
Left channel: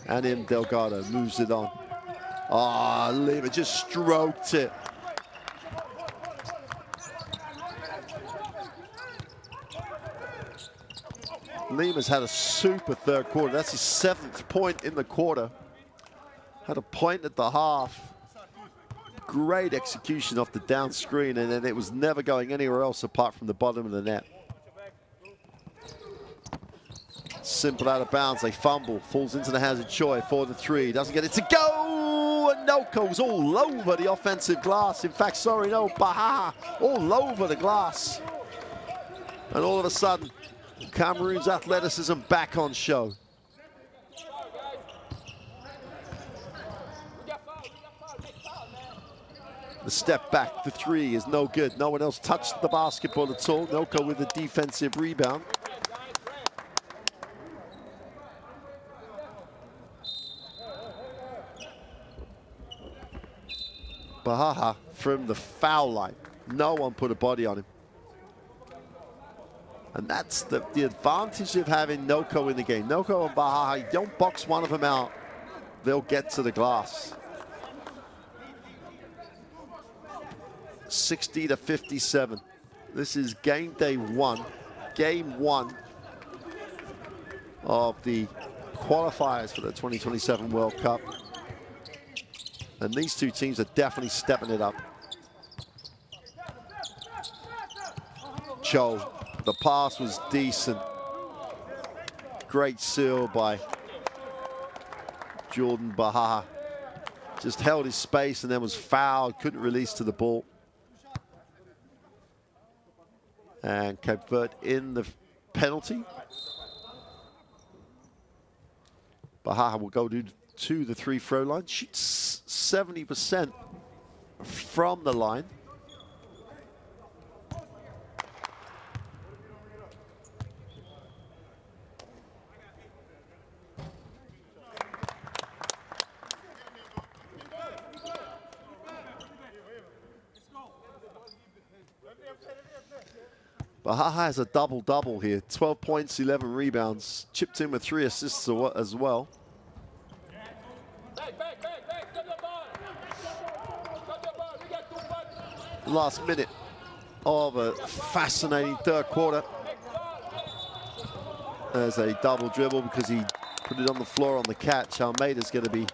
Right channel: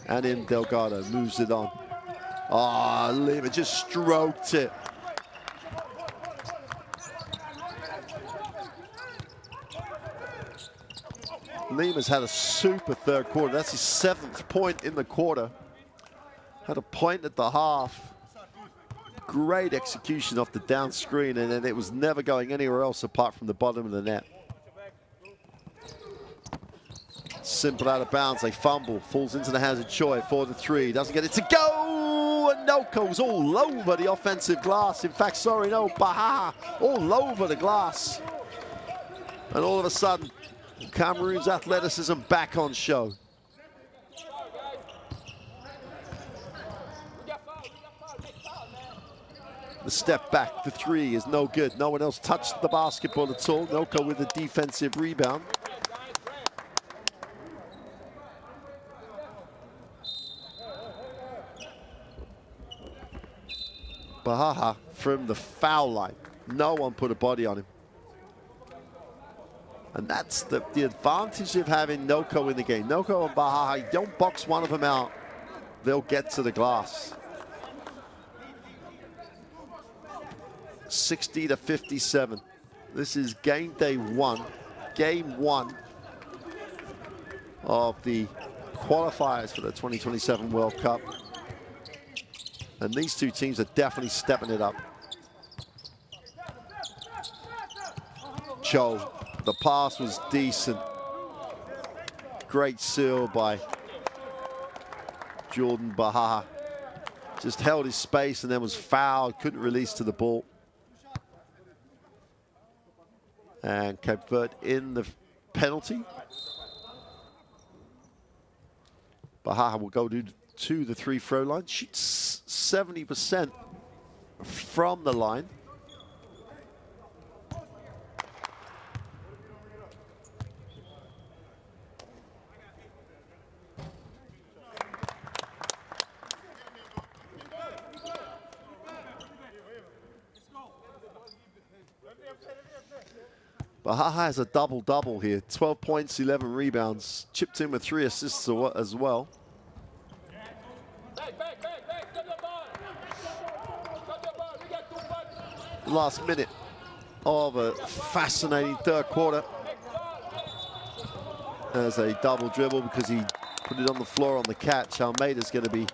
And in Delgado moves it on. Ah, Lima just stroked it. Lima's had a super third quarter. That's his 7th point in the quarter. Had a point at the half. Great execution off the down screen, and then it was never going anywhere else apart from the bottom of the net. Simple out of bounds, they fumble, falls into the hands of Choi for the 3, doesn't get it to go, and Noko's all over the offensive glass. In fact, sorry, no, Baha all over the glass. And all of a sudden, Cameroon's athleticism back on show. The step back, the 3 is no good. No one else touched the basketball at all. Noko with a defensive rebound. Baha from the foul line. No one put a body on him. And that's the advantage of having Noko in the game. Noko and Baha, you don't box one of them out, they'll get to the glass. 60-57. This is game day 1. Game 1 of the qualifiers for the 2027 World Cup. And these two teams are definitely stepping it up. Cho, the pass was decent. Great seal by Jordan Baha. Just held his space and then was fouled, couldn't release to the ball. And Cape Verde in the penalty. Baha will go to the 3 throw line, shoots 70% from the line. Baha has a double-double here. 12 points, 11 rebounds. Chipped in with 3 assists as well. Last minute of a fascinating third quarter. There's a double dribble because he put it on the floor on the catch. Almeida's going to be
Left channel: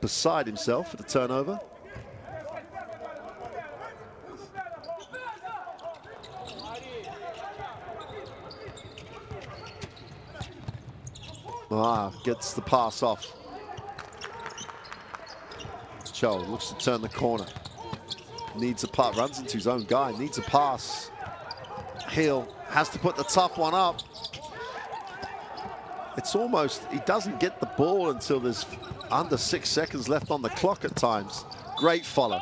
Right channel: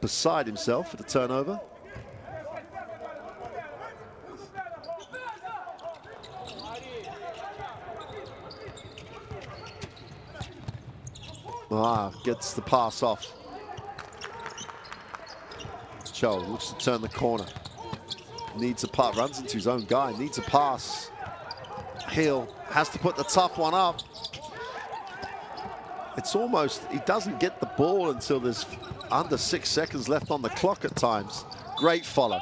beside himself for the turnover. Gets the pass off. Cho looks to turn the corner. Needs a pass, runs into his own guy, needs a pass. Hill has to put the tough one up. It's almost, he doesn't get the ball until there's under 6 seconds left on the clock at times. Great follow.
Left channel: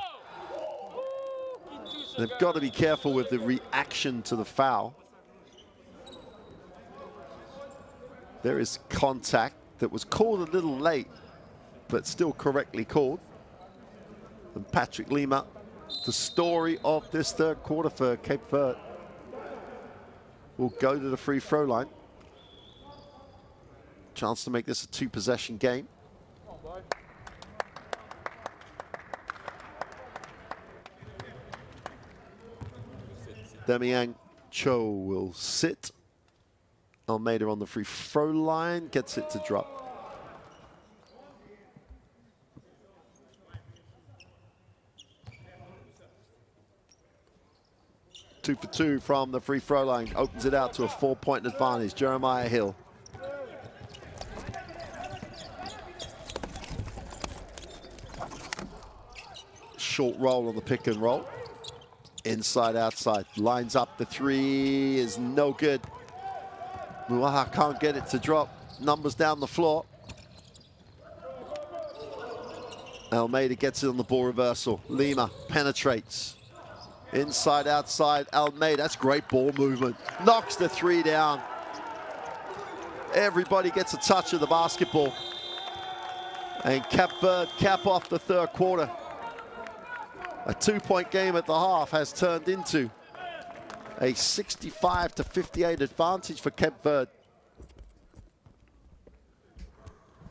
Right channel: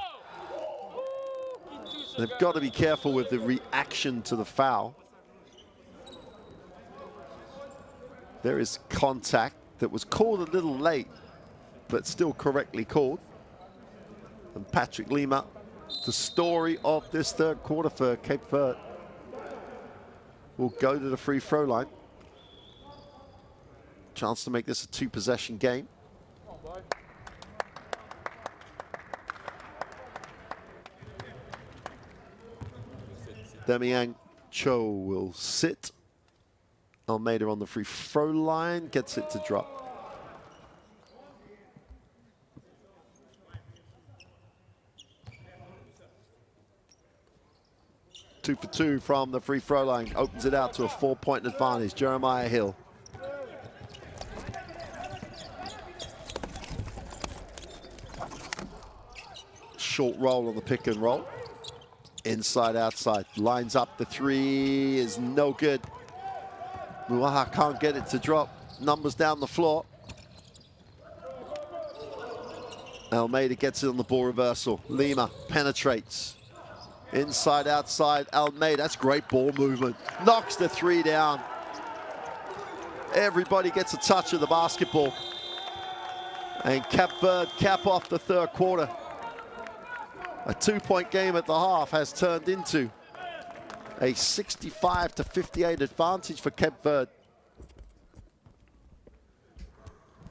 They've got to be careful with the reaction to the foul. There is contact that was called a little late, but still correctly called. And Patrick Lima, the story of this third quarter for Cape Verde, will go to the free throw line. Chance to make this a 2-possession game. Demian Cho will sit. Almeida on the free throw line, gets it to drop. Two for 2 from the free throw line, opens it out to a 4-point advantage. Jeremiah Hill short roll on the pick and roll. Inside, outside. Lines up. The three is no good. Muaha can't get it to drop. Numbers down the floor. Almeida gets it on the ball reversal. Lima penetrates. Inside, outside. Almeida. That's great ball movement. Knocks the three down. Everybody gets a touch of the basketball. And Cape Verde cap off the third quarter. A 2-point game at the half has turned into a 65-58 advantage for Cape Verde.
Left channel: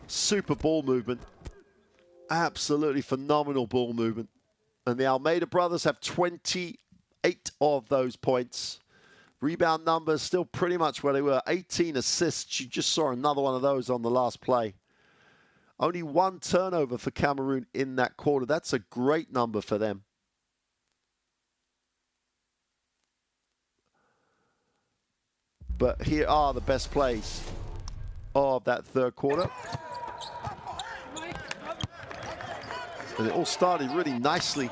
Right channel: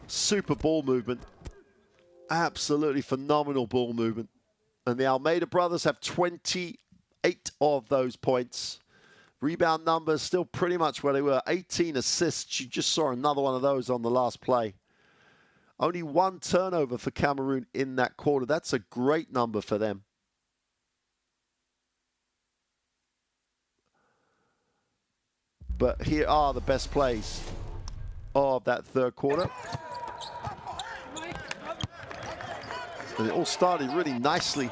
Super ball movement. Absolutely phenomenal ball movement. And the Almeida brothers have 28 of those points. Rebound numbers still pretty much where they were. 18 assists. You just saw another one of those on the last play. Only one turnover for Cameroon in that quarter. That's a great number for them. But here are the best plays of that third quarter. And it all started really nicely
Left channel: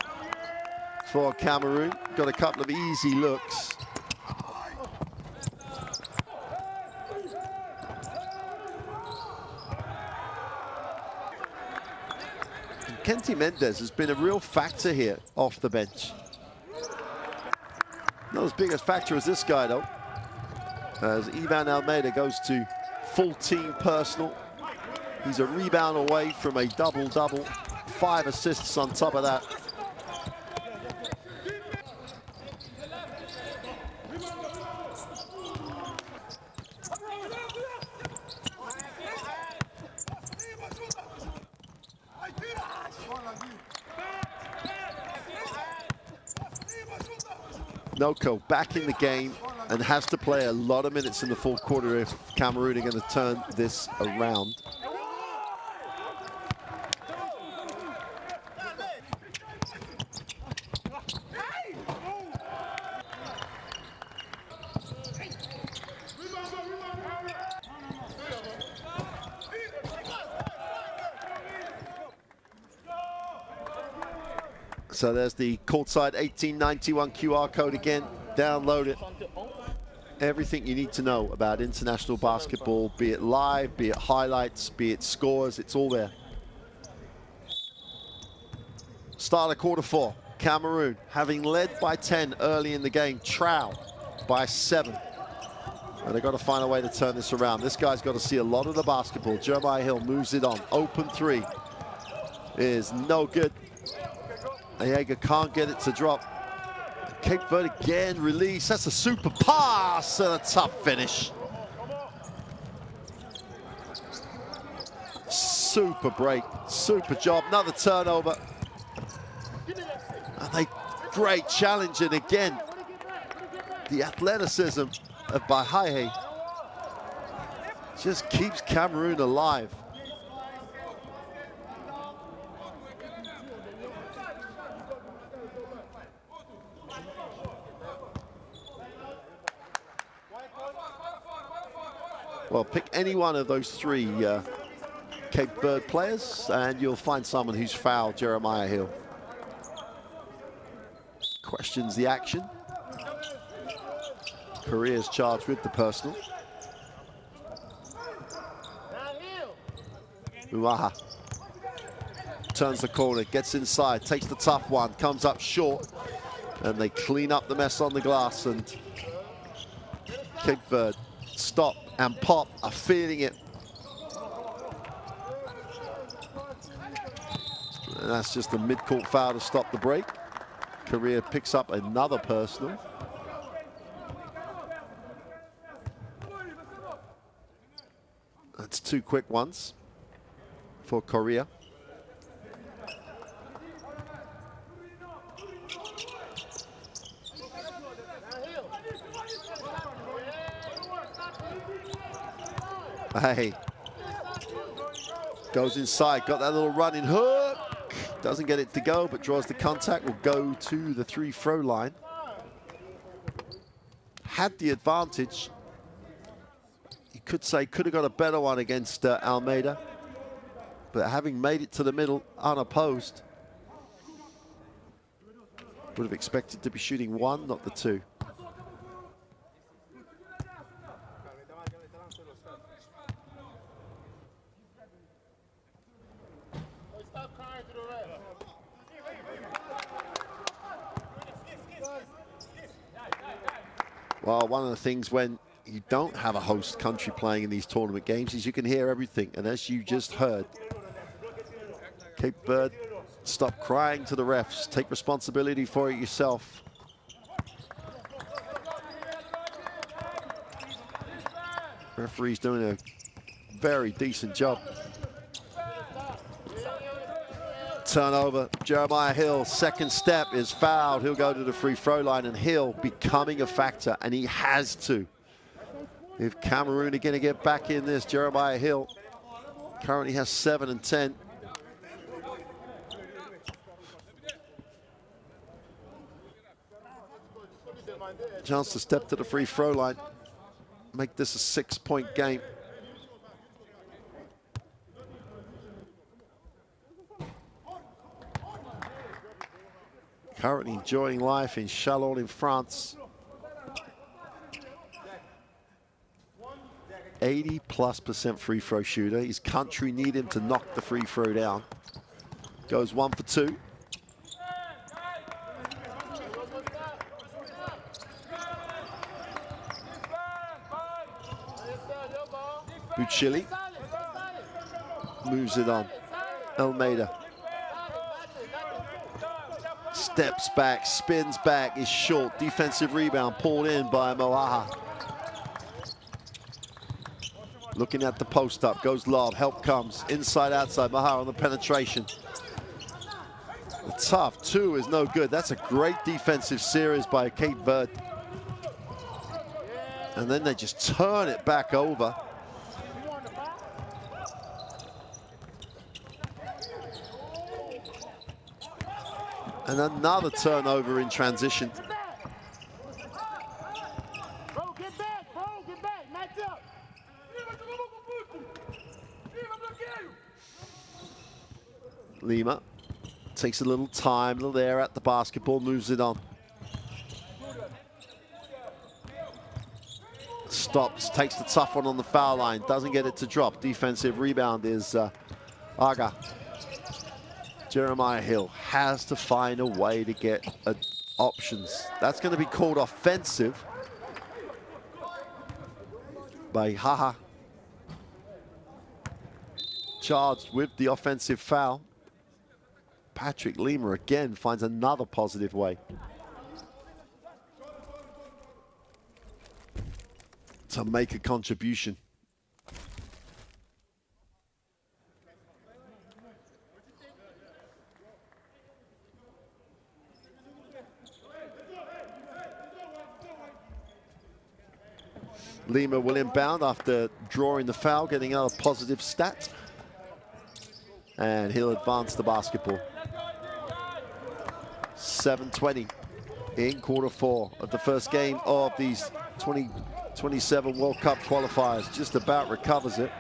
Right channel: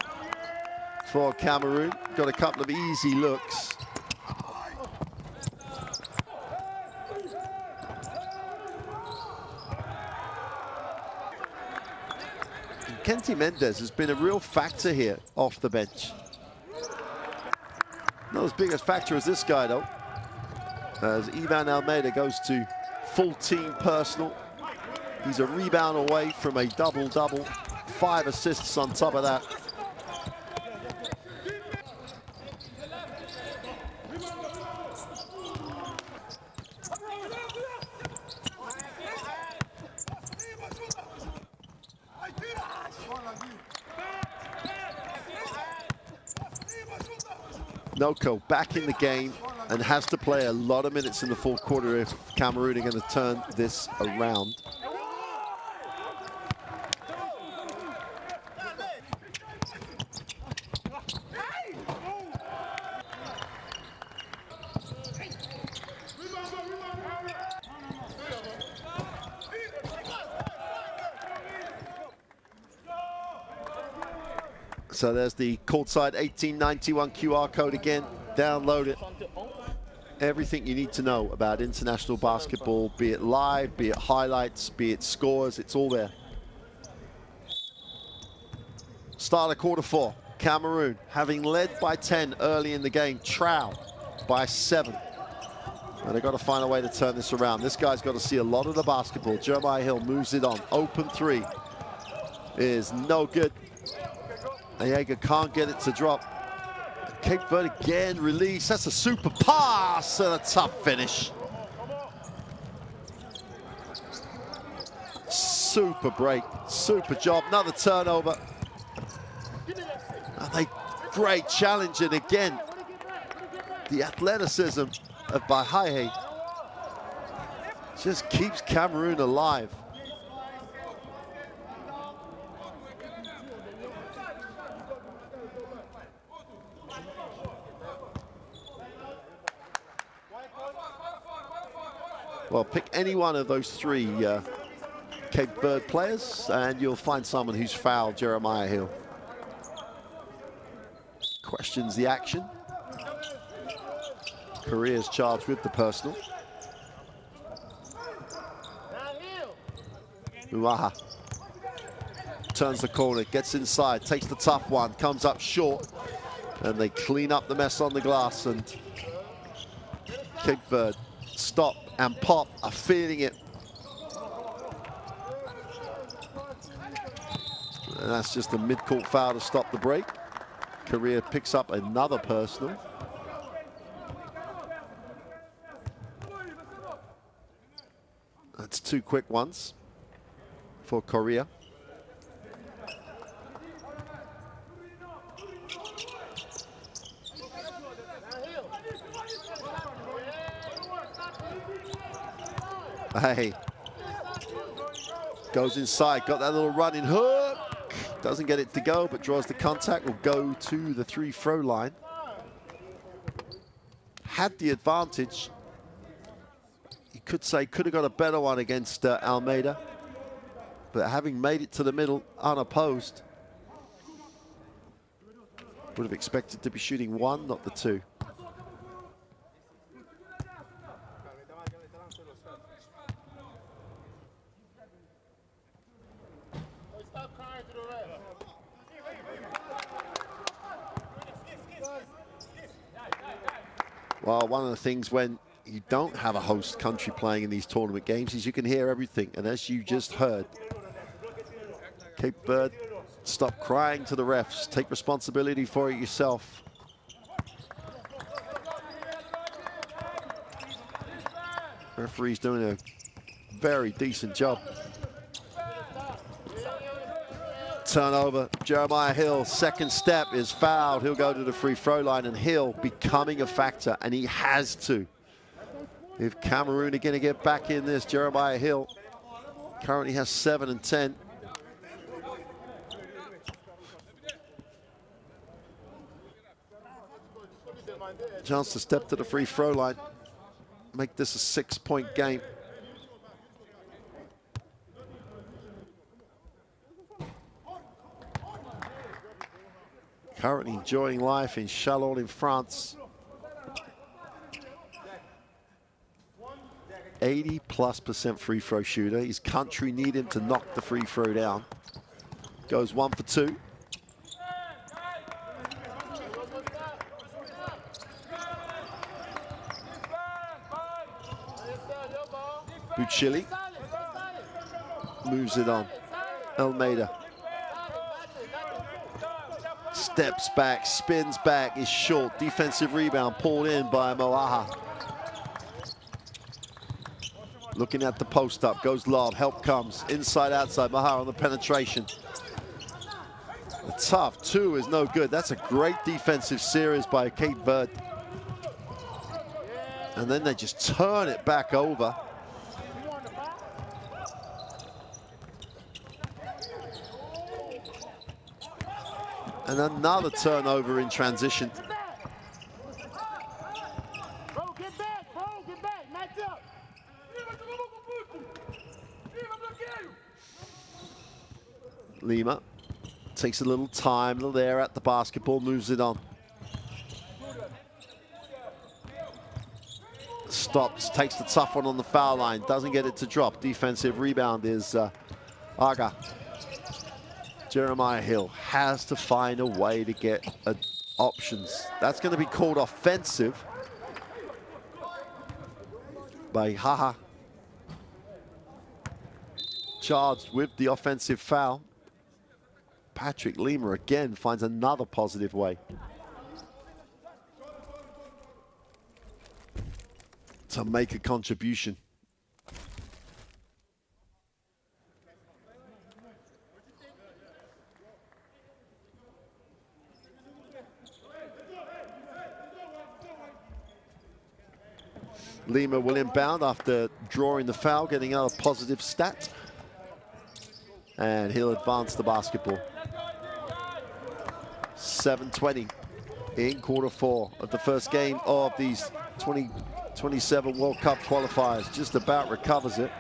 for Cameroon. Got a couple of easy looks. And Kenty Mendes has been a real factor here off the bench. Not as big a factor as this guy, though. As Ivan Almeida goes to full team personal. He's a rebound away from a double-double. 5 assists on top of that. Noko back in the game and has to play a lot of minutes in the fourth quarter if Cameroon are going to turn this around. So there's the courtside 1891 QR code again. Download it. Everything you need to know about international basketball, be it live, be it highlights, be it scores, it's all there. Start of quarter 4. Cameroon, having led by 10 early in the game, trail by 7. And they've got to find a way to turn this around. This guy's got to see a lot of the basketball. Jeremiah Hill moves it on. Open 3 is no good. Ayega can't get it to drop. Cape Verde again, release. That's a super pass and a tough finish. Super break, super job. Another turnover. And they great challenge, and again, the athleticism of Bahaye just keeps Cameroon alive. Well, pick any one of those 3 Cape Verde players and you'll find someone who's fouled Jeremiah Hill. Questions the action. Korea's charged with the personal. Uaha turns the corner, gets inside, takes the tough one, comes up short, and they clean up the mess on the glass, and Cape Verde stop and pop are feeling it. And that's just a mid-court foul to stop the break. Korea picks up another personal. That's 2 quick ones for Korea. Hey, goes inside, got that little running hook. Doesn't get it to go, but draws the contact. Will go to the 3-throw line. Had the advantage. You could say could have got a better one against Almeida, but having made it to the middle unopposed, Would have expected to be shooting one, not the two. Well, one of the things when you don't have a host country playing in these tournament games is you can hear everything. And as you just heard, Cape Verde, stop crying to the refs. Take responsibility for it yourself. Referee's doing a very decent job. Turnover, Jeremiah Hill, second step is fouled. He'll go to the free throw line, and Hill becoming a factor, and he has to. If Cameroon are going to get back in this, Jeremiah Hill currently has 7 and 10. Chance to step to the free throw line, make this a 6-point game. Currently enjoying life in Chalon in France. 80+% free throw shooter. His country need him to knock the free throw down. Goes 1 for 2. Bucilli moves it on. Almeida steps back, spins back, is short. Defensive rebound pulled in by Moaha. Looking at the post up, goes lob, help comes. Inside, outside, Moaha on the penetration. The tough two is no good. That's a great defensive series by Cape Verde. And then they just turn it back over. And another turnover in transition. Bro, get back, match up. Lima takes a little time, a little air at the basketball, moves it on. Stops, takes the tough one on the foul line, doesn't get it to drop. Defensive rebound is Aga. Jeremiah Hill has to find a way to get options. That's going to be called offensive by Haha. Charged with the offensive foul. Patrick Lima again finds another positive way to make a contribution. Lima will inbound after drawing the foul, getting another positive stat. And he'll advance the basketball. 7:20 in quarter 4 of the first game of these 2027 World Cup qualifiers. Just about recovers it.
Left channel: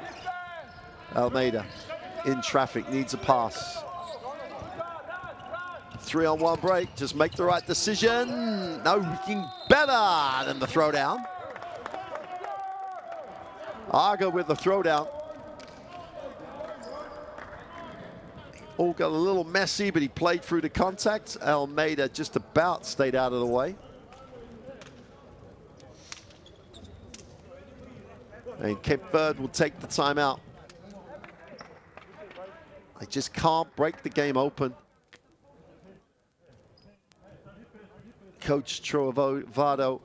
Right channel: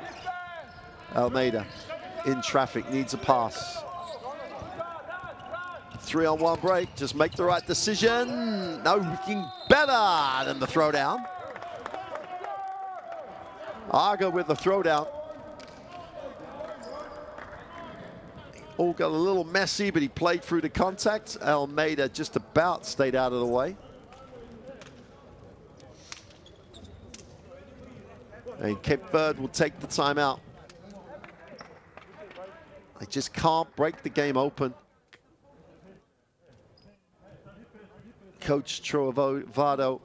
Almeida in traffic, needs a pass. 3-on-1 break, just make the right decision. No, looking better than the throwdown. Aga with the throwdown. All got a little messy, but he played through the contact. Almeida just about stayed out of the way. And Cape Verde will take the timeout. They just can't break the game open. Coach Trovado.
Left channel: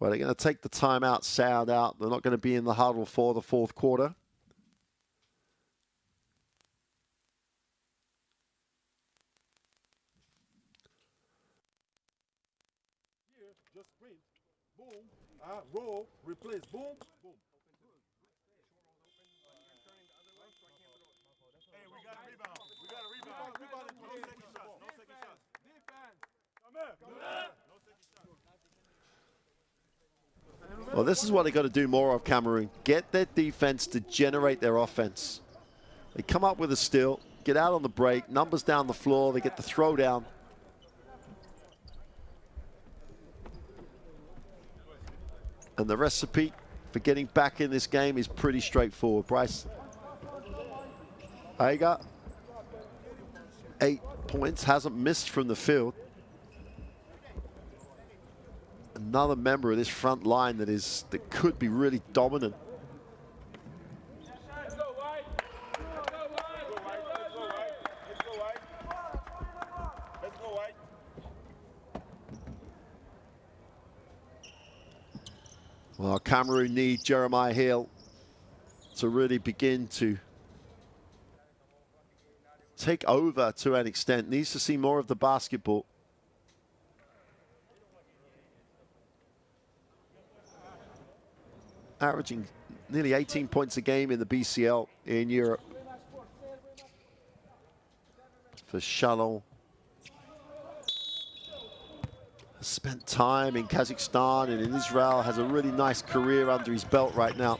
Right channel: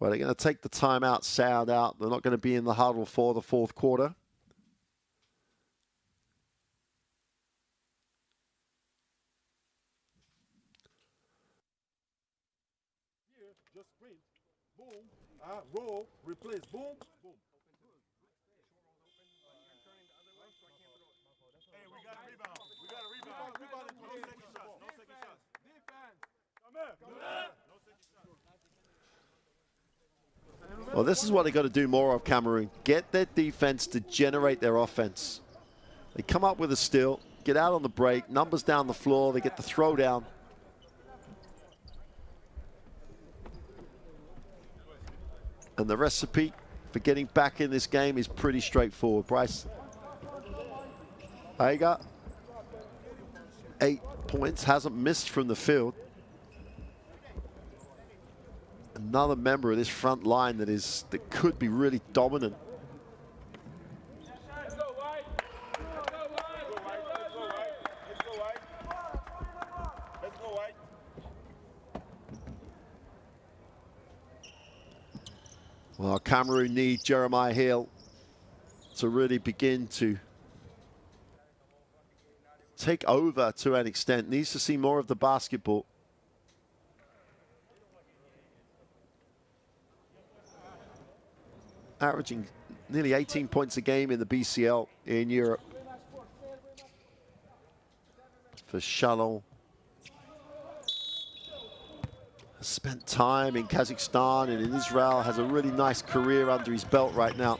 Well, they're going to take the timeout sound out. They're not going to be in the huddle for the fourth quarter. Here, just sprint. Boom. Roll, replace. Boom, boom. Hey, we got a rebound. We got a rebound. No second shots. No second shots. Defense. Come Well, this is what they got to do more of, Cameroon. Get their defense to generate their offense. They come up with a steal, get out on the break, numbers down the floor, they get the throw down. And the recipe for getting back in this game is pretty straightforward. Bryce, I got 8 points, hasn't missed from the field. Another member of this front line that could be really dominant. Well, Cameroon need Jeremiah Hill to really begin to take over to an extent. Needs to see more of the basketball. Averaging nearly 18 points a game in the BCL in Europe. For Chalon. Has spent time in Kazakhstan and in Israel, has a really nice career under his belt right now.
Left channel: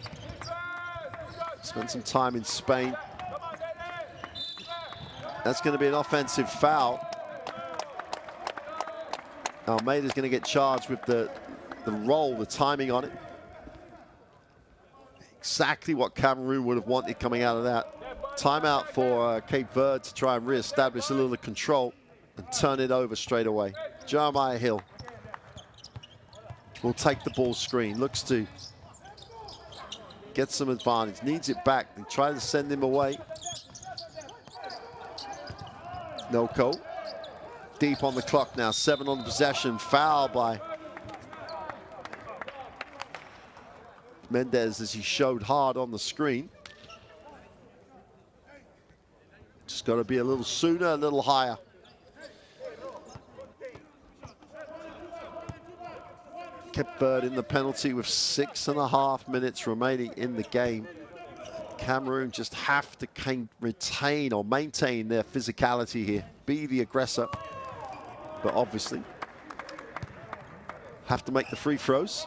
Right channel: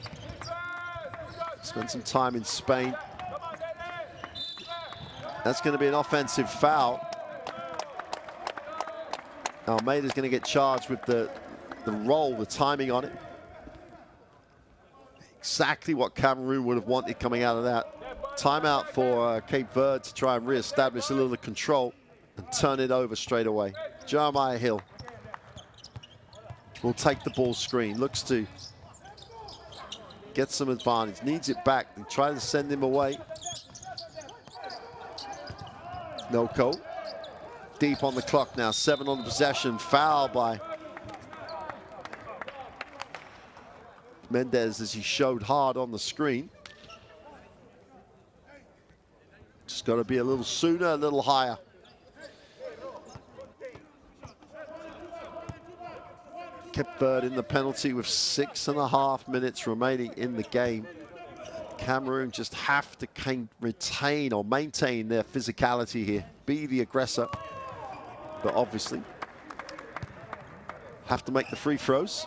Spent some time in Spain. That's going to be an offensive foul. Almeida's going to get charged with the roll, the timing on it. Exactly what Cameroon would have wanted coming out of that. Timeout for Cape Verde to try and re-establish a little control and turn it over straight away. Jeremiah Hill will take the ball screen, looks to get some advantage, needs it back. They try to send him away. Noko, deep on the clock now, 7 on the possession, foul by Mendez as he showed hard on the screen. Just got to be a little sooner, a little higher. Cape Verde in the penalty with 6.5 minutes remaining in the game. Cameroon just have to retain or maintain their physicality here, be the aggressor, but obviously have to make the free throws.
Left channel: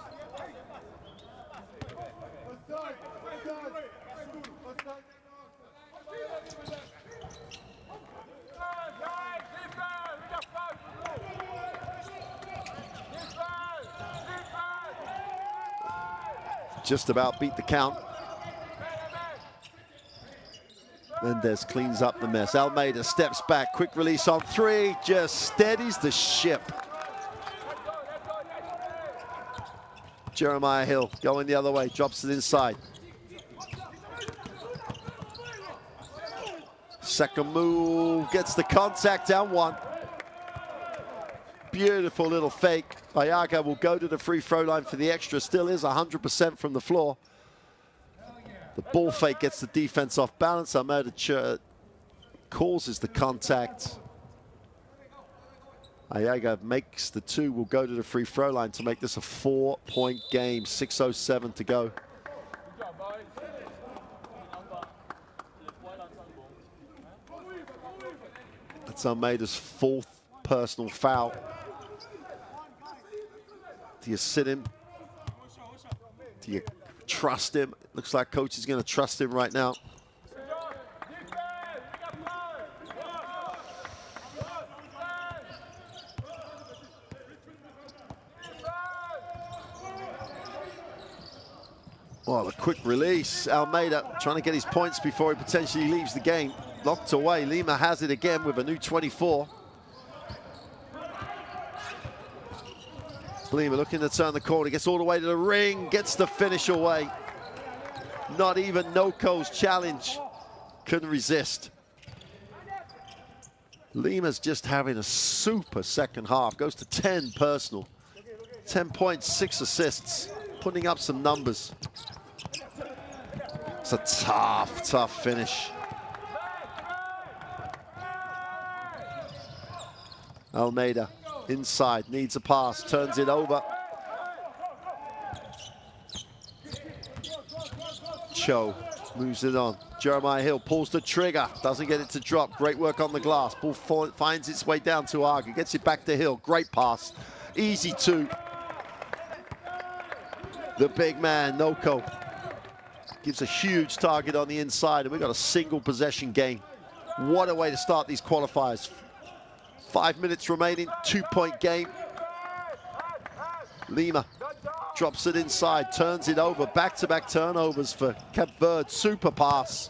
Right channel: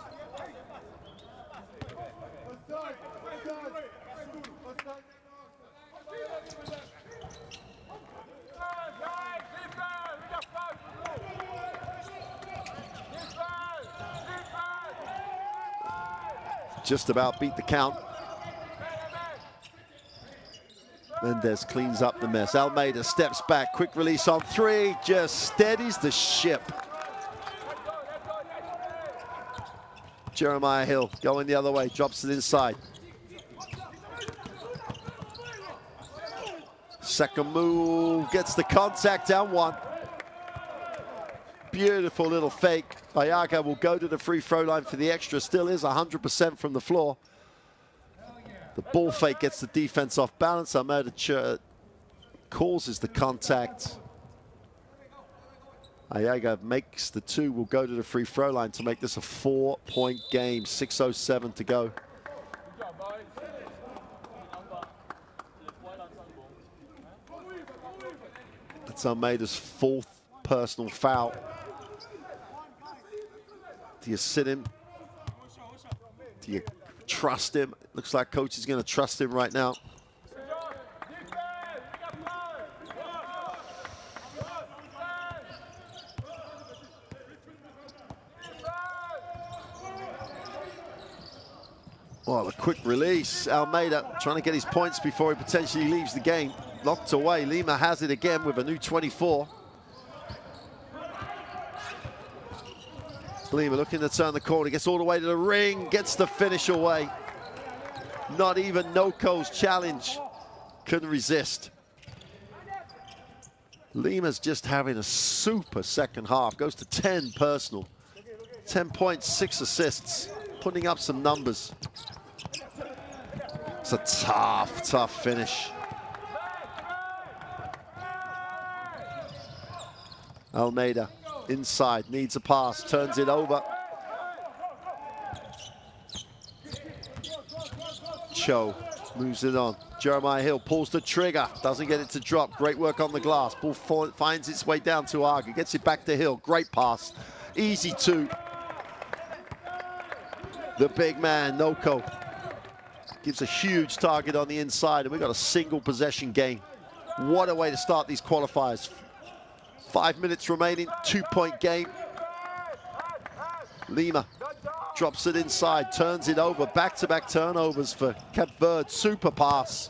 Just about beat the count. Mendez cleans up the mess. Almeida steps back, quick release on 3, just steadies the ship. Jeremiah Hill going the other way, drops it inside. Second move, gets the contact, down 1. Beautiful little fake. Ayaga will go to the free throw line for the extra. Still is 100% from the floor. The ball fake gets the defense off balance. Almeida causes the contact. Ayaga makes the 2, will go to the free throw line to make this a 4-point game. 6:07 to go. That's Almeida's 4th personal foul. Do you sit him? Do you trust him? Looks like coach is going to trust him right now. Well, a quick release. Almeida trying to get his points before he potentially leaves the game. Locked away. Lima has it again with a new 24. Lima looking to turn the corner, gets all the way to the ring, gets the finish away. Not even Noko's challenge couldn't resist. Lima's just having a super second half, goes to 10 personal. 10 points, 6 assists, putting up some numbers. It's a tough, tough finish. Almeida inside, needs a pass, turns it over. Cho moves it on. Jeremiah Hill pulls the trigger, doesn't get it to drop. Great work on the glass. Ball finds its way down to Aga, gets it back to Hill. Great pass, easy two. The big man, Noko, gives a huge target on the inside, and we've got a single possession game. What a way to start these qualifiers. 5 minutes remaining, 2-point game. Lima drops it inside, turns it over, back-to-back turnovers for Cape Verde. Super pass.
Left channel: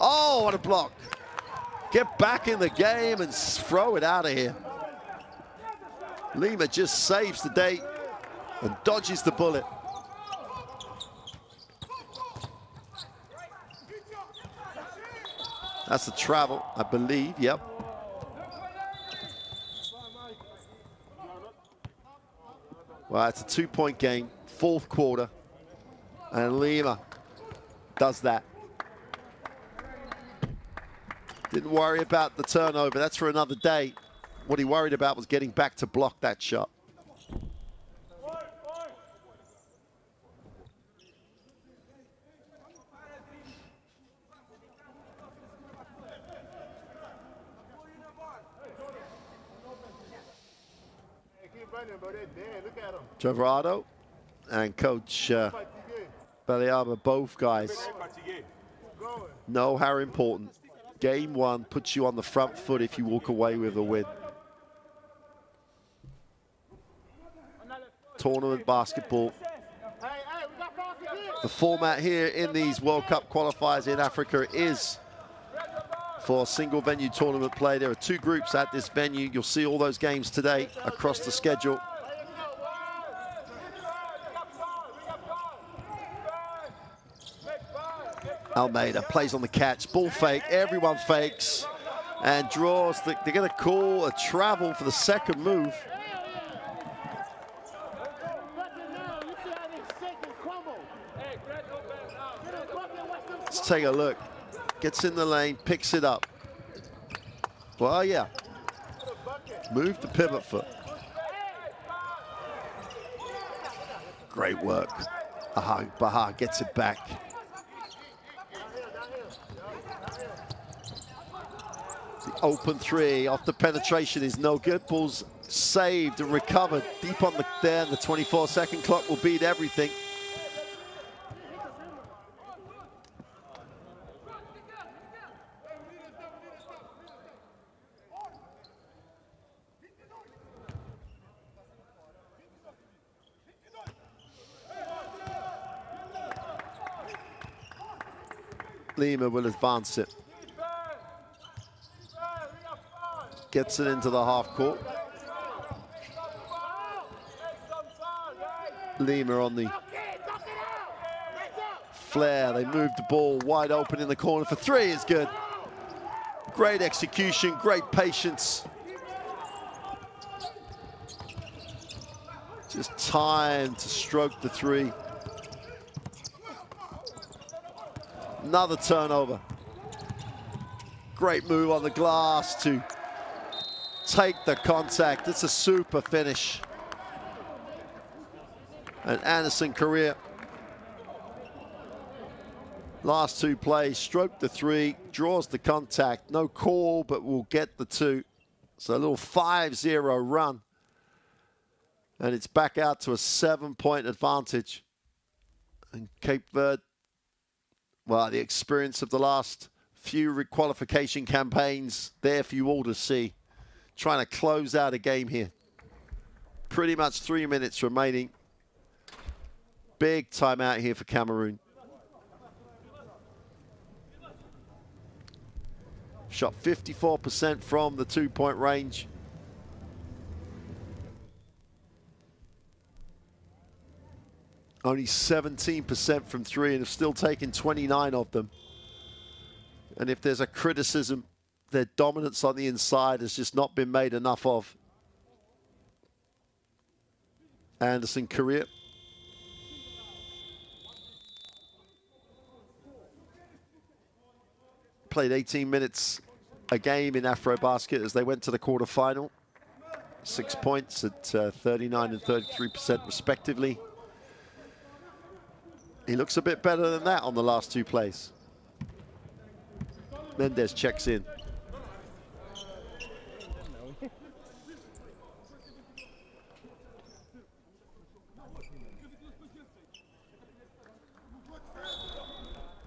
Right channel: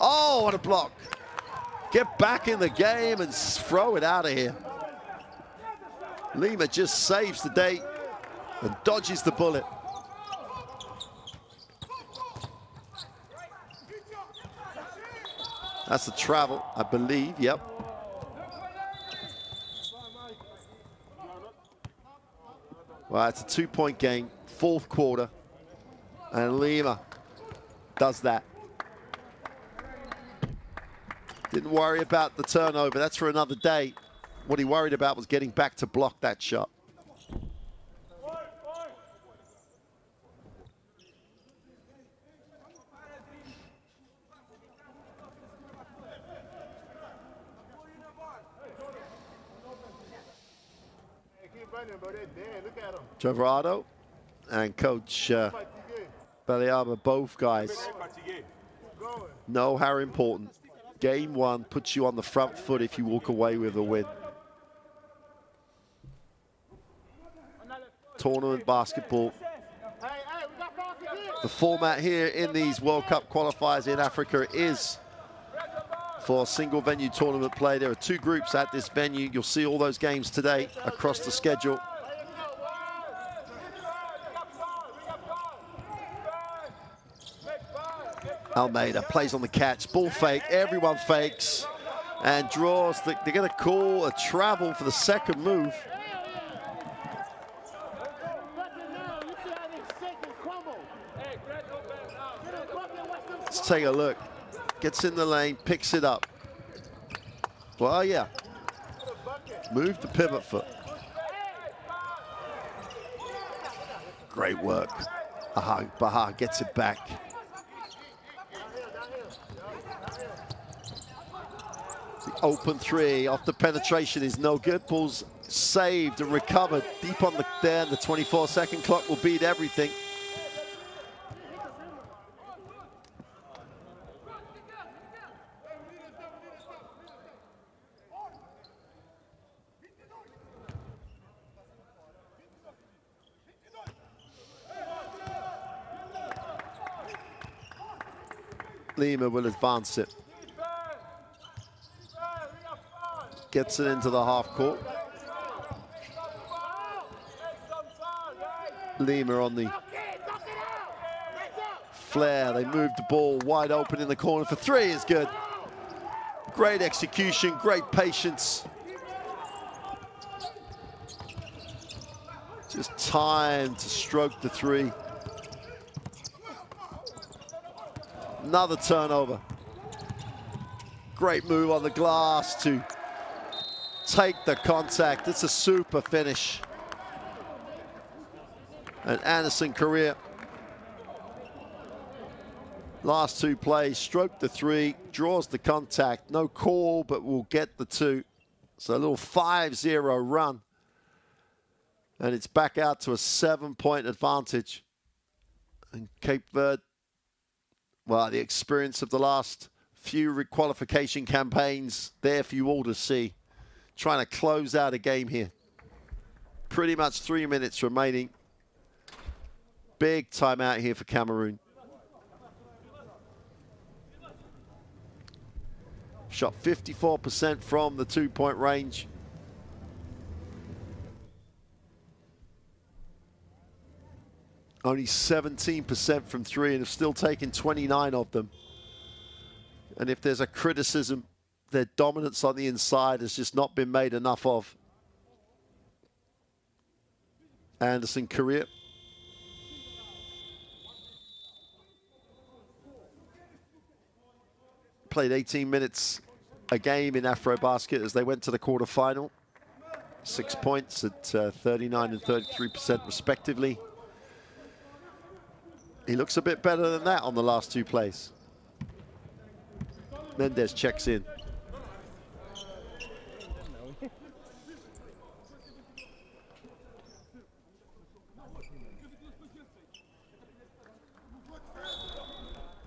Oh, what a block. Get back in the game and throw it out of here. Lima just saves the day and dodges the bullet. That's the travel, I believe, yep. Well, it's a 2-point game, 4th quarter, and Lima does that. Didn't worry about the turnover, that's for another day. What he worried about was getting back to block that shot. Travado and Coach Beliaba, both guys know how important game one puts you on the front foot if you walk away with a win. Tournament basketball. The format here in these World Cup qualifiers in Africa is for single venue tournament play. There are 2 groups at this venue. You'll see all those games today across the schedule. Almeida plays on the catch, ball fake, everyone fakes and draws. They're going to call a travel for the second move. Let's take a look. Gets in the lane, picks it up. Well, yeah. Move the pivot foot. Great work. Baha gets it back. The open 3 off the penetration is no good. Ball's saved and recovered deep on the there, and the 24-second clock will beat everything. Lima will advance it. Gets it into the half court. Lima on the flare. They move the ball wide open in the corner for 3 is good. Great execution, great patience. Just time to stroke the 3. Another turnover. Great move on the glass to take the contact. It's a super finish. And Anderson Correa, last 2 plays, stroked the 3, draws the contact. No call, but will get the 2. So a little 5-0 run. And it's back out to a 7-point advantage. And Cape Verde, well, the experience of the last few qualification campaigns there for you all to see. Trying to close out a game here. Pretty much 3 minutes remaining. Big timeout here for Cameroon. Shot 54% from the 2-point range. Only 17% from 3 and have still taken 29 of them. And if there's a criticism, their dominance on the inside has just not been made enough of. Anderson Correa. Played 18 minutes a game in Afrobasket as they went to the quarterfinal. 6 points at 39 and 33% respectively. He looks a bit better than that on the last 2 plays. Mendez checks in.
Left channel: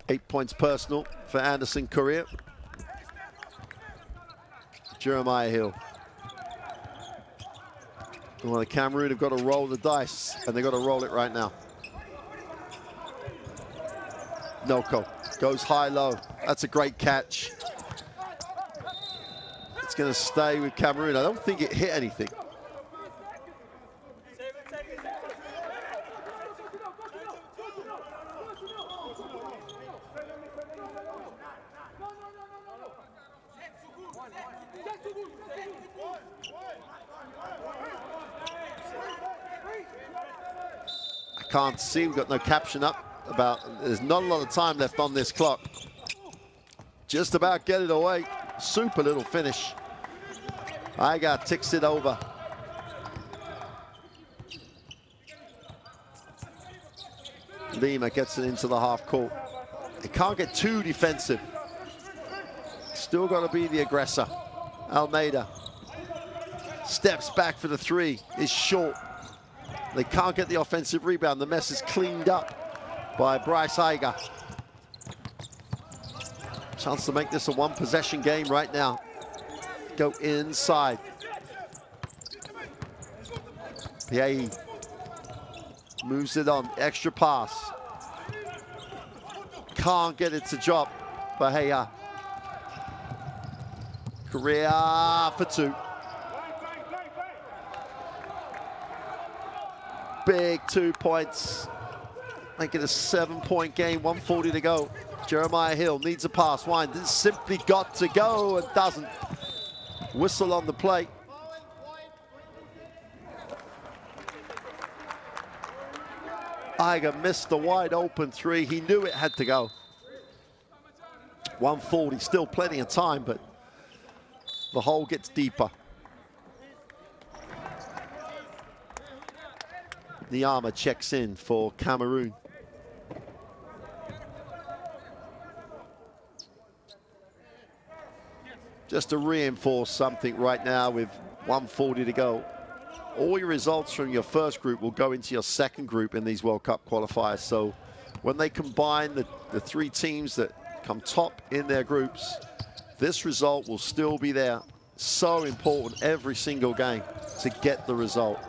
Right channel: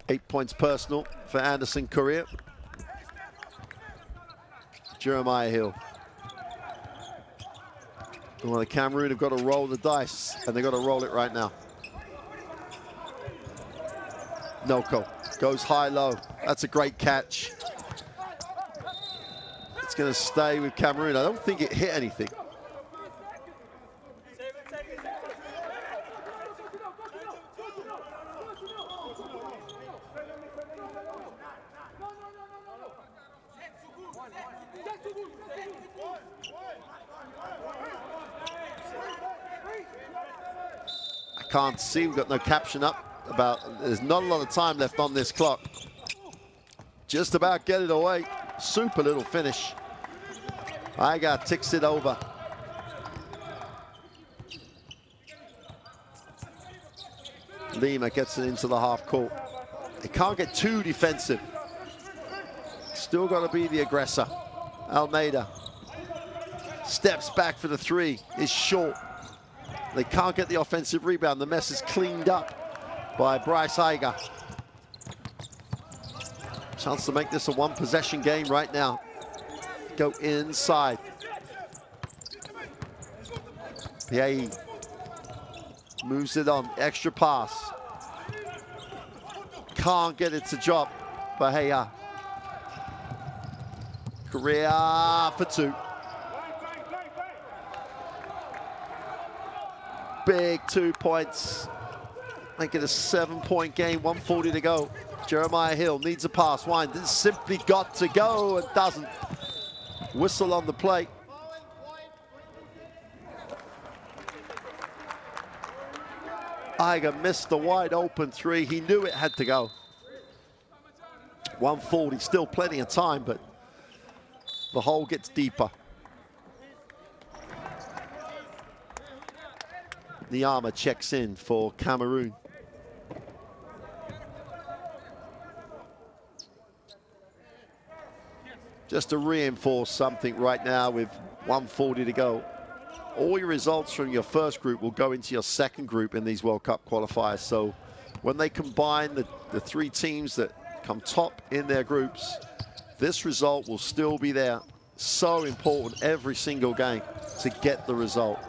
Eight points personal for Anderson Correa. Jeremiah Hill. Well, the Cameroon have got to roll the dice, and they've got to roll it right now. Noko goes high-low. That's a great catch. It's going to stay with Cameroon. I don't think it hit anything. Can't see, we've got no caption up about, there's not a lot of time left on this clock. Just about get it away. Super little finish. Iga ticks it over. Lima gets it into the half court. They can't get too defensive. Still got to be the aggressor. Almeida steps back for the three, is short. They can't get the offensive rebound. The mess is cleaned up by Bryce Iga. Chance to make this a one-possession game right now. Go inside. Piahi moves it on. Extra pass. Can't get it to drop. Bahia. Correa for two. Big 2 points. Make it a 7-point game, 1:40 to go. Jeremiah Hill needs a pass. Wine simply got to go and doesn't. Whistle on the plate. Iga missed the wide open three. He knew it had to go. 1:40, still plenty of time, but the hole gets deeper. Niama checks in for Cameroon. Just to reinforce something right now with 1:40 to go. All your results from your first group will go into your second group in these World Cup qualifiers. So when they combine the three teams that come top in their groups, this result will still be there. So important every single game to get the result.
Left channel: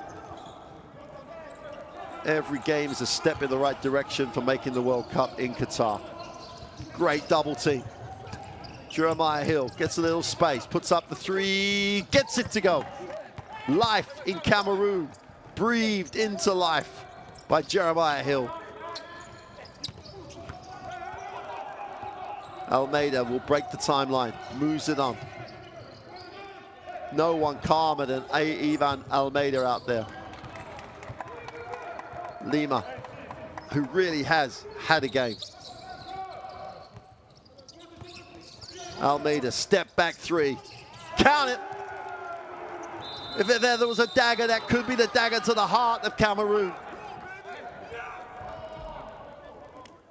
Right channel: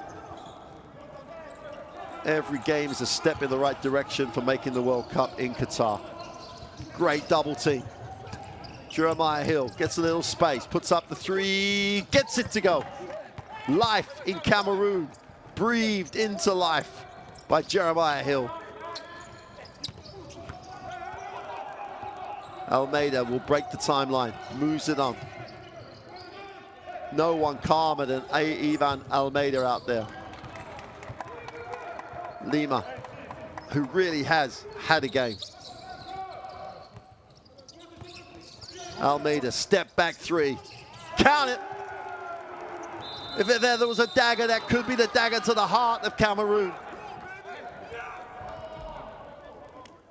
Every game is a step in the right direction for making the World Cup in Qatar. Great double team. Jeremiah Hill gets a little space, puts up the three, gets it to go. Life in Cameroon, breathed into life by Jeremiah Hill. Almeida will break the timeline, moves it on. No one calmer than Ivan Almeida out there. Lima, who really has had a game. Almeida, step back three. Count it. If there was a dagger, that could be the dagger to the heart of Cameroon.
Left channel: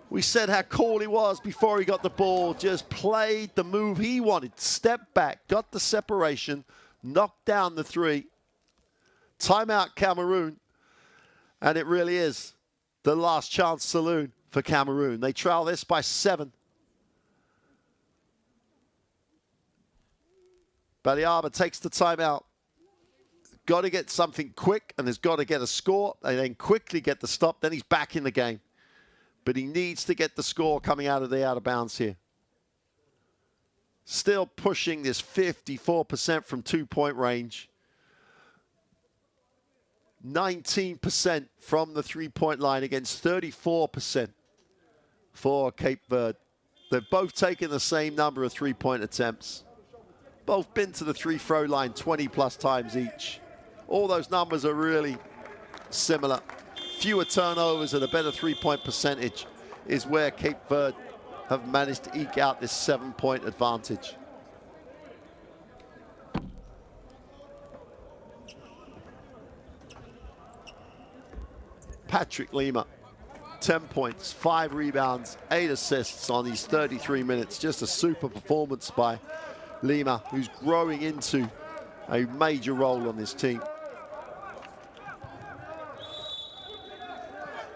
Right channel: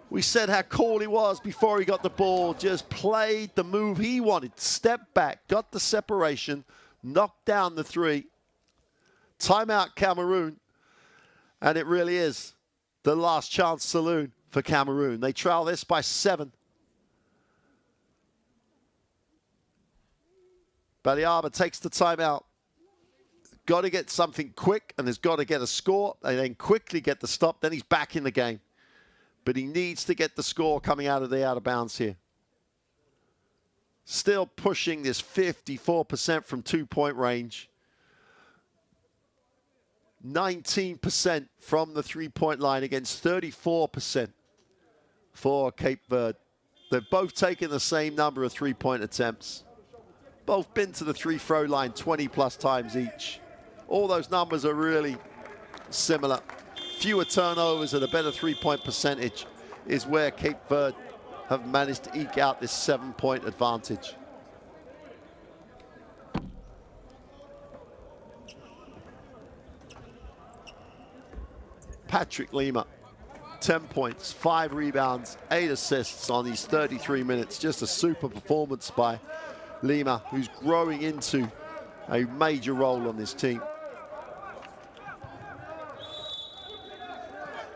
We said how cool he was before he got the ball. Just played the move he wanted. Step back, got the separation, knocked down the three. Timeout Cameroon. And it really is the last chance saloon for Cameroon. They trail this by 7. Baliaba takes the timeout. Got to get something quick, and has got to get a score, and then quickly get the stop. Then he's back in the game. But he needs to get the score coming out of the out of bounds here. Still pushing this 54% from 2-point range. 19% from the 3-point line against 34% for Cape Verde. They've both taken the same number of 3-point attempts. Both been to the free-throw line 20+ times each. All those numbers are really similar. Fewer turnovers and a better 3-point percentage is where Cape Verde have managed to eke out this 7-point advantage. Patrick Lima 10 points, 5 rebounds, 8 assists on these 33 minutes. Just a super performance by Lima, who's growing into a major role on this team.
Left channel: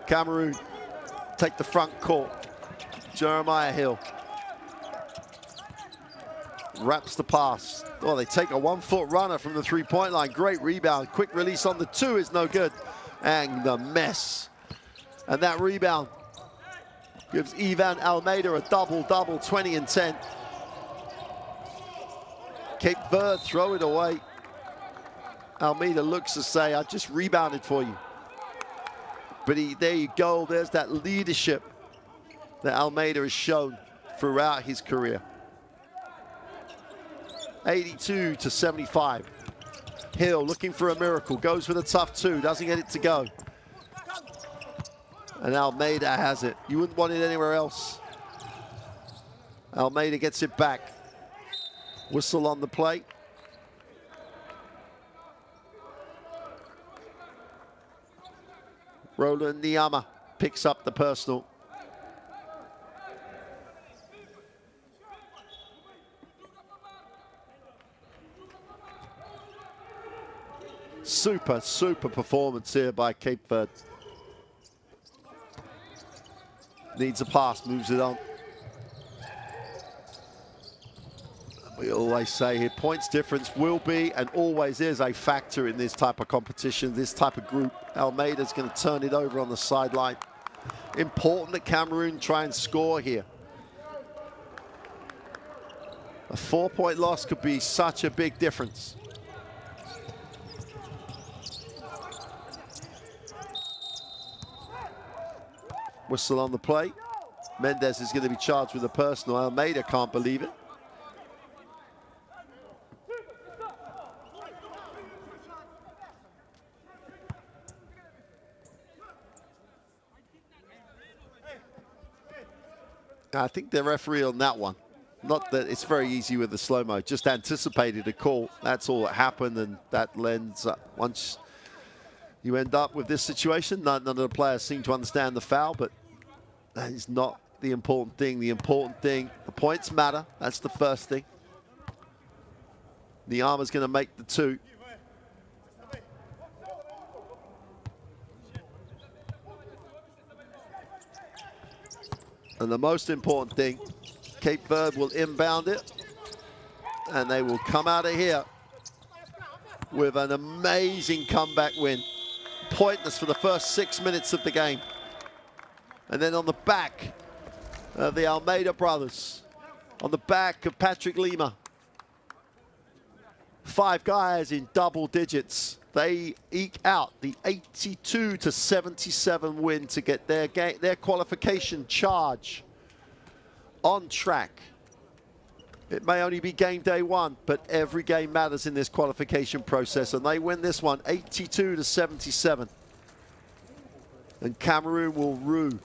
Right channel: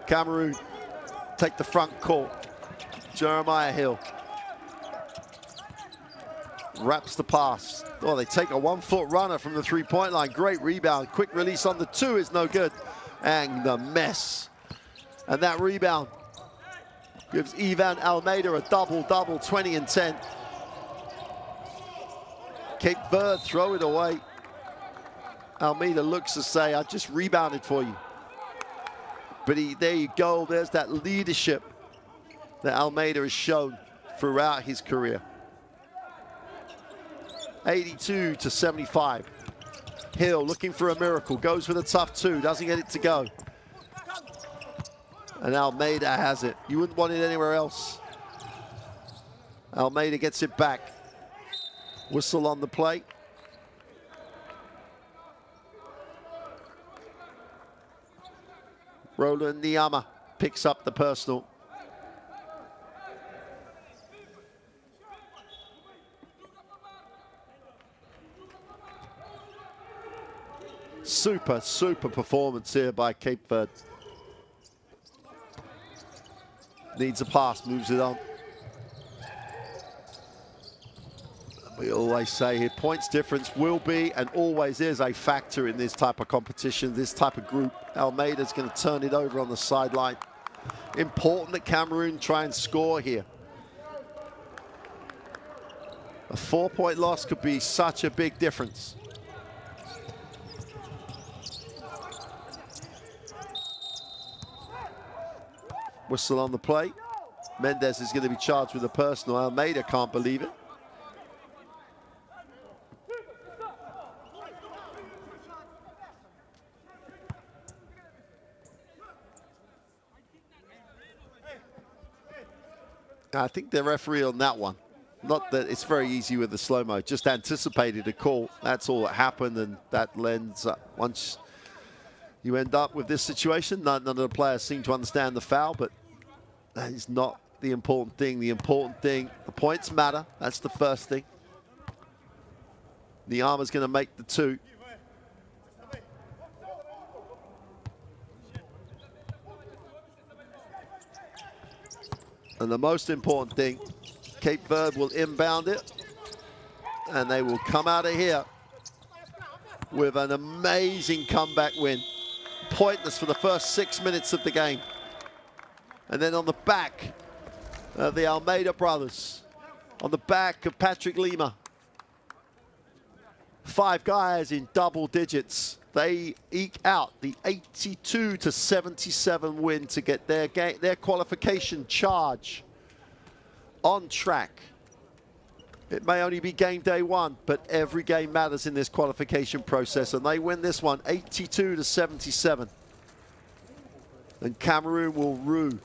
Cameroon take the front court. Jeremiah Hill wraps the pass. Oh, they take a 1-foot runner from the three-point line. Great rebound. Quick release on the 2 is no good. And the mess. And that rebound gives Ivan Almeida a double-double, 20 and 10. Cape Verde throw it away. Almeida looks to say, I just rebounded for you. But there you go. There's that leadership that Almeida has shown throughout his career. 82 to 75. Hill looking for a miracle, goes for the tough 2, doesn't get it to go. And Almeida has it. You wouldn't want it anywhere else. Almeida gets it back. Whistle on the play. Roland Niama picks up the personal. Super, super performance here by Cape Verde. Needs a pass, moves it on. We always say here, points difference will be and always is a factor in this type of competition, this type of group. Almeida's going to turn it over on the sideline. Important that Cameroon try and score here. A 4-point loss could be such a big difference. Whistle on the play. Mendez is going to be charged with a personal. Almeida can't believe it. I think the referee on that one, not that it's very easy with the slow-mo, just anticipated a call. That's all that happened, and that lends once you end up with this situation. None of the players seem to understand the foul, but that is not the important thing. The important thing, the points matter. That's the first thing. Niama's going to make the 2. And the most important thing, Cape Verde will inbound it, and they will come out of here with an amazing comeback win. Pointless for the first 6 minutes of the game. And then on the back of the Almeida brothers, on the back of Patrick Lima, 5 guys in double digits. They eke out the 82 to 77 win to get their qualification charge on track. It may only be game day 1, but every game matters in this qualification process, and they win this one 82 to 77. And Cameroon will rue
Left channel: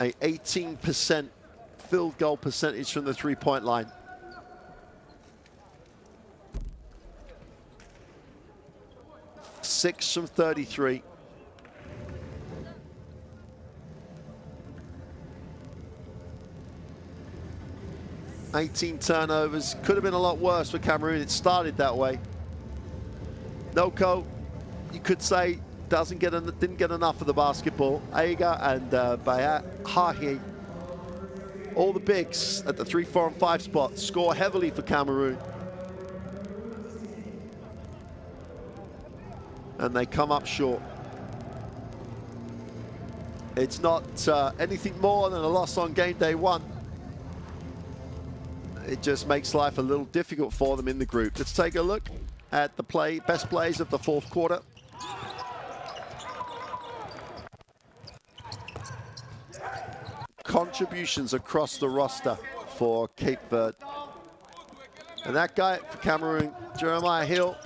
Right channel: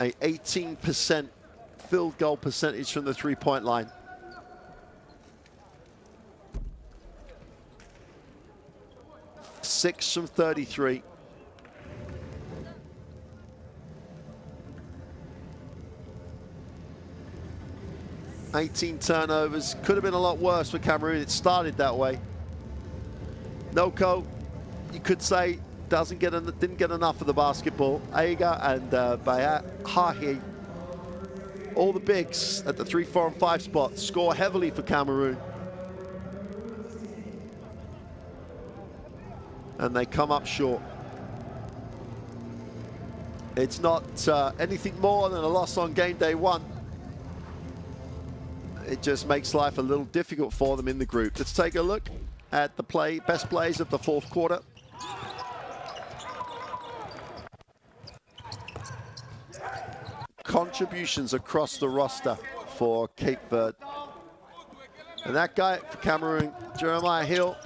a 18% field goal percentage from the three-point line. Six from 33. Turnovers. Could have been a lot worse for Cameroon. It started that way. Noko, you could say, didn't get enough of the basketball. Aiga and Bayahahi, all the bigs at the 3, 4, and 5 spot, score heavily for Cameroon. And they come up short. It's not anything more than a loss on game day 1. It just makes life a little difficult for them in the group. Let's take a look at the best plays of the 4th quarter. Contributions across the roster for Cape Verde. And that guy for Cameroon, Jeremiah Hill,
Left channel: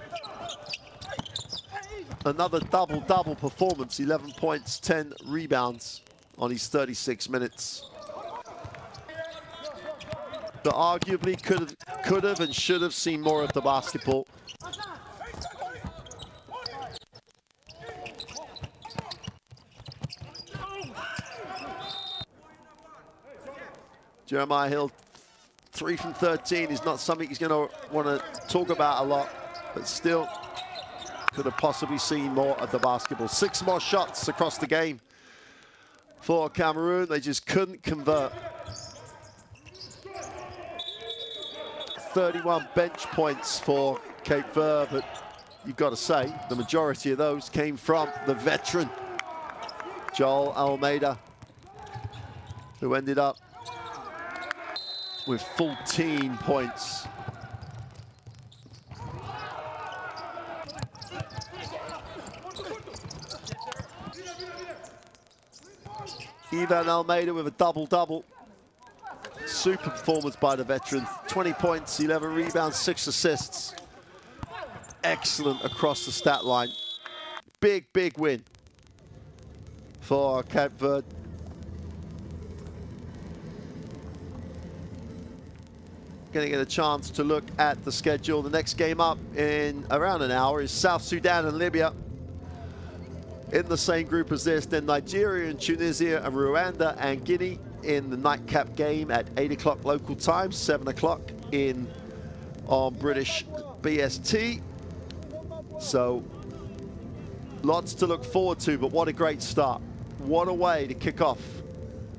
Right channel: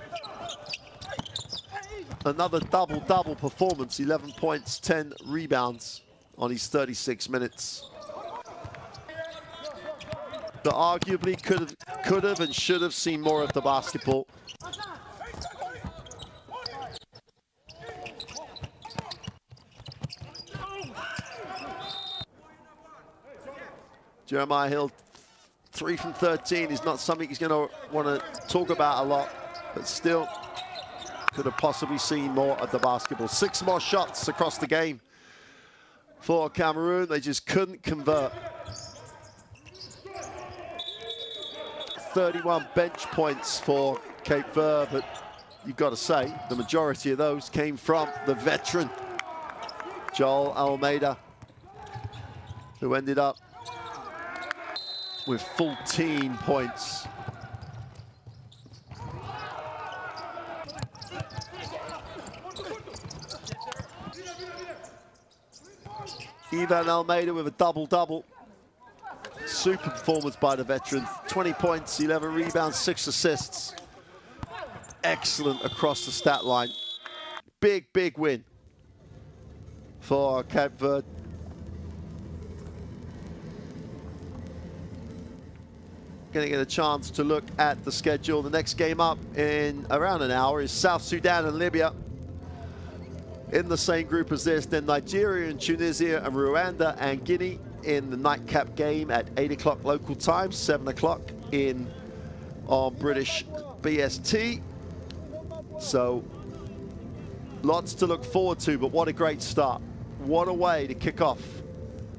another double-double performance, 11 points, 10 rebounds on his 36 minutes. But arguably could have and should have seen more of the basketball. Jeremiah Hill, 3 from 13 is not something he's going to want to talk about a lot, but still could have possibly seen more of the basketball. 6 more shots across the game for Cameroon. They just couldn't convert. 31 bench points for Cape Verde, but you've got to say the majority of those came from the veteran Joel Almeida, who ended up with 14 points. Ivan Almeida with a double-double. Super performance by the veteran. 20 points, 11 rebounds, 6 assists. Excellent across the stat line. Big, big win for Cape Verde. Going to get a chance to look at the schedule. The next game up in around an hour is South Sudan and Libya. In the same group as this, then Nigeria and Tunisia and Rwanda and Guinea in the nightcap game at 8 o'clock local time, 7 o'clock on British BST. So lots to look forward to, but what a great start. What a way to kick off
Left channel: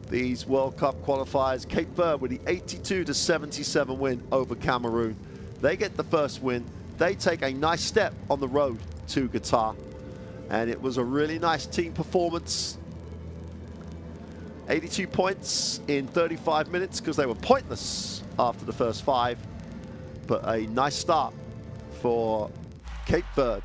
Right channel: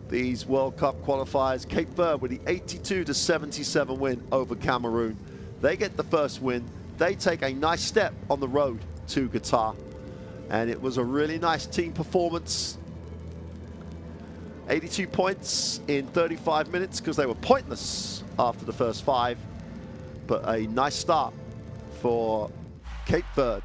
these World Cup qualifiers. Cape Verde with the 82-77 win over Cameroon. They get the first win. They take a nice step on the road to Qatar. And it was a really nice team performance. 82 points in 35 minutes because they were pointless after the first 5. But a nice start for Cape Verde.